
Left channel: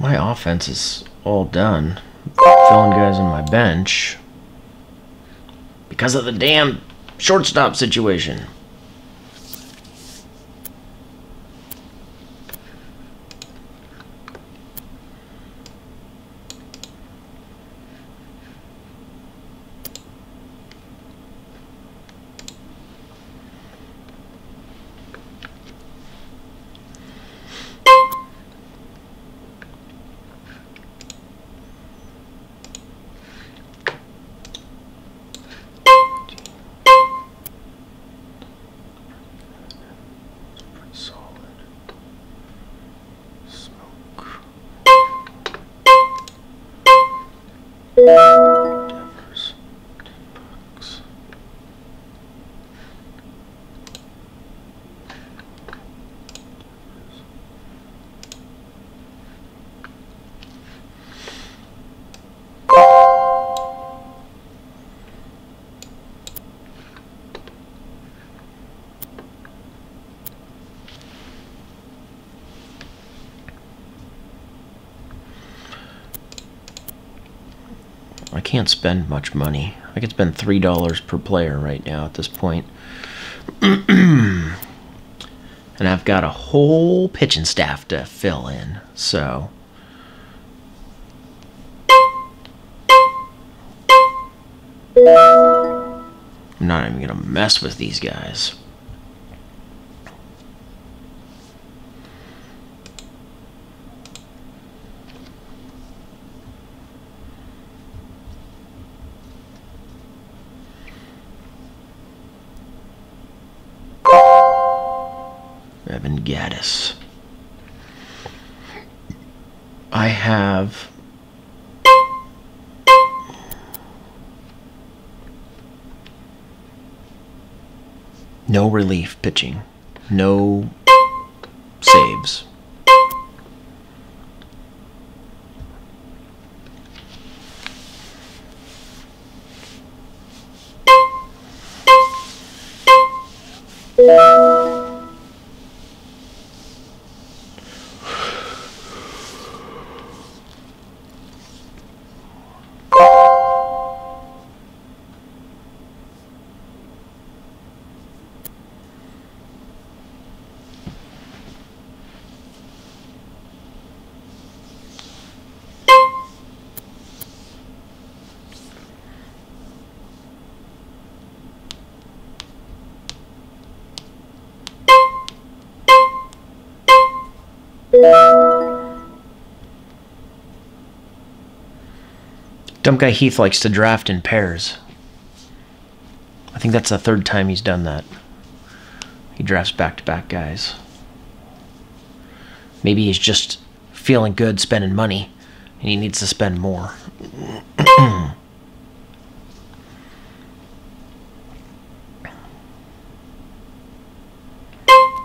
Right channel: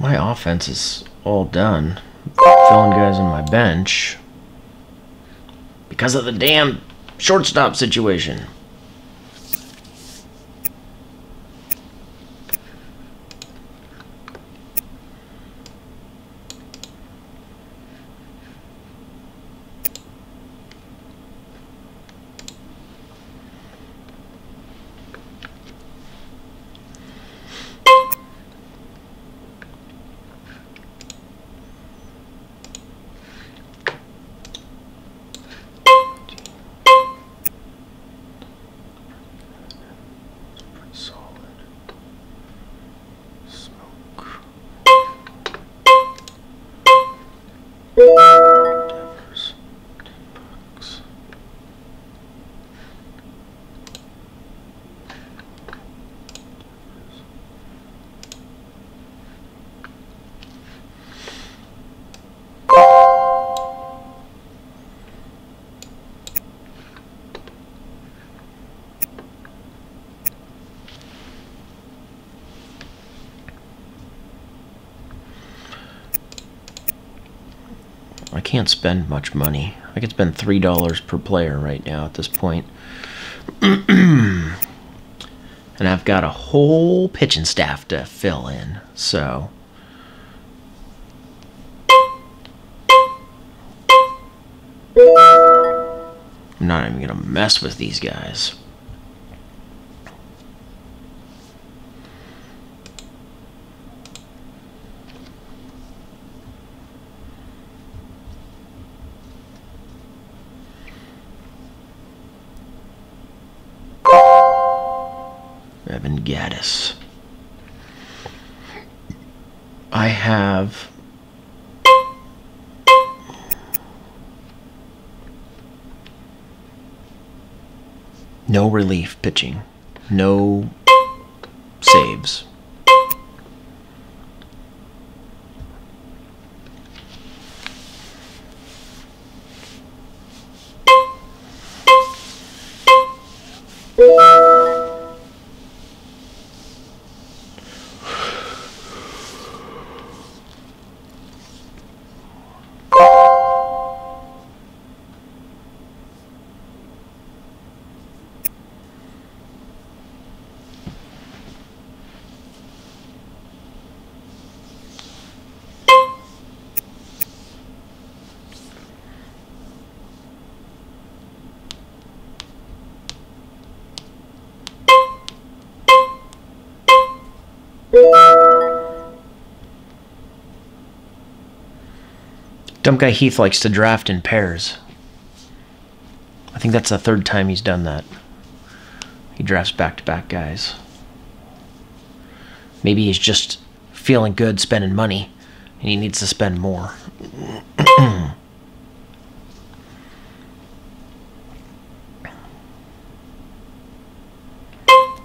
My offense is all done. Filling guys on my bench because of the damn shortstop situation. I can't spend much money. I could spend $3 per player right now at this point. And I've got a whole pitching staff to fill in, so I'm not even gonna mess with these guys. Evan Gaddis. I have no relief pitching, no saves. Dumb guy Heath likes to draft in pairs. I think that's the third time he's done that. He drafts back-to-back guys. Maybe he's just feeling good spending money, and he needs to spend more.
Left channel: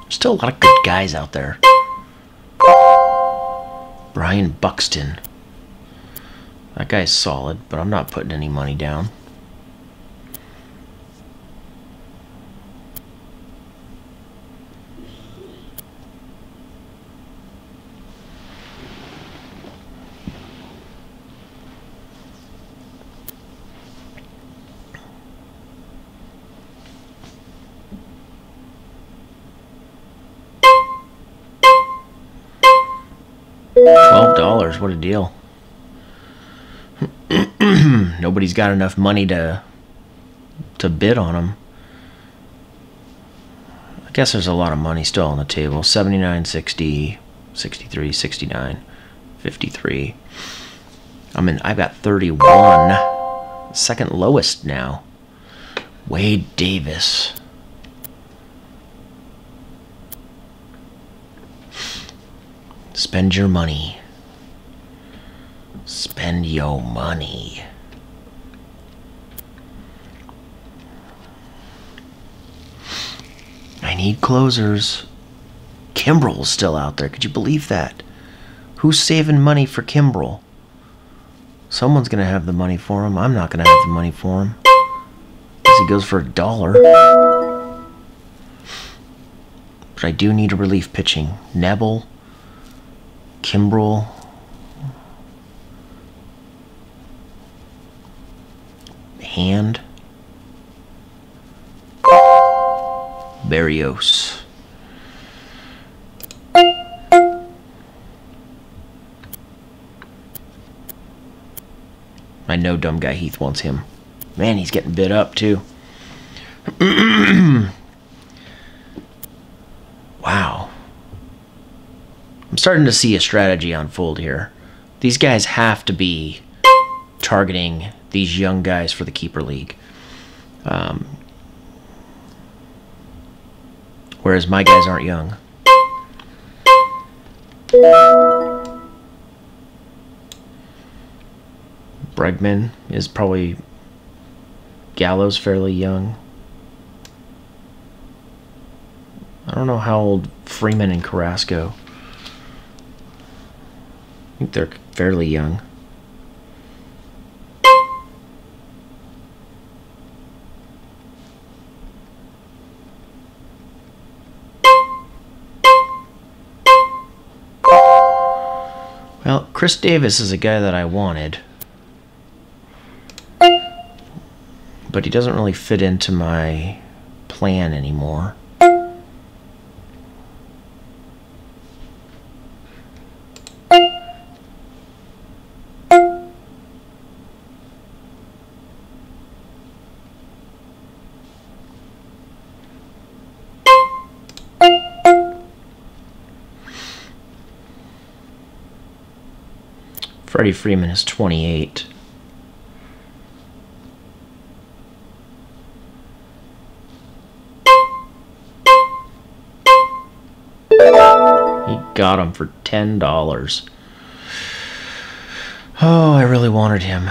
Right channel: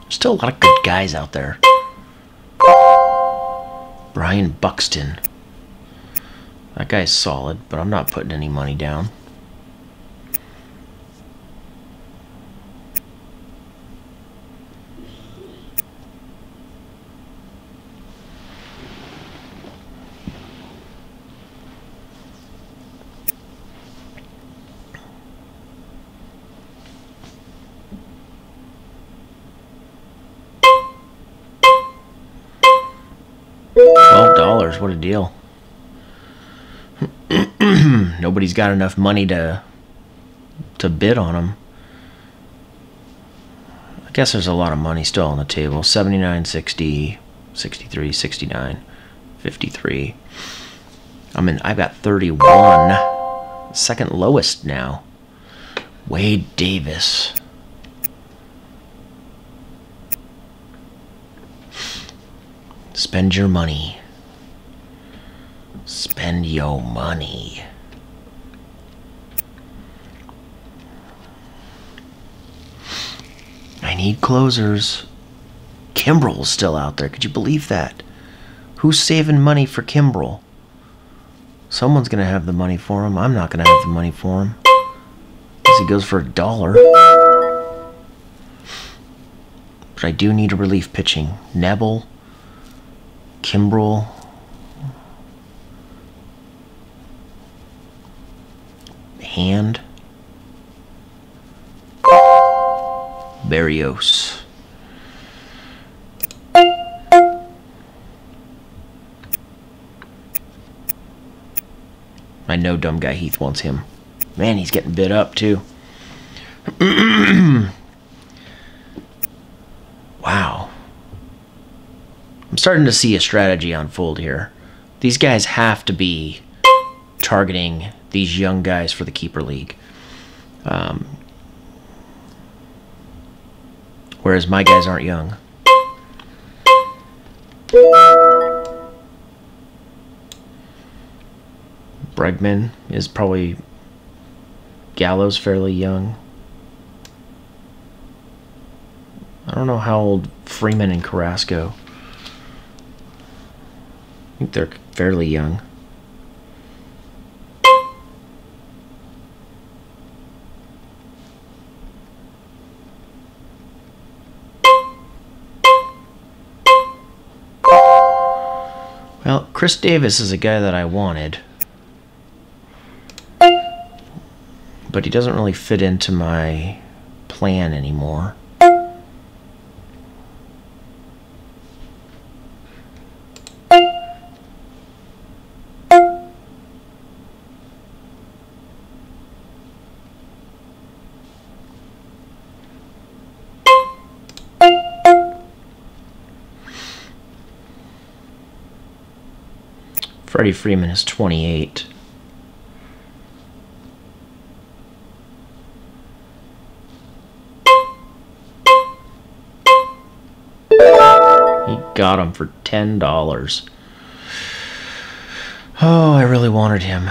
Still a lot of good guys out there. Brian Buxton. That guy's solid, but I'm not putting any money down. $12, what a deal. Nobody's got enough money to bid on them. I guess there's a lot of money still on the table. 79, 60, 63, 69, 53. I've got 31. Second lowest now. Wade Davis. Spend your money. Spend your money. I need closers. Kimbrel's still out there. Could you believe that? Who's saving money for Kimbrel? Someone's going to have the money for him. I'm not going to have the money for him. Unless he goes for $1. But I do need a relief pitching. Nebel. Kimbrel. Hand. Barrios. I know dumb guy Heath wants him. Man, he's getting bid up too. Wow. I'm starting to see a strategy unfold here. These guys have to be targeting these young guys for the keeper league. Whereas my guys aren't young. Bregman is probably... Gallo's fairly young. I don't know how old Freeman and Carrasco. I think they're fairly young. Well, Chris Davis is a guy that I wanted. But he doesn't really fit into my plan anymore. Freddie Freeman is 28. He got him for $10. Oh, I really wanted him.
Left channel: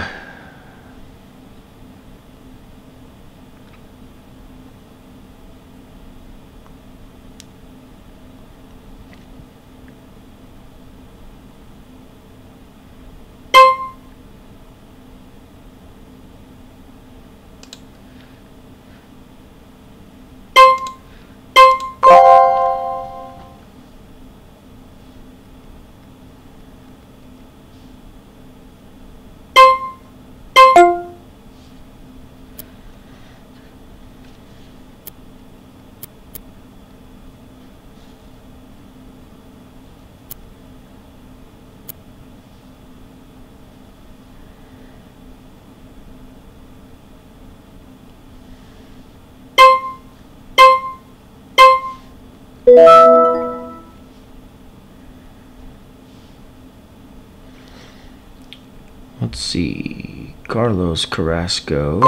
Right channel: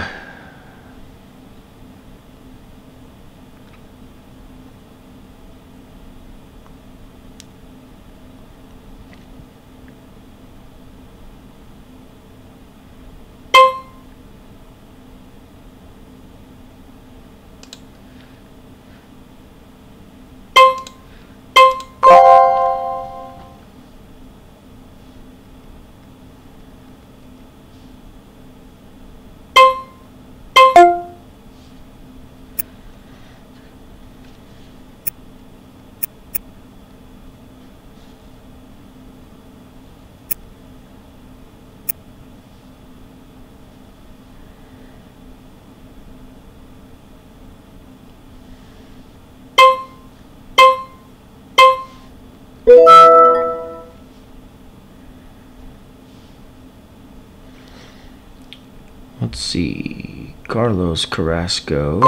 Let's see, Carlos Carrasco.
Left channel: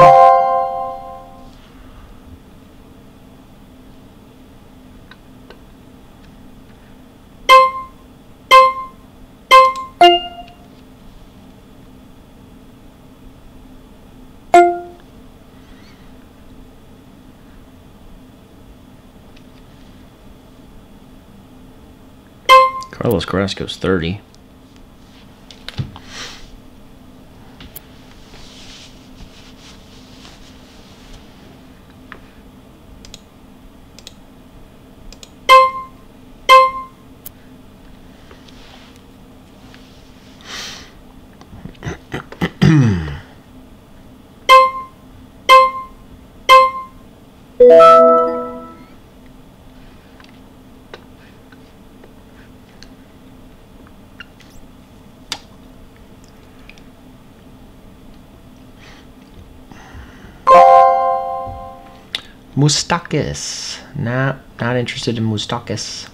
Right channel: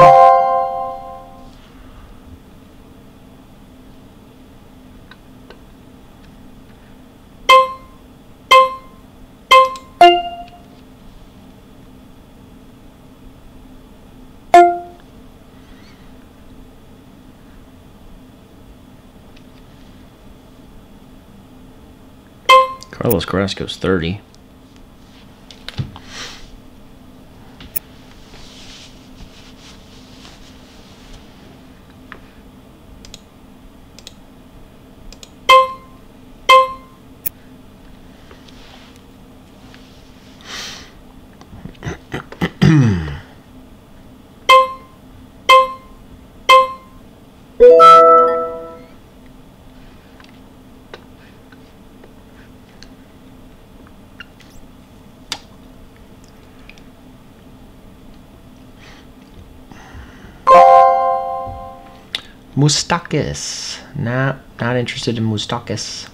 Carlos Carrasco's 30. Moustakas. Not interested in Moustakas.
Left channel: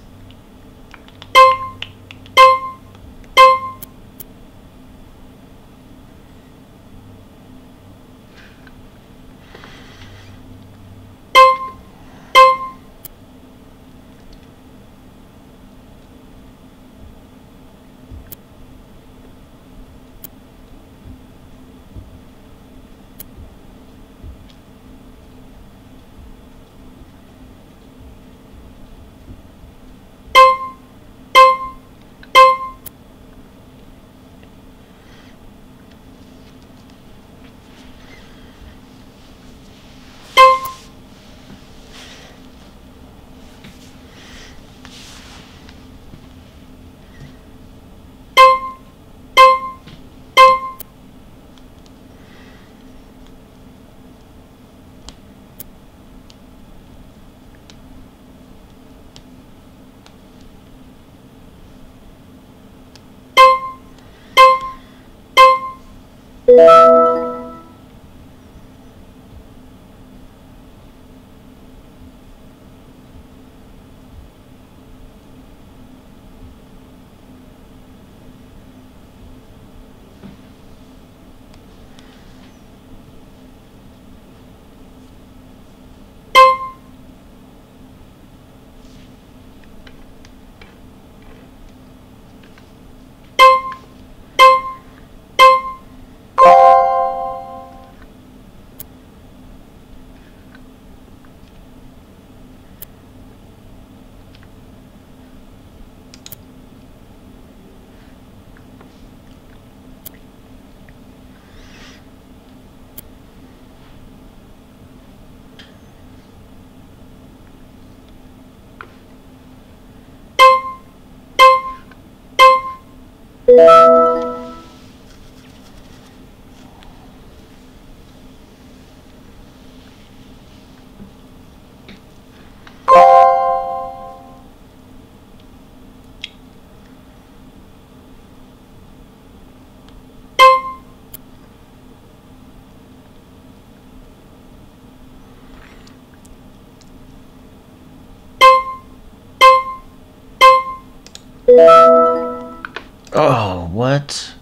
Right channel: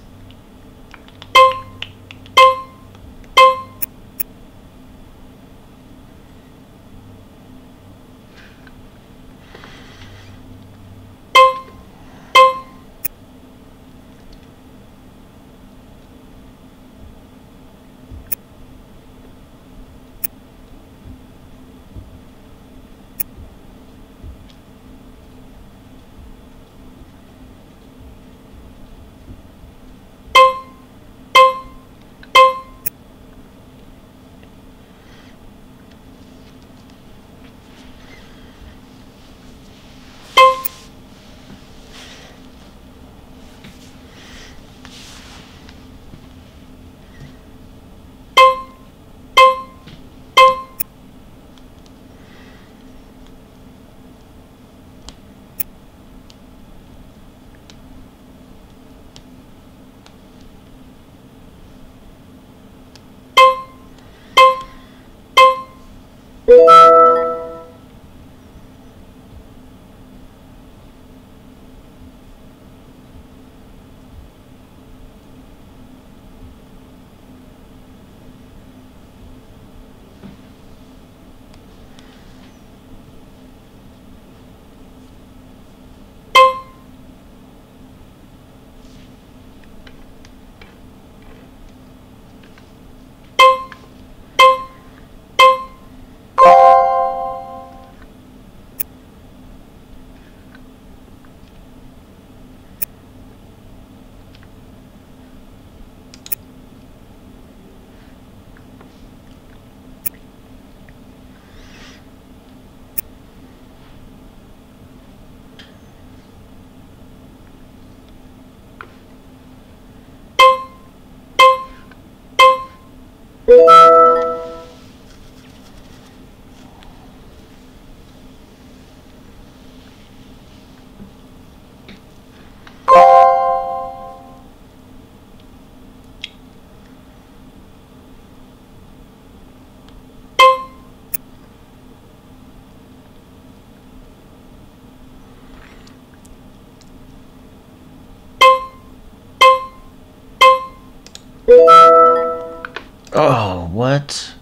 Oh, what?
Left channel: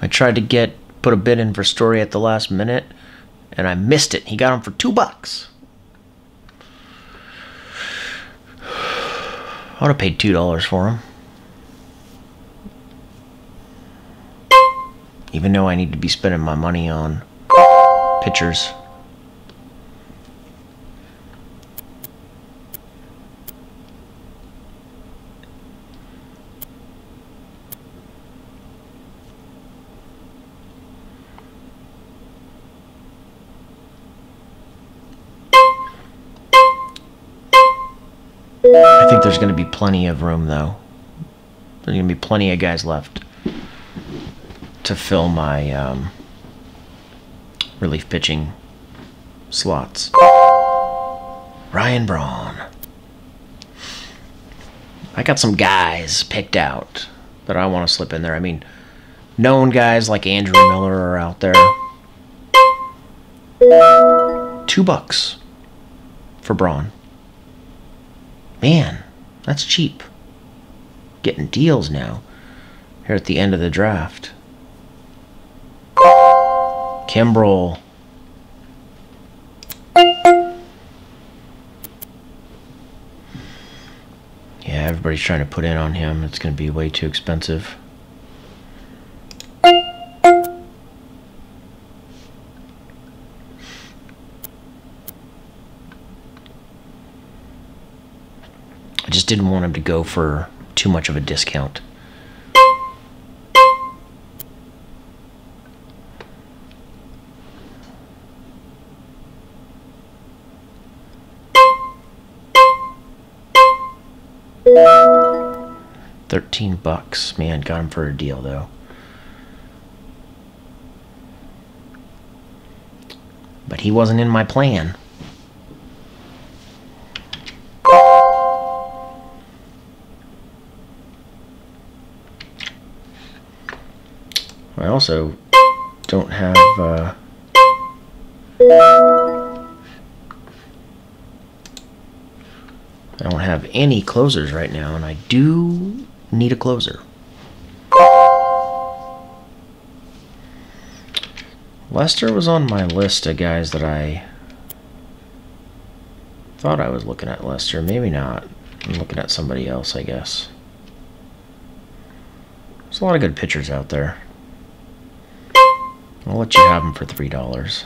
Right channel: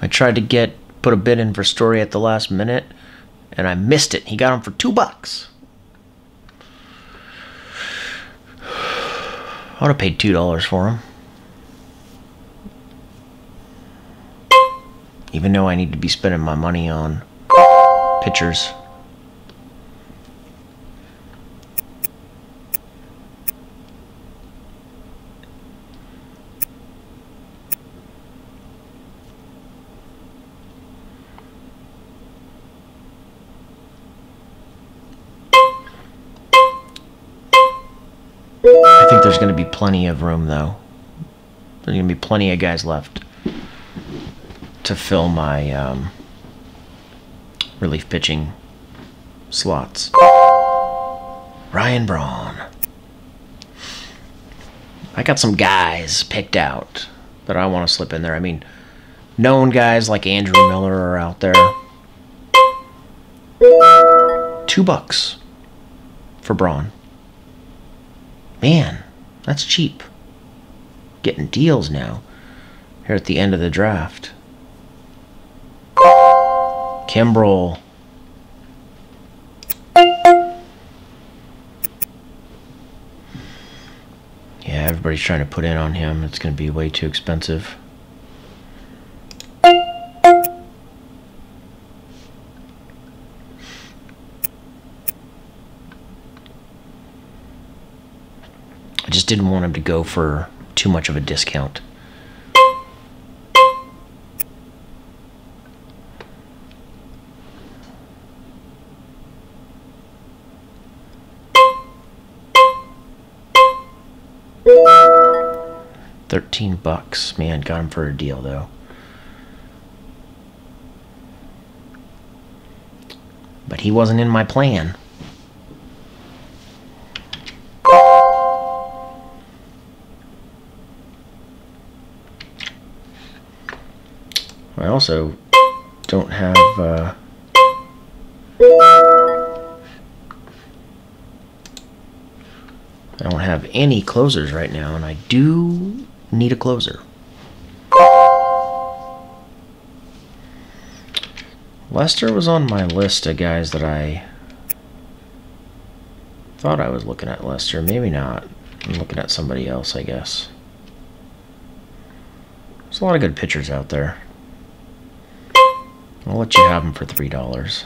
I tried to put a bid in for Story at the last minute, and I missed it. He got him for $2. I would have paid $2 for him. Even though I need to be spending my money on pitchers. I think there's going to be plenty of room, though. There's going to be plenty of guys left to fill my relief pitching slots. Ryan Braun. I got some guys picked out that I want to slip in there. I mean, known guys like Andrew Miller are out there. $2 for Braun. Man, that's cheap. Getting deals now here at the end of the draft. Kimbrel. Yeah, everybody's trying to put in on him. It's going to be way too expensive. I just just didn't want him to go for too much of a discount. $13, man, got him for a deal though. But he wasn't in my plan. I also don't have I don't have any closers right now, and I do need a closer. Lester was on my list of guys that I thought I was looking at. Lester, maybe not. I'm looking at somebody else, I guess. There's a lot of good pitchers out there. I'll let you have them for $3.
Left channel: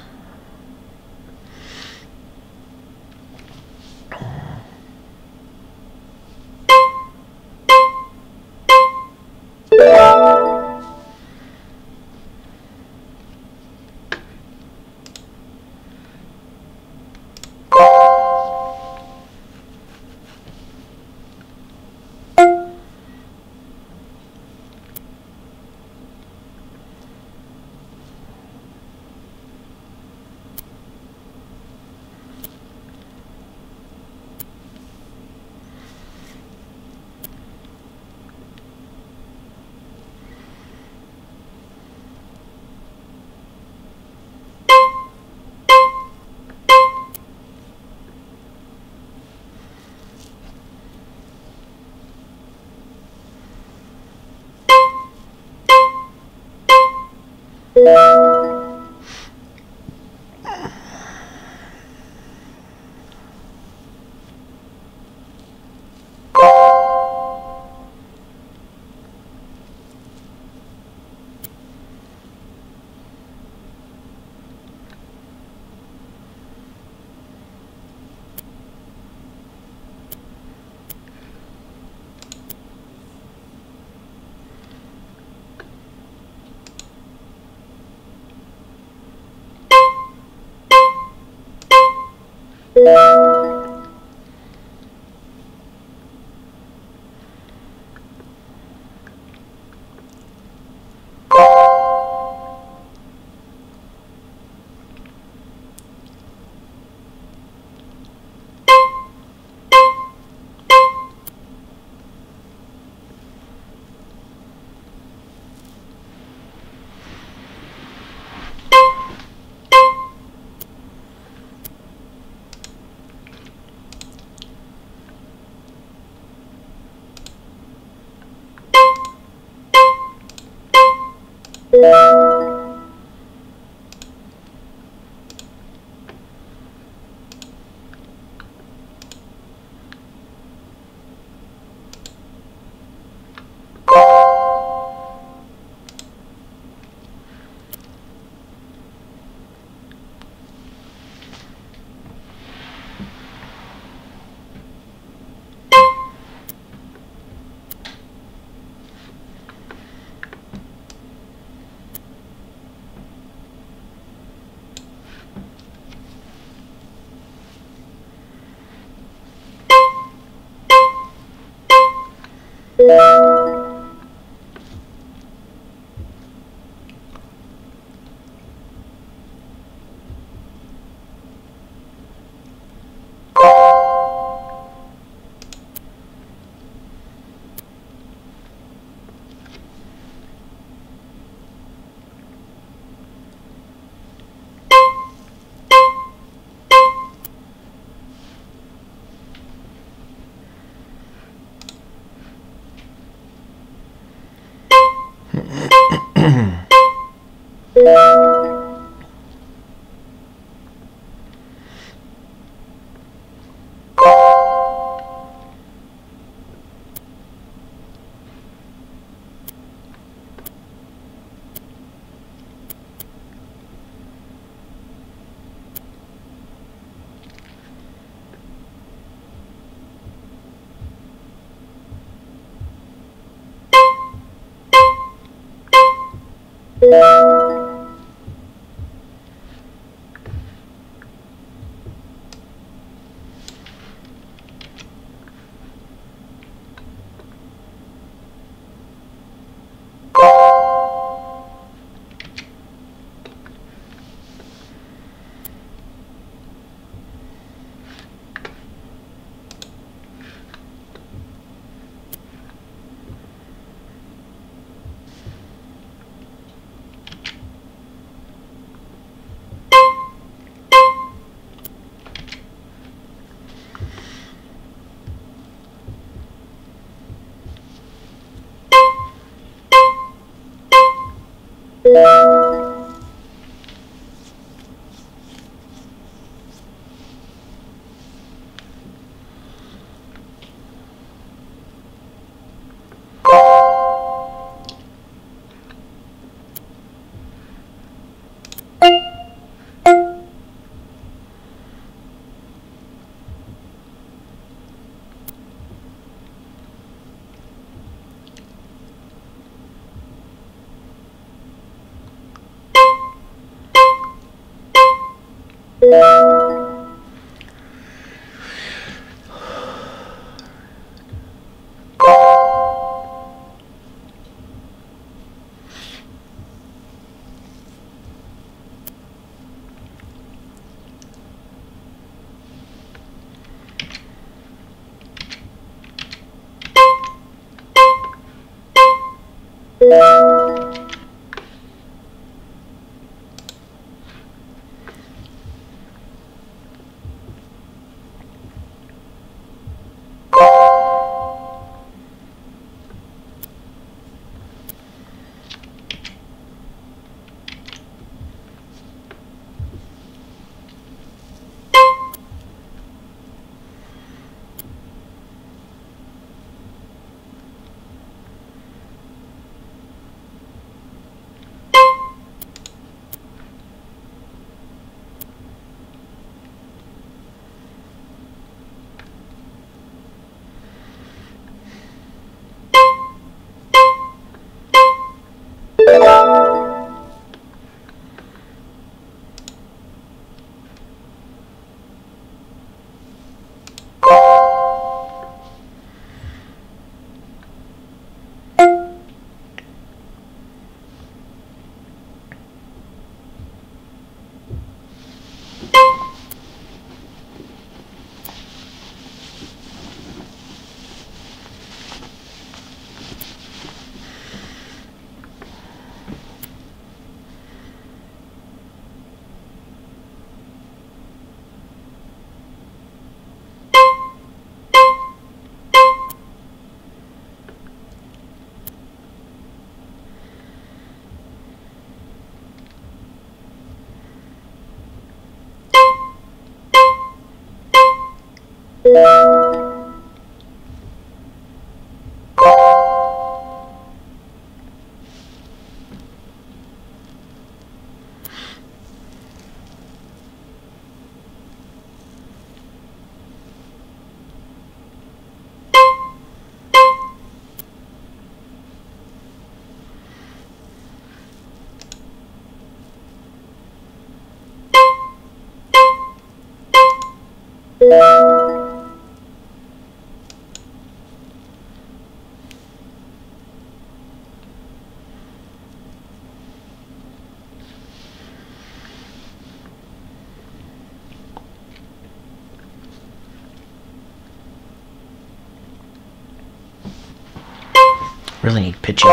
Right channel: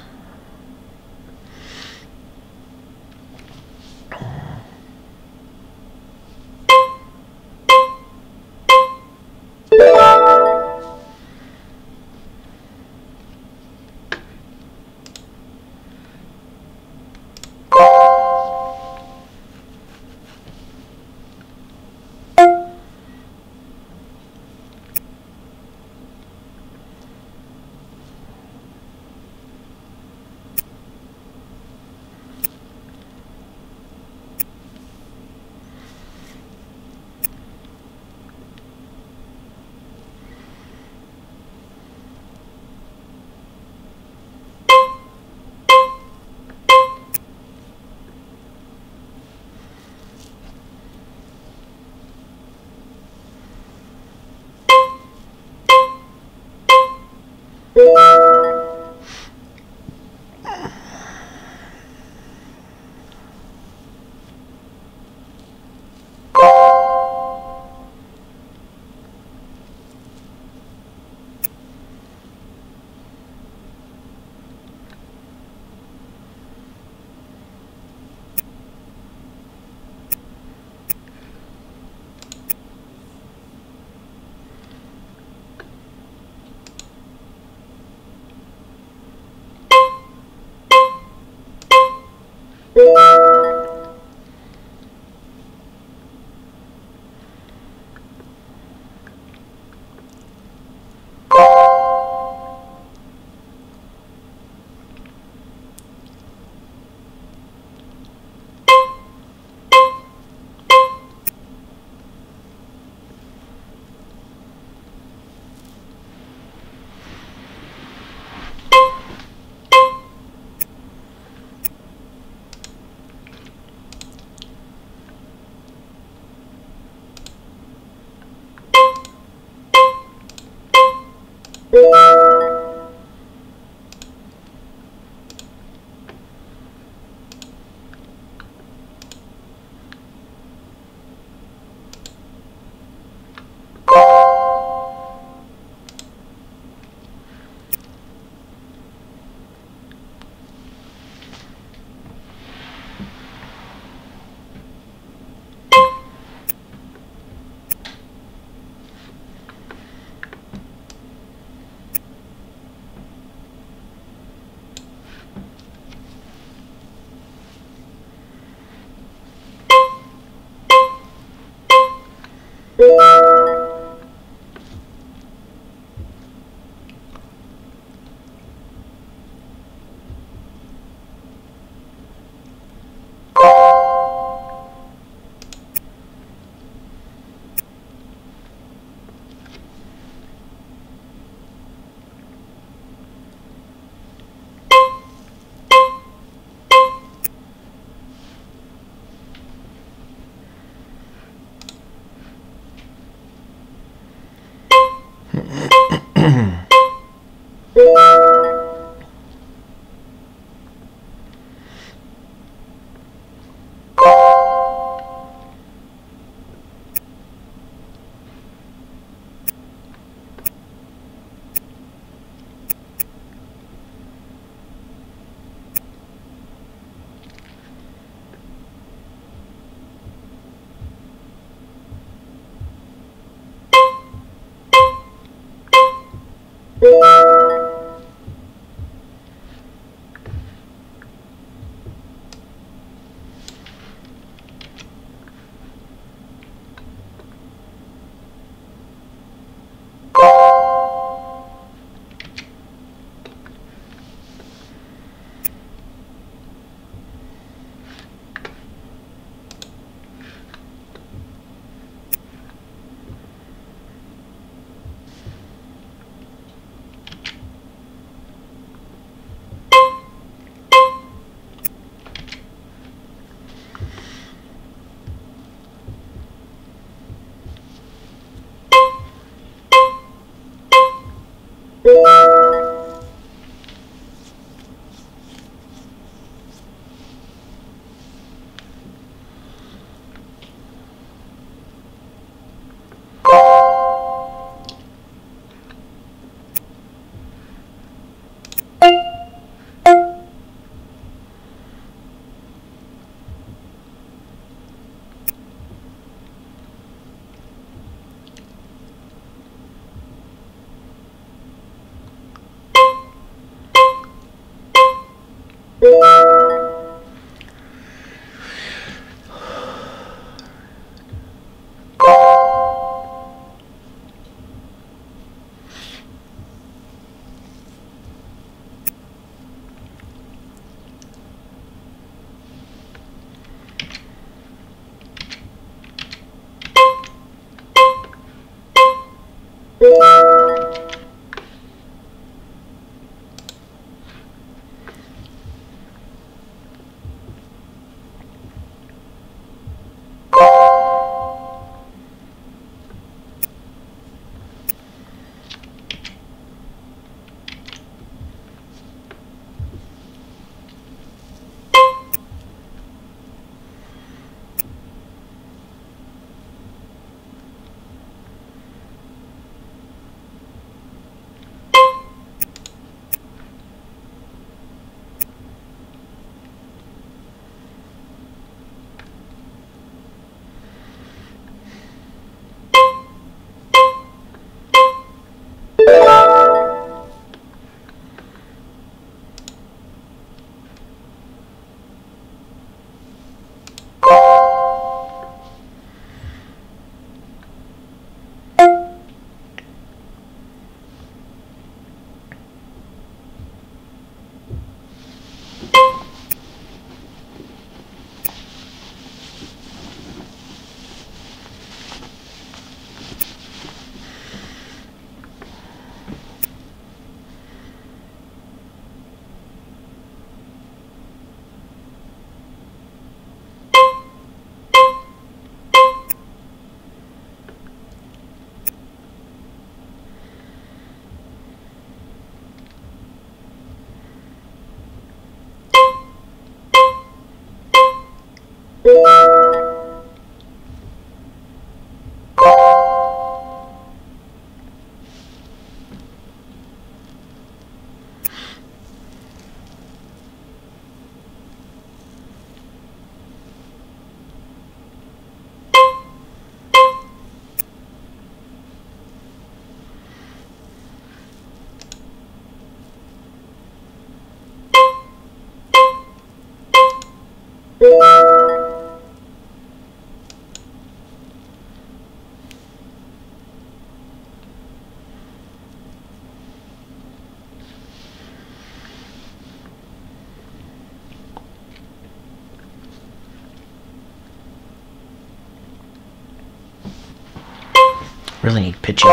Really need pitching.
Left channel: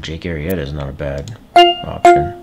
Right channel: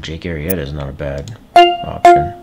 Jake Arrieta is not a bad option.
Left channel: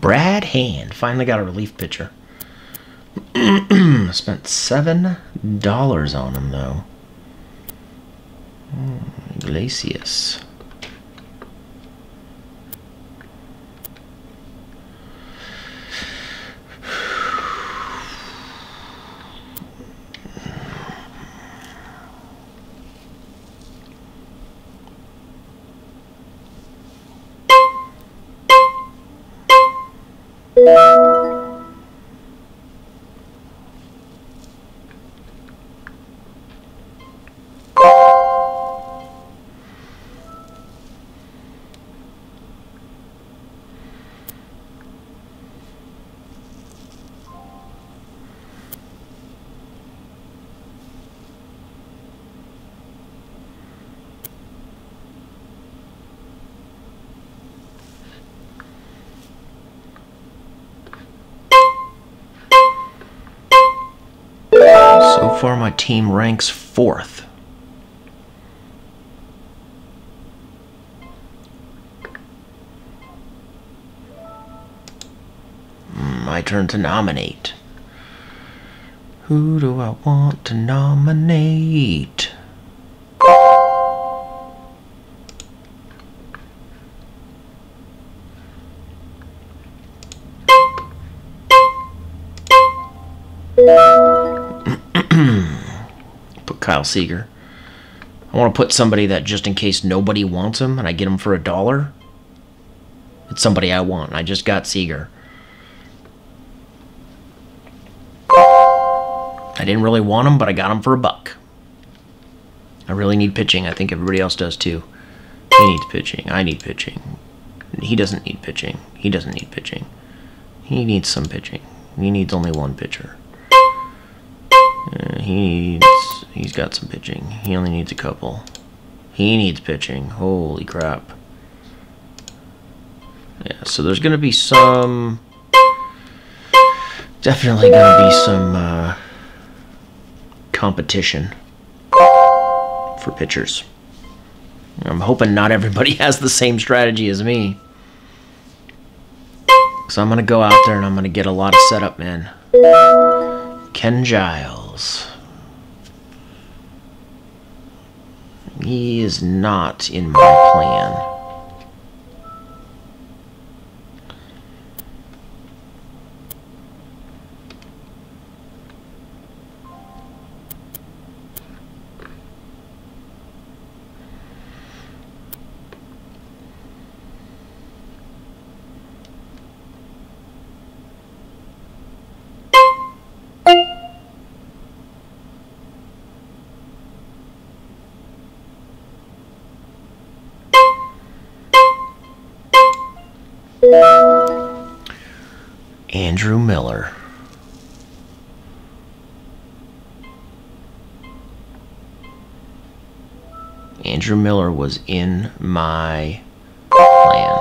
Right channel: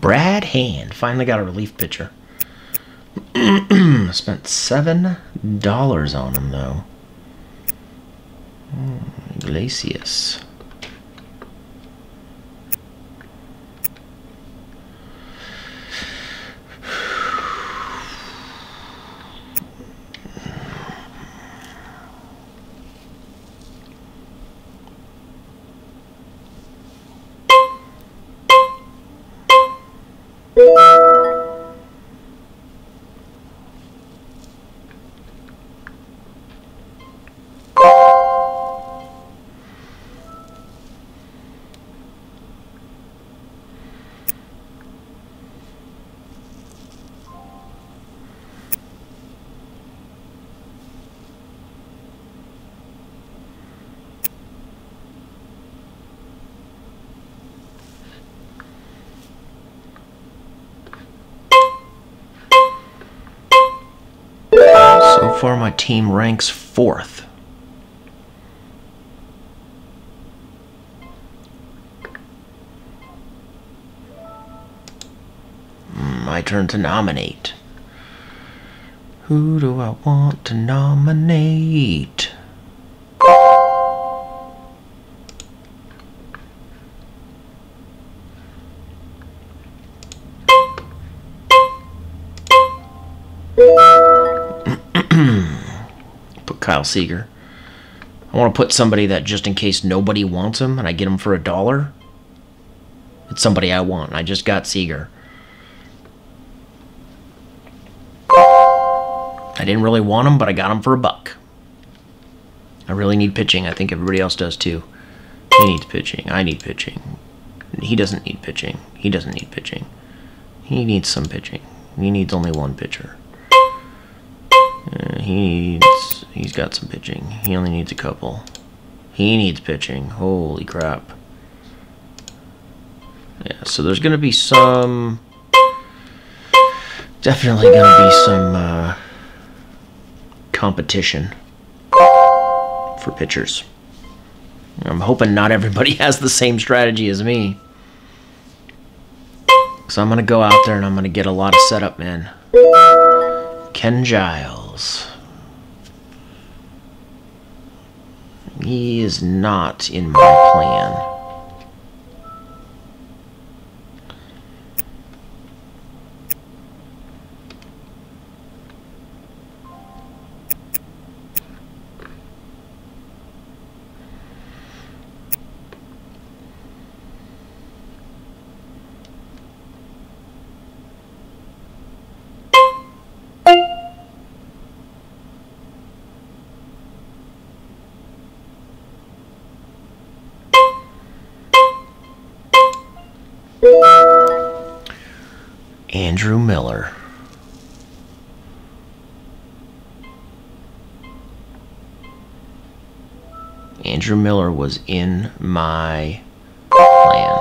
Brad Hand finally got a relief pitcher. Spent $7 on him though. Iglesias. So far, my team ranks 4th. My turn to nominate. Who do I want to nominate? Put Kyle Seager. I want to put somebody that just in case nobody wants him and I get him for $1. It's somebody I want. I just got Seager. I didn't really want him, but I got him for $1. I really need pitching. I think everybody else does too. He needs pitching. I need pitching. He doesn't need pitching. He doesn't need pitching. He needs some pitching. He needs only one pitcher. He's got some pitching. He only needs a couple. He needs pitching. Holy crap. Yeah, so there's going to be some... Definitely going to be some competition for pitchers. I'm hoping not everybody has the same strategy as me. So I'm going to go out there and I'm going to get a lot of setup in. Ken Giles. He is not in my plan. Andrew Miller. Andrew Miller was in my plan.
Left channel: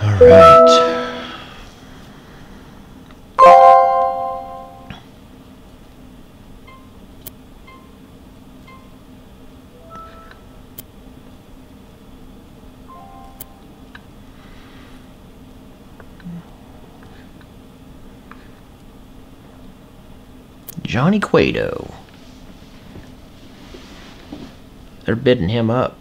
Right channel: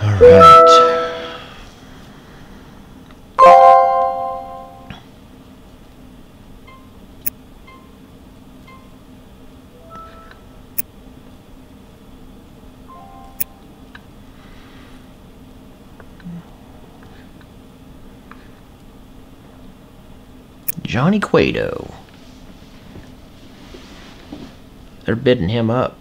All right. Johnny Cueto. They're bidding him up.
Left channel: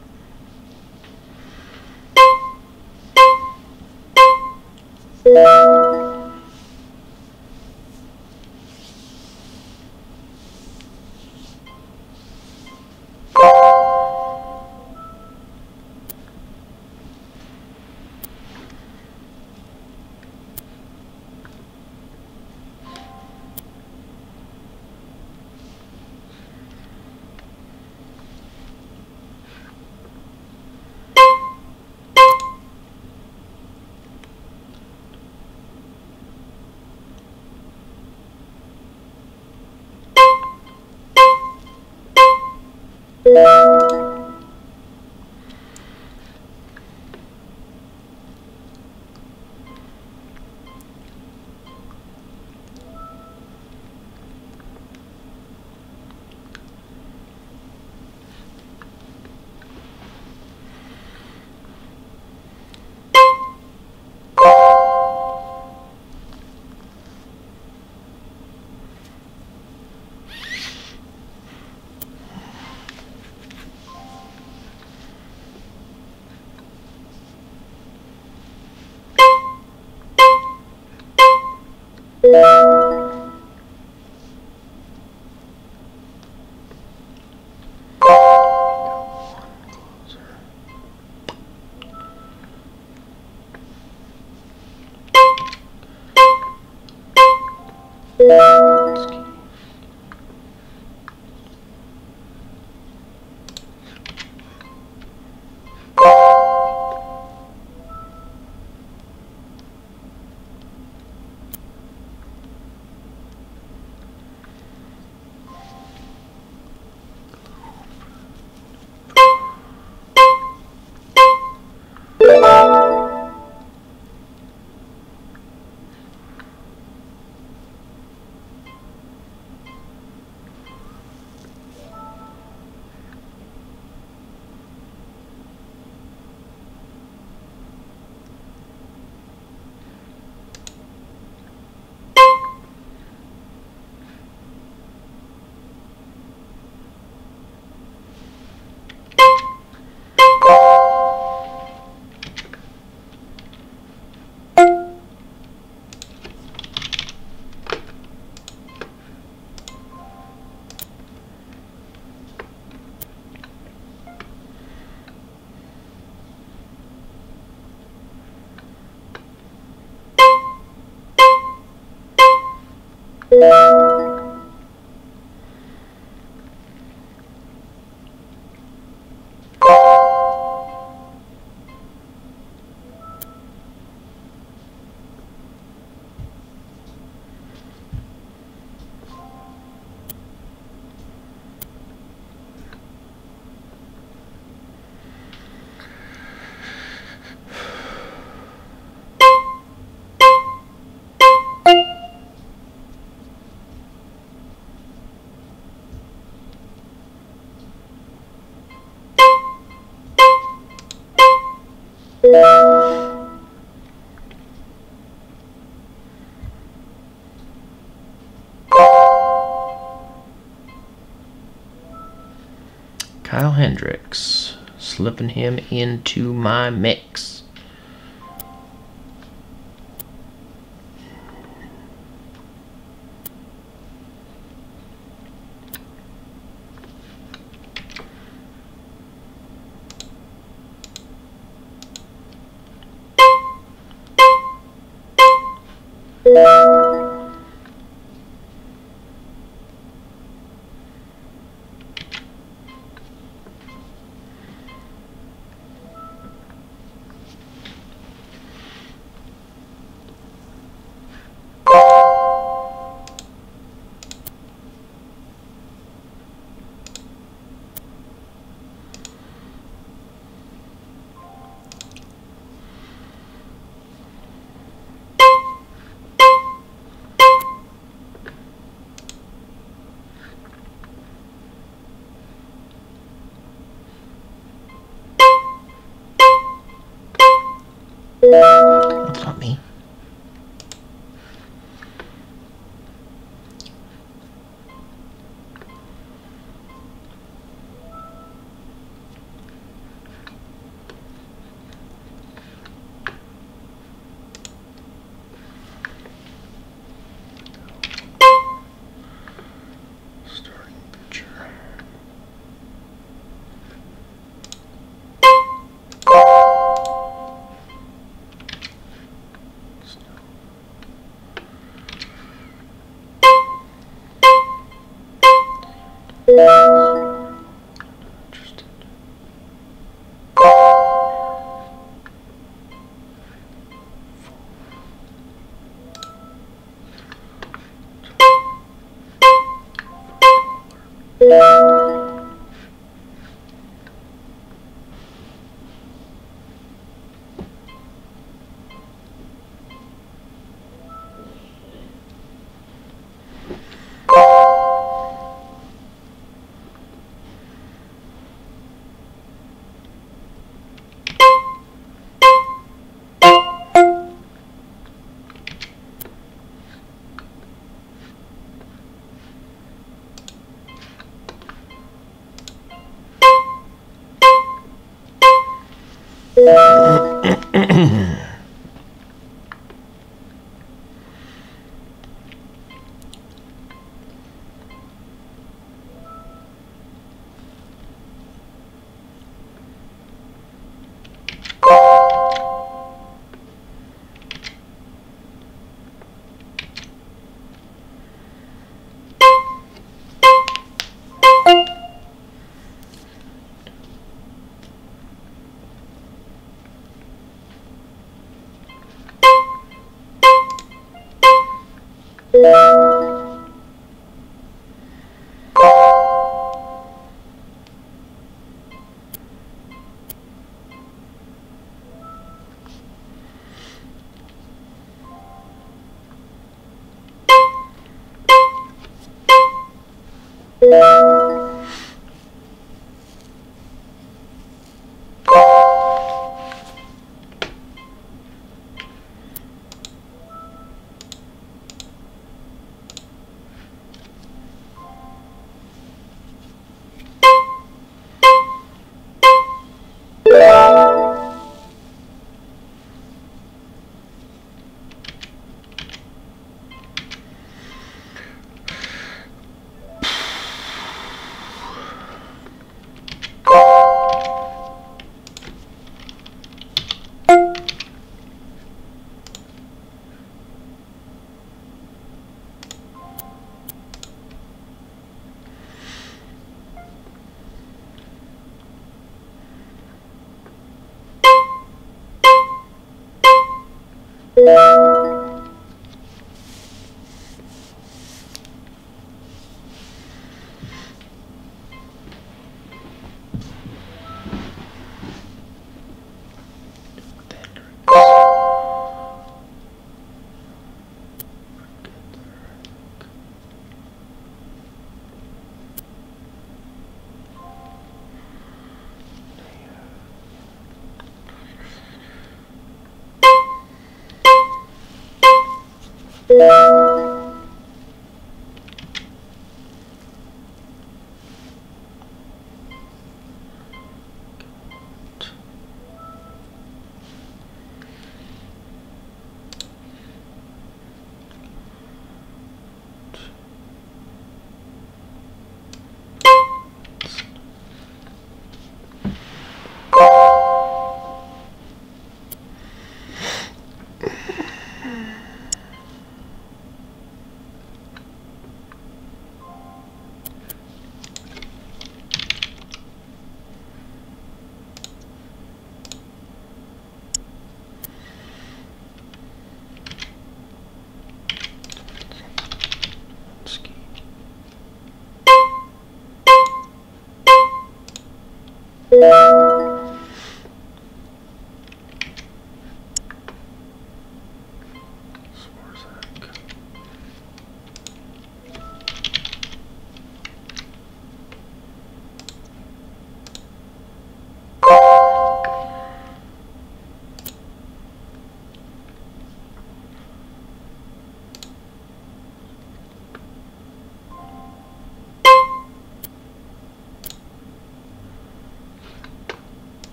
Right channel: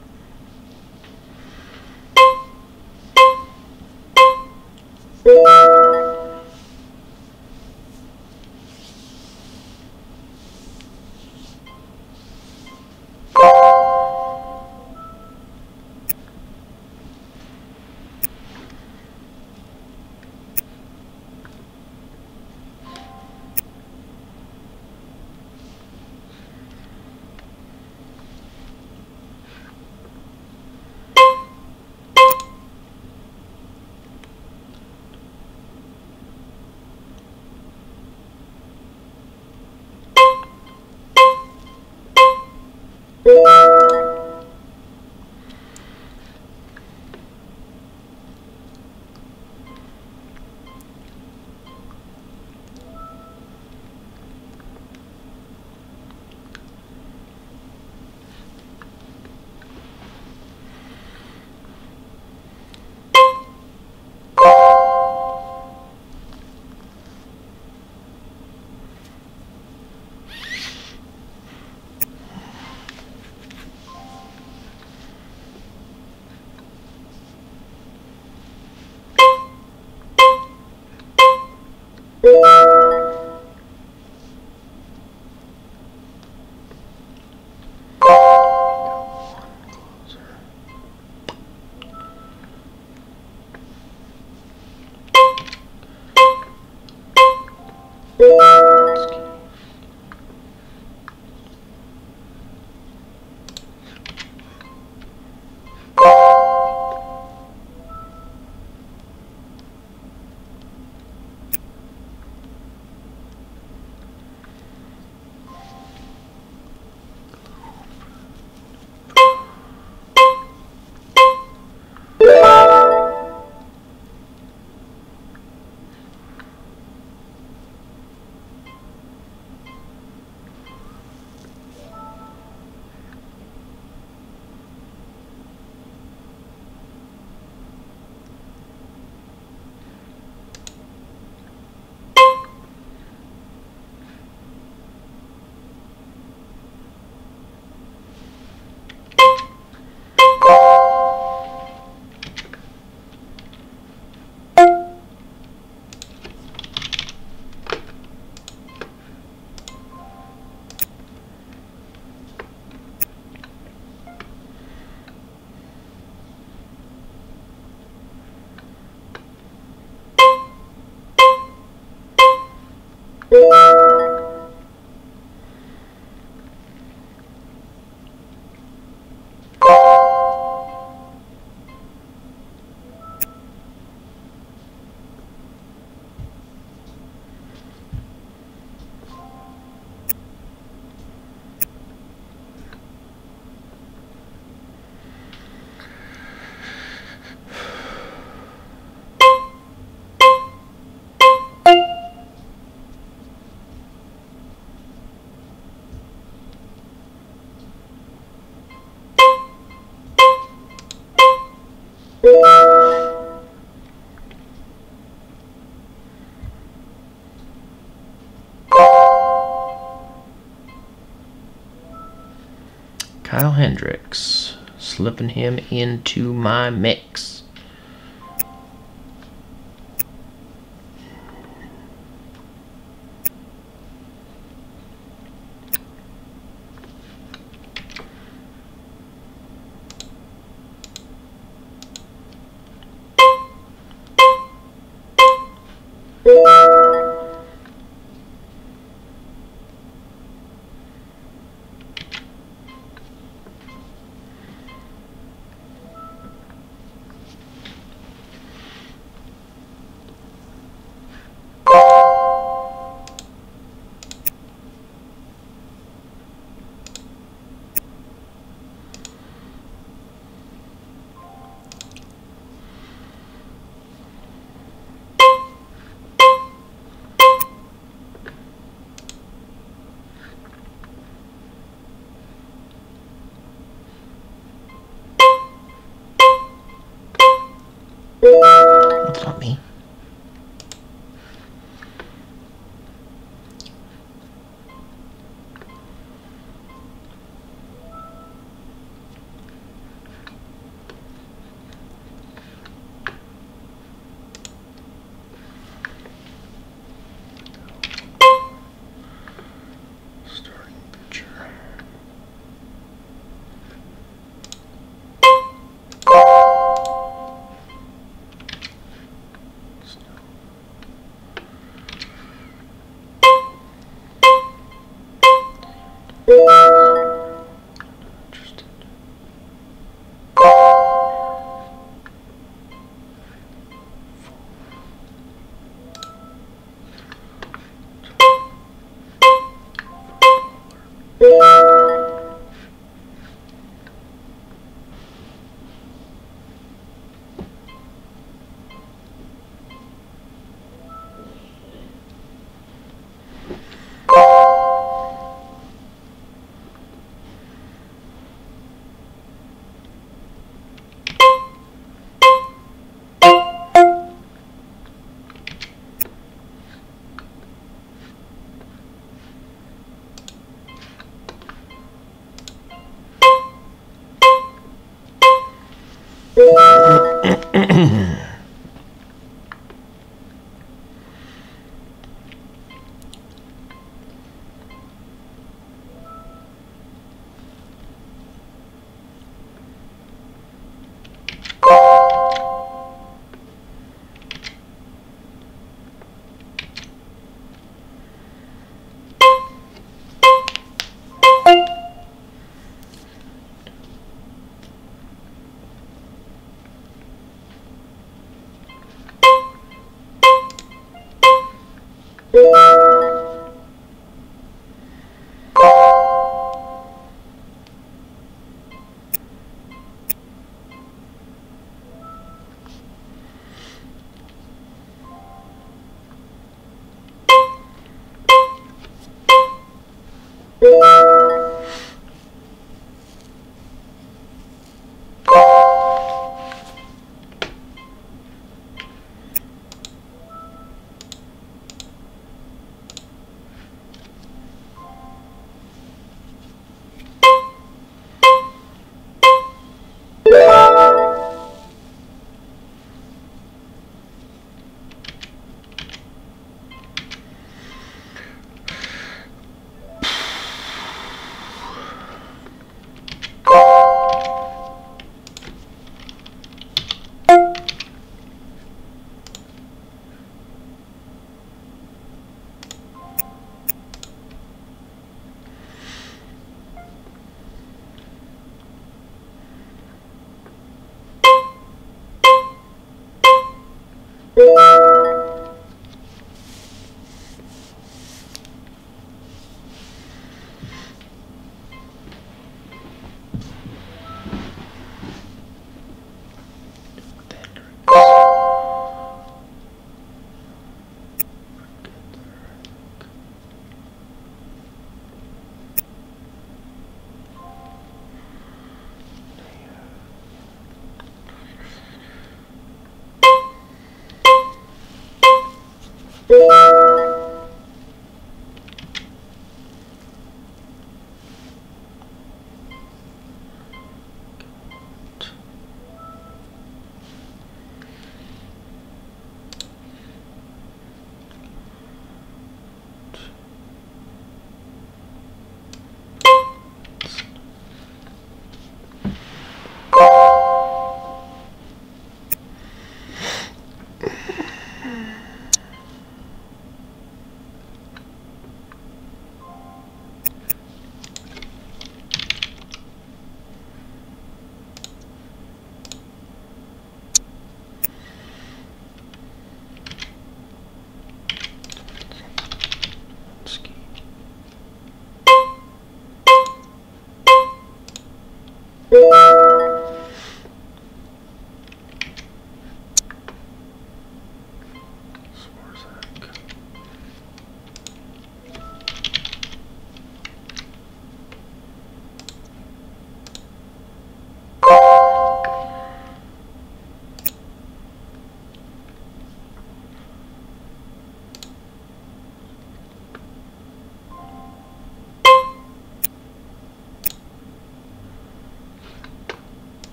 Kyle Hendricks, slipping him into my mix. That's not me.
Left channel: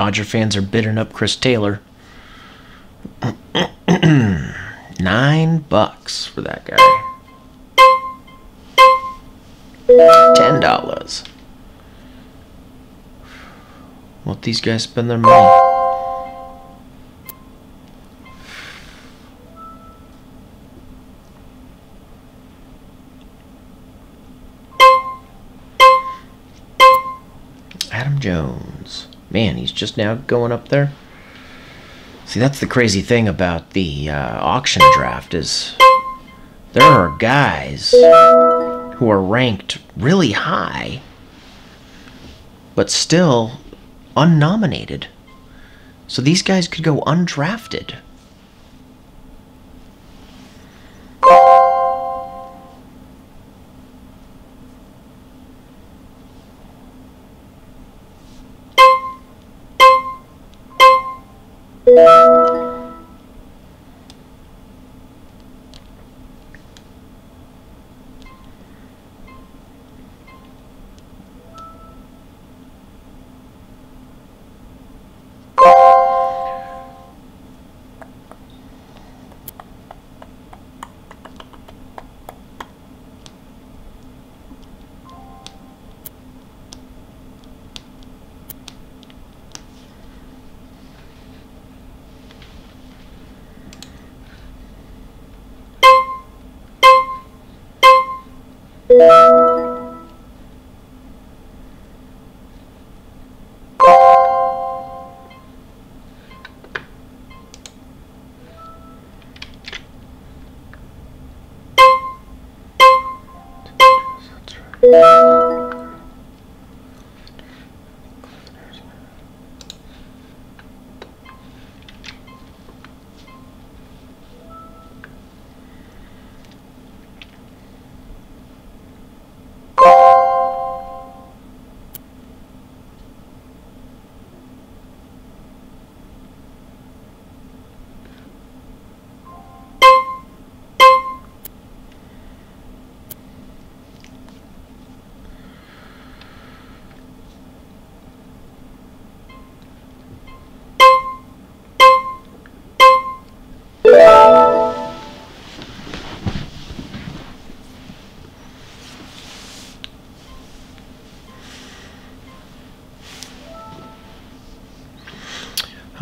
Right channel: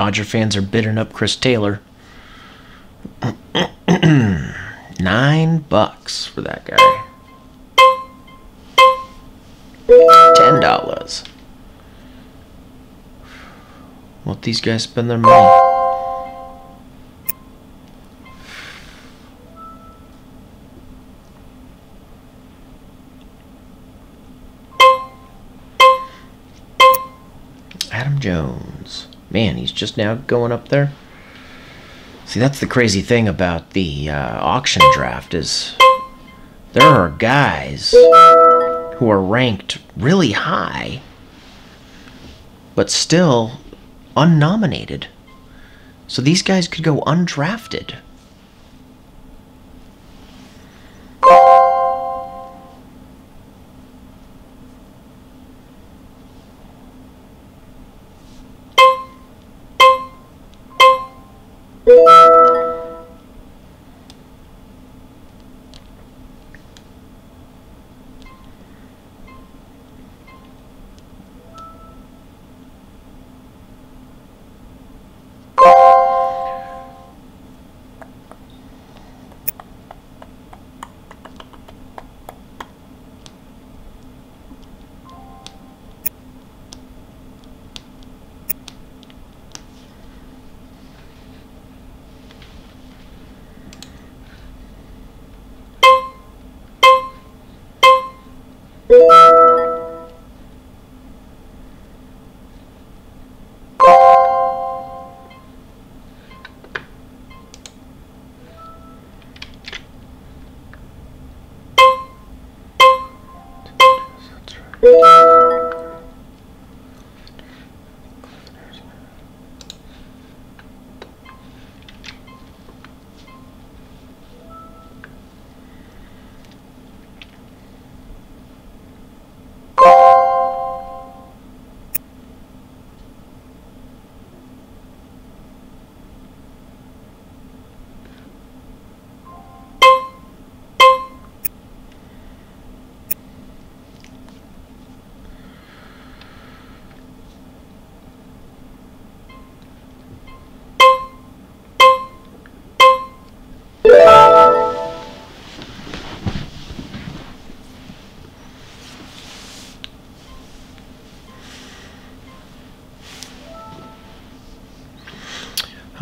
Dodger fans are bidding up Chris Taylor. $9 for that guy. $10. Let these guys spend their money. Adam Jones. Man, he's just now going up there. See, that's the crazy thing about the auction draft is there are guys who are ranked really high, but still unnominated. So these guys could go undrafted.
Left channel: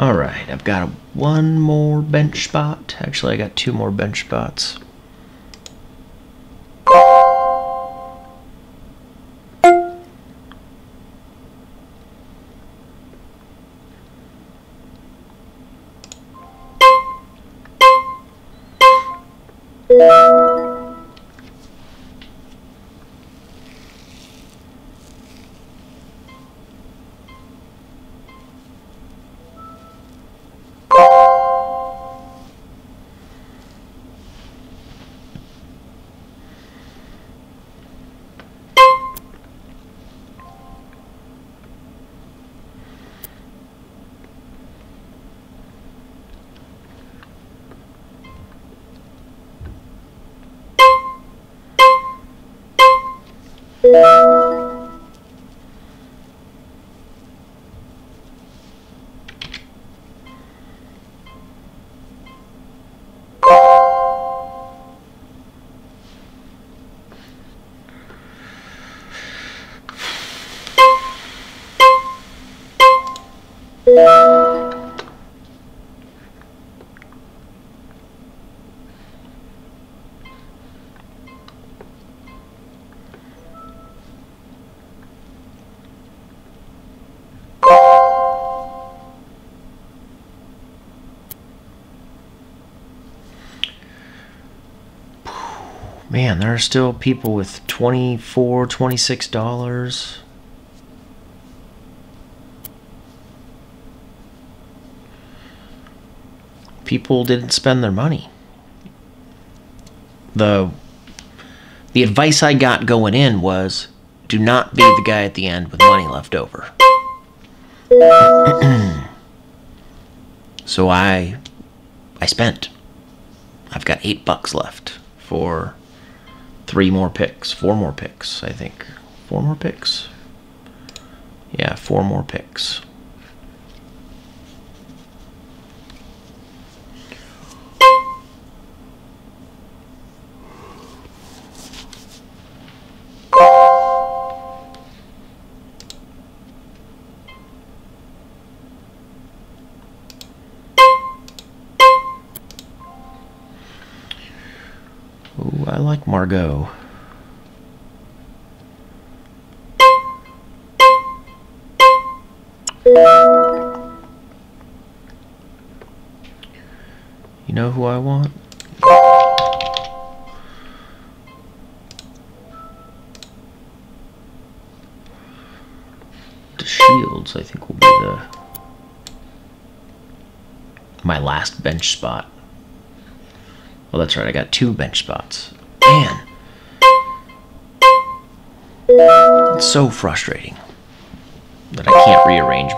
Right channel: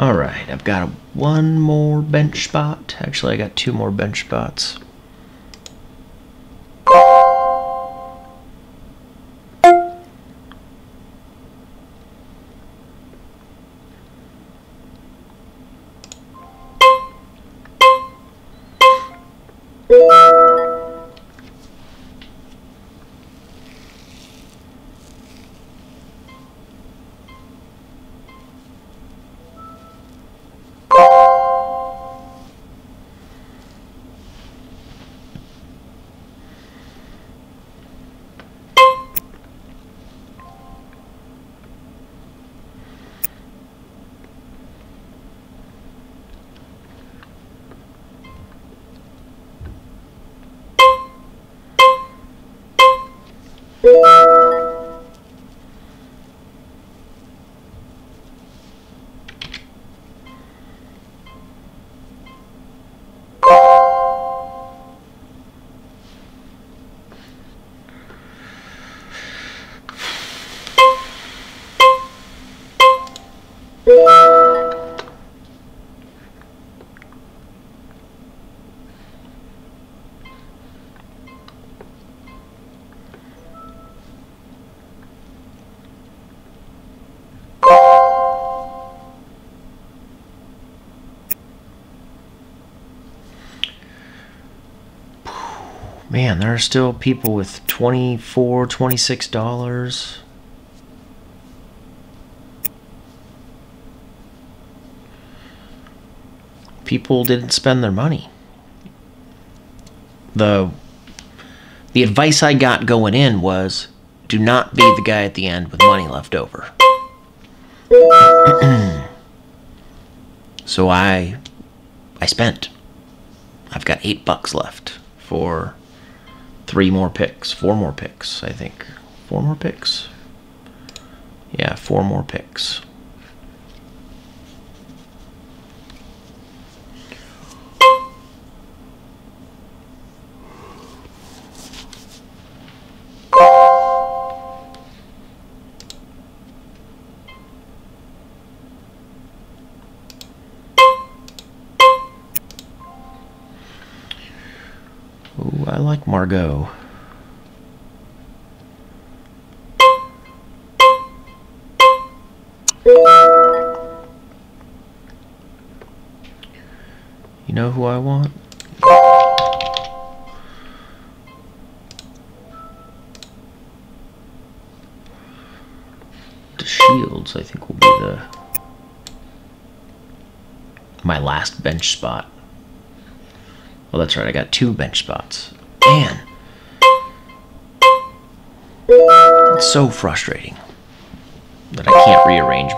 Alright, I've got one more bench spot. Actually, I got two more bench spots. Man, there are still people with $24, $26. People didn't spend their money. The advice I got going in was, do not be the guy at the end with money left over. So I spent. I've got $8 left for 4 more picks, I think. 4 more picks? Yeah, 4 more picks. I like Margot. You know who I want? The Shields, I think, will be my last bench spot. Well, that's right, I got 2 bench spots. Man, it's so frustrating that I can't rearrange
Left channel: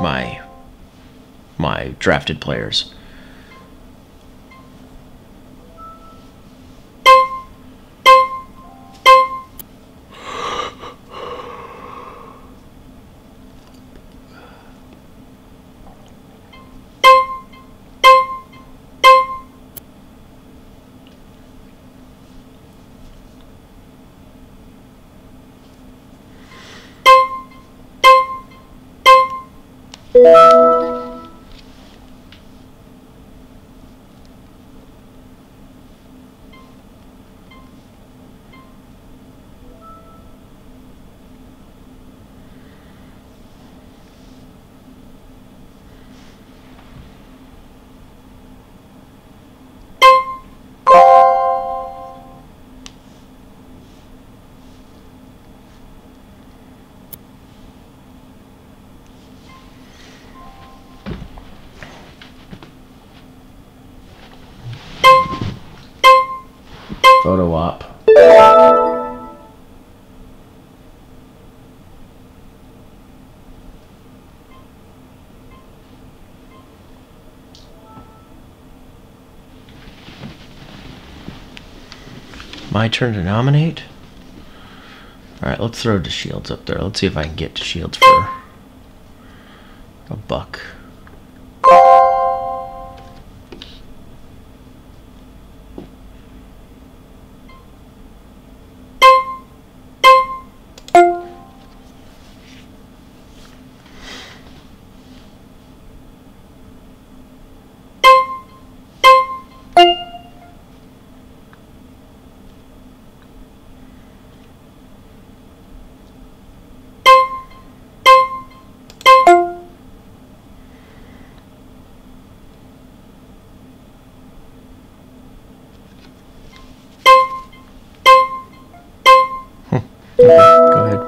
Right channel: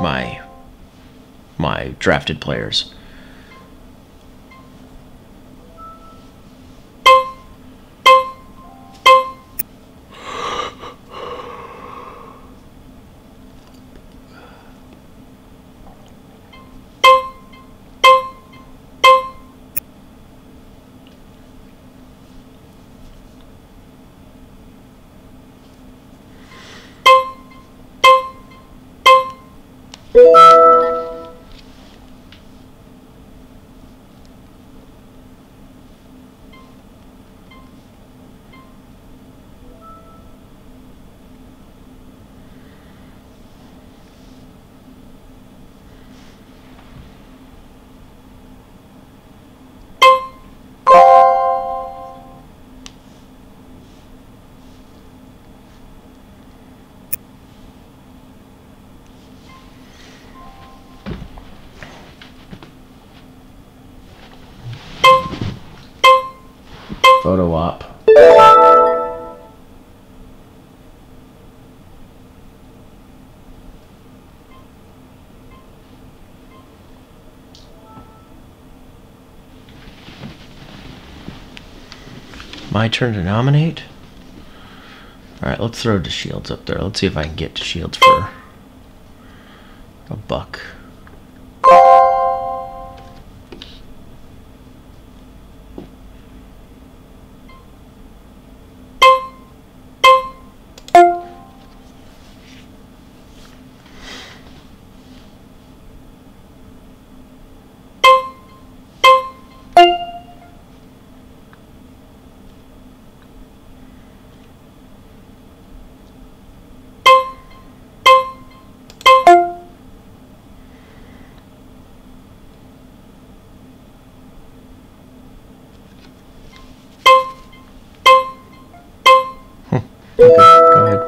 my drafted players. Photo op. My turn to nominate? Alright, let's throw the Shields up there. Let's see if I can get to Shields for $1. Okay, go ahead.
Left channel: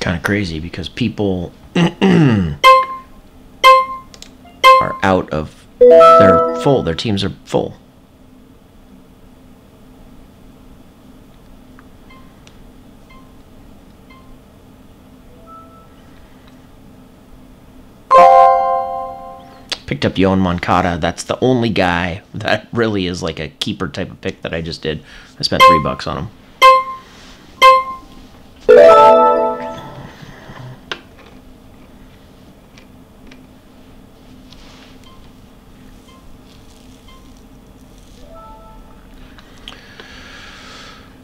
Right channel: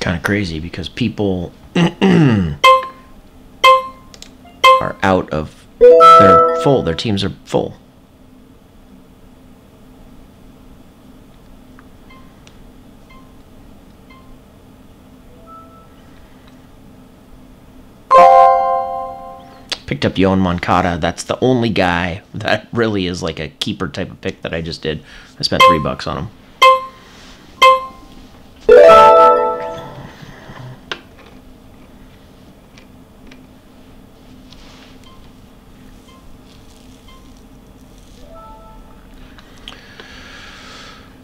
Kind of crazy because people are out of, they're full, their teams are full. Picked up Yoan Moncada. That's the only guy that really is like a keeper type of pick that I just did. I spent $3 on him.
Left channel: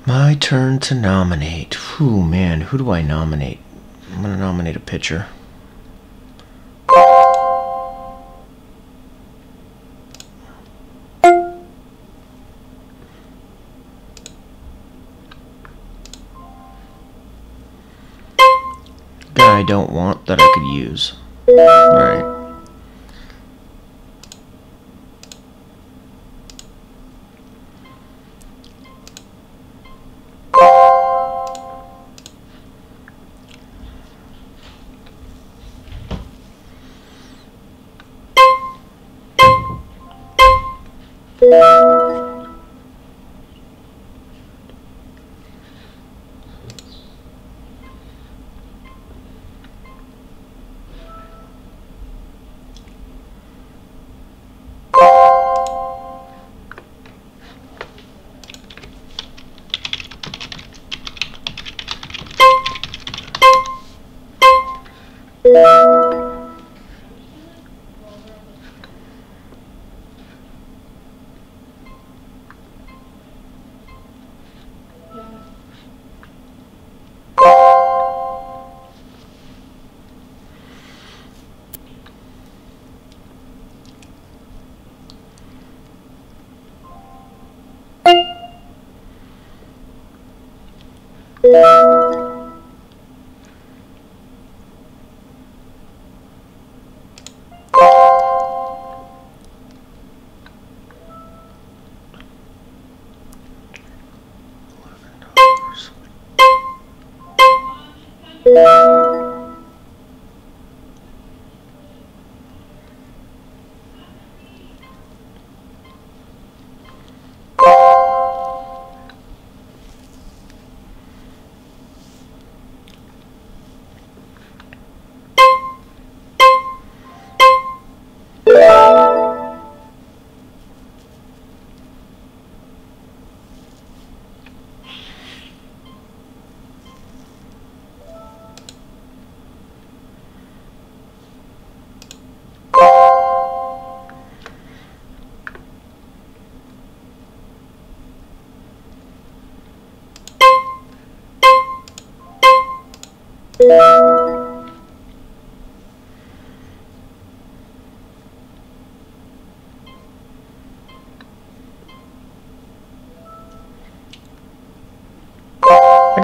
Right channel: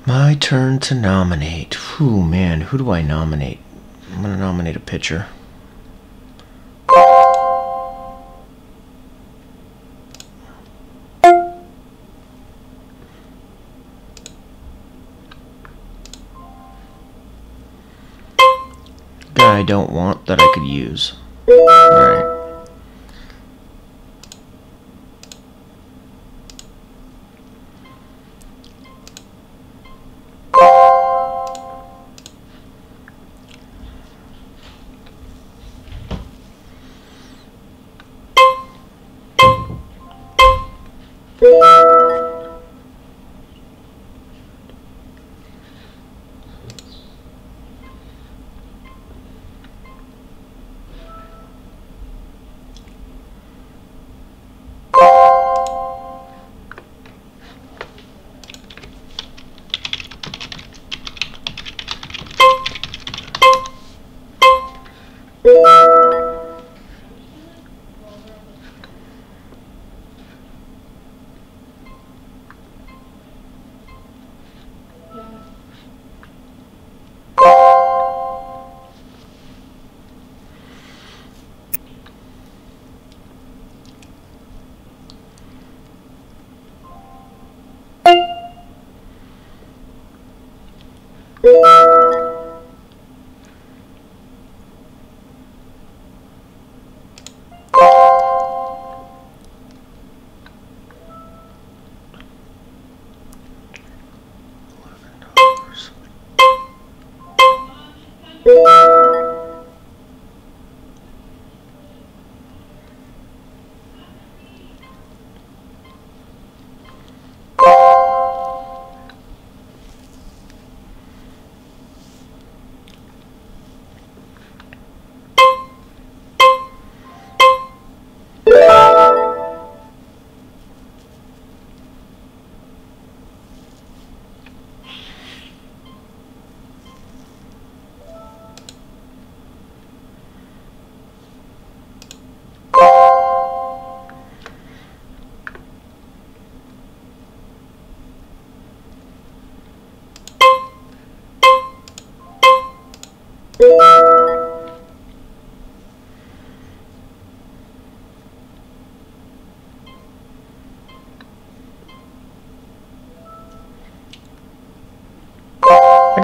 My turn to nominate. Whew, man, who do I nominate? I'm going to nominate a pitcher. Guy I don't want that I could use. Alright.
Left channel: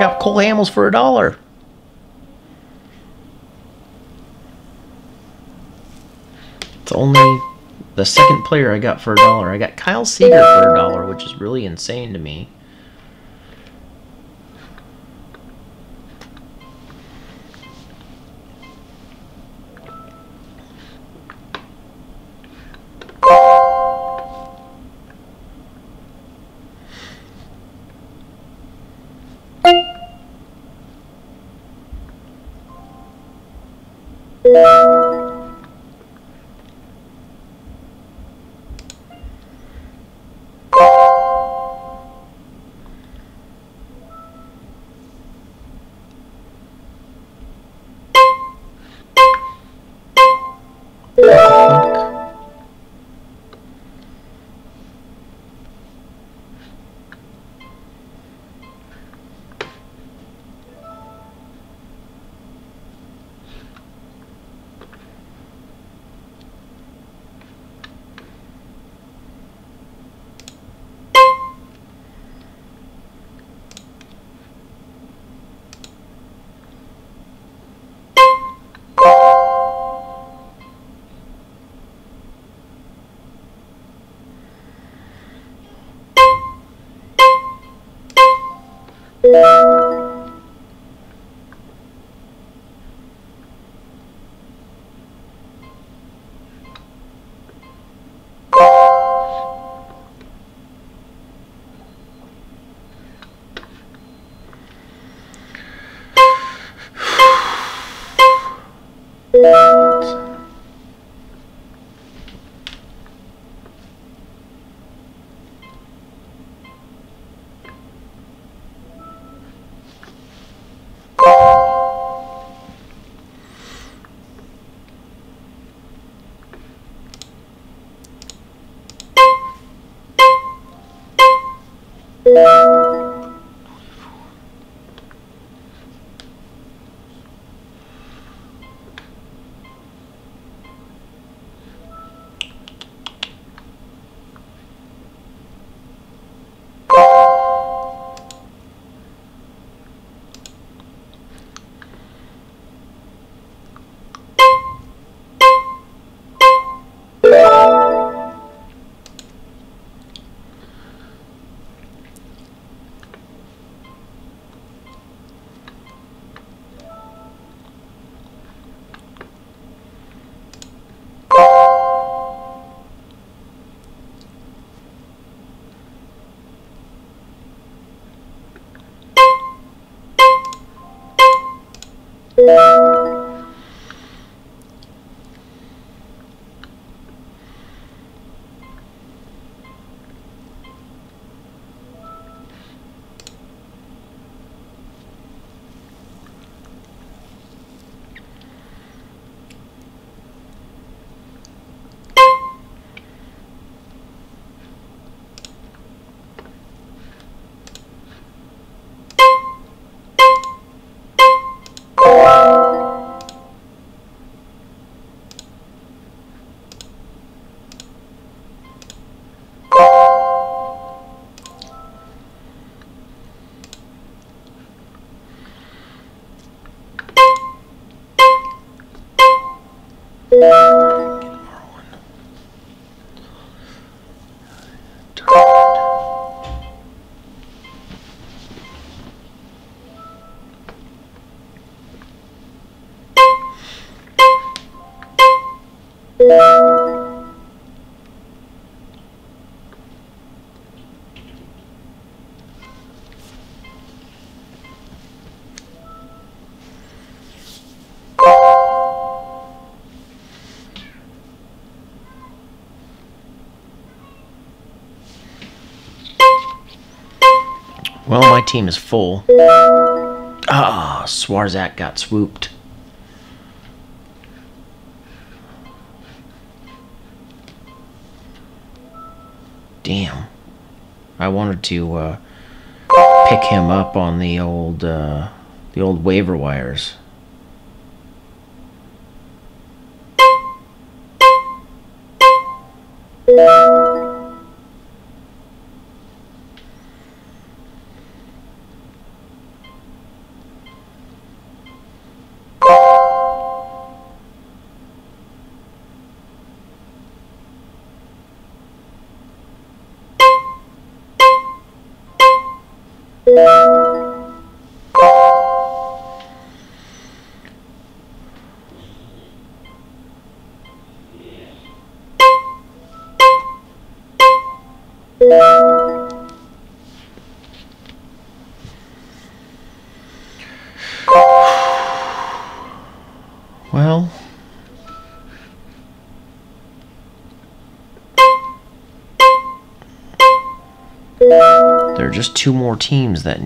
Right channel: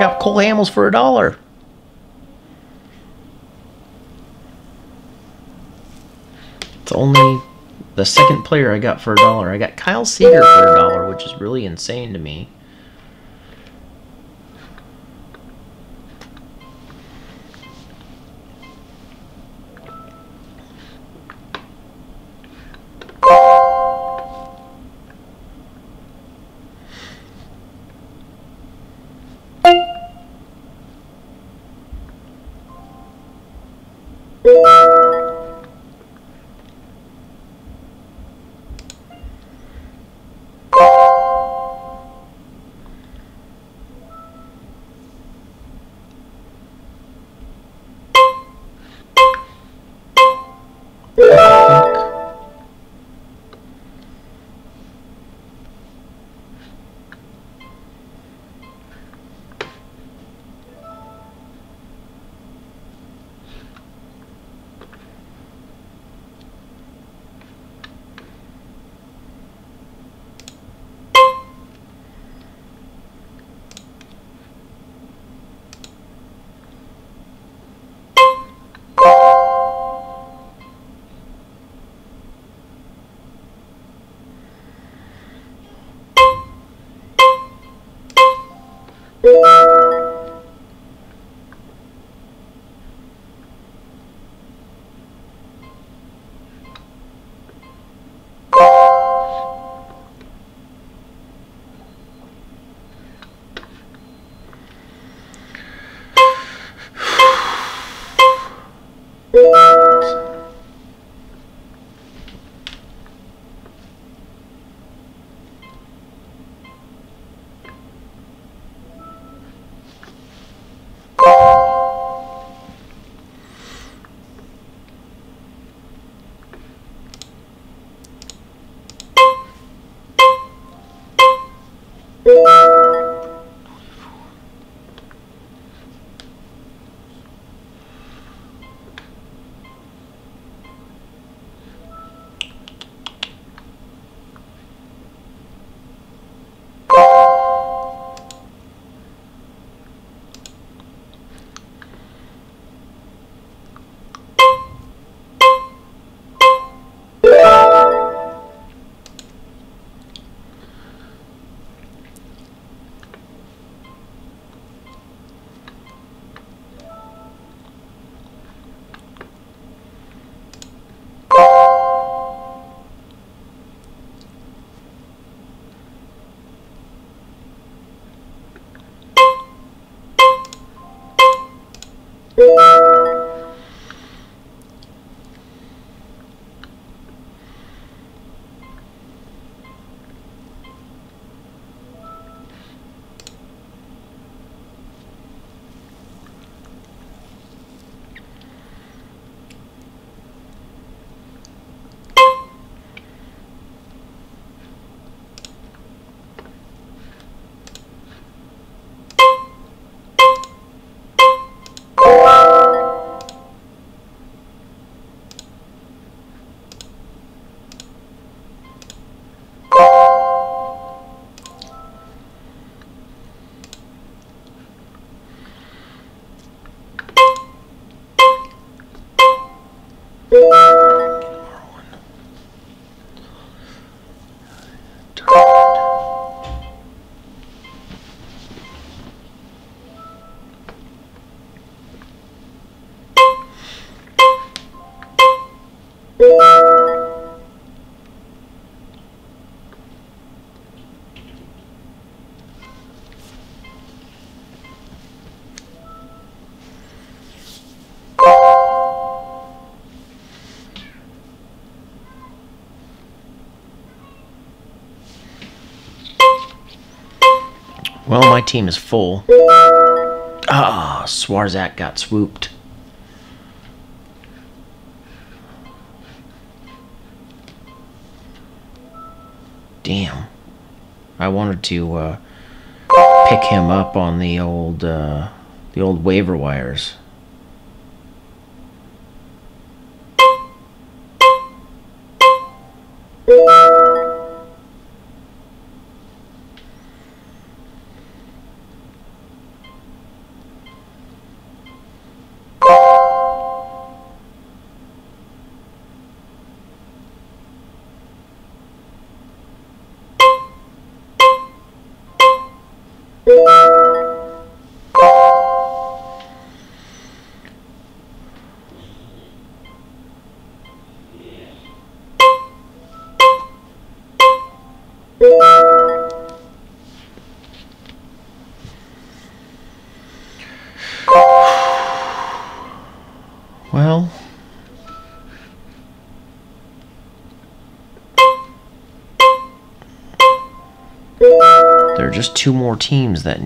got Cole Hamels for $1. It's only the second player I got for $1. I got Kyle Seager for $1, which is really insane to me. Well, my team is full. Ah, Swarzak got swooped. Damn. I wanted to pick him up on the old waiver wires. Well, there are just two more teams that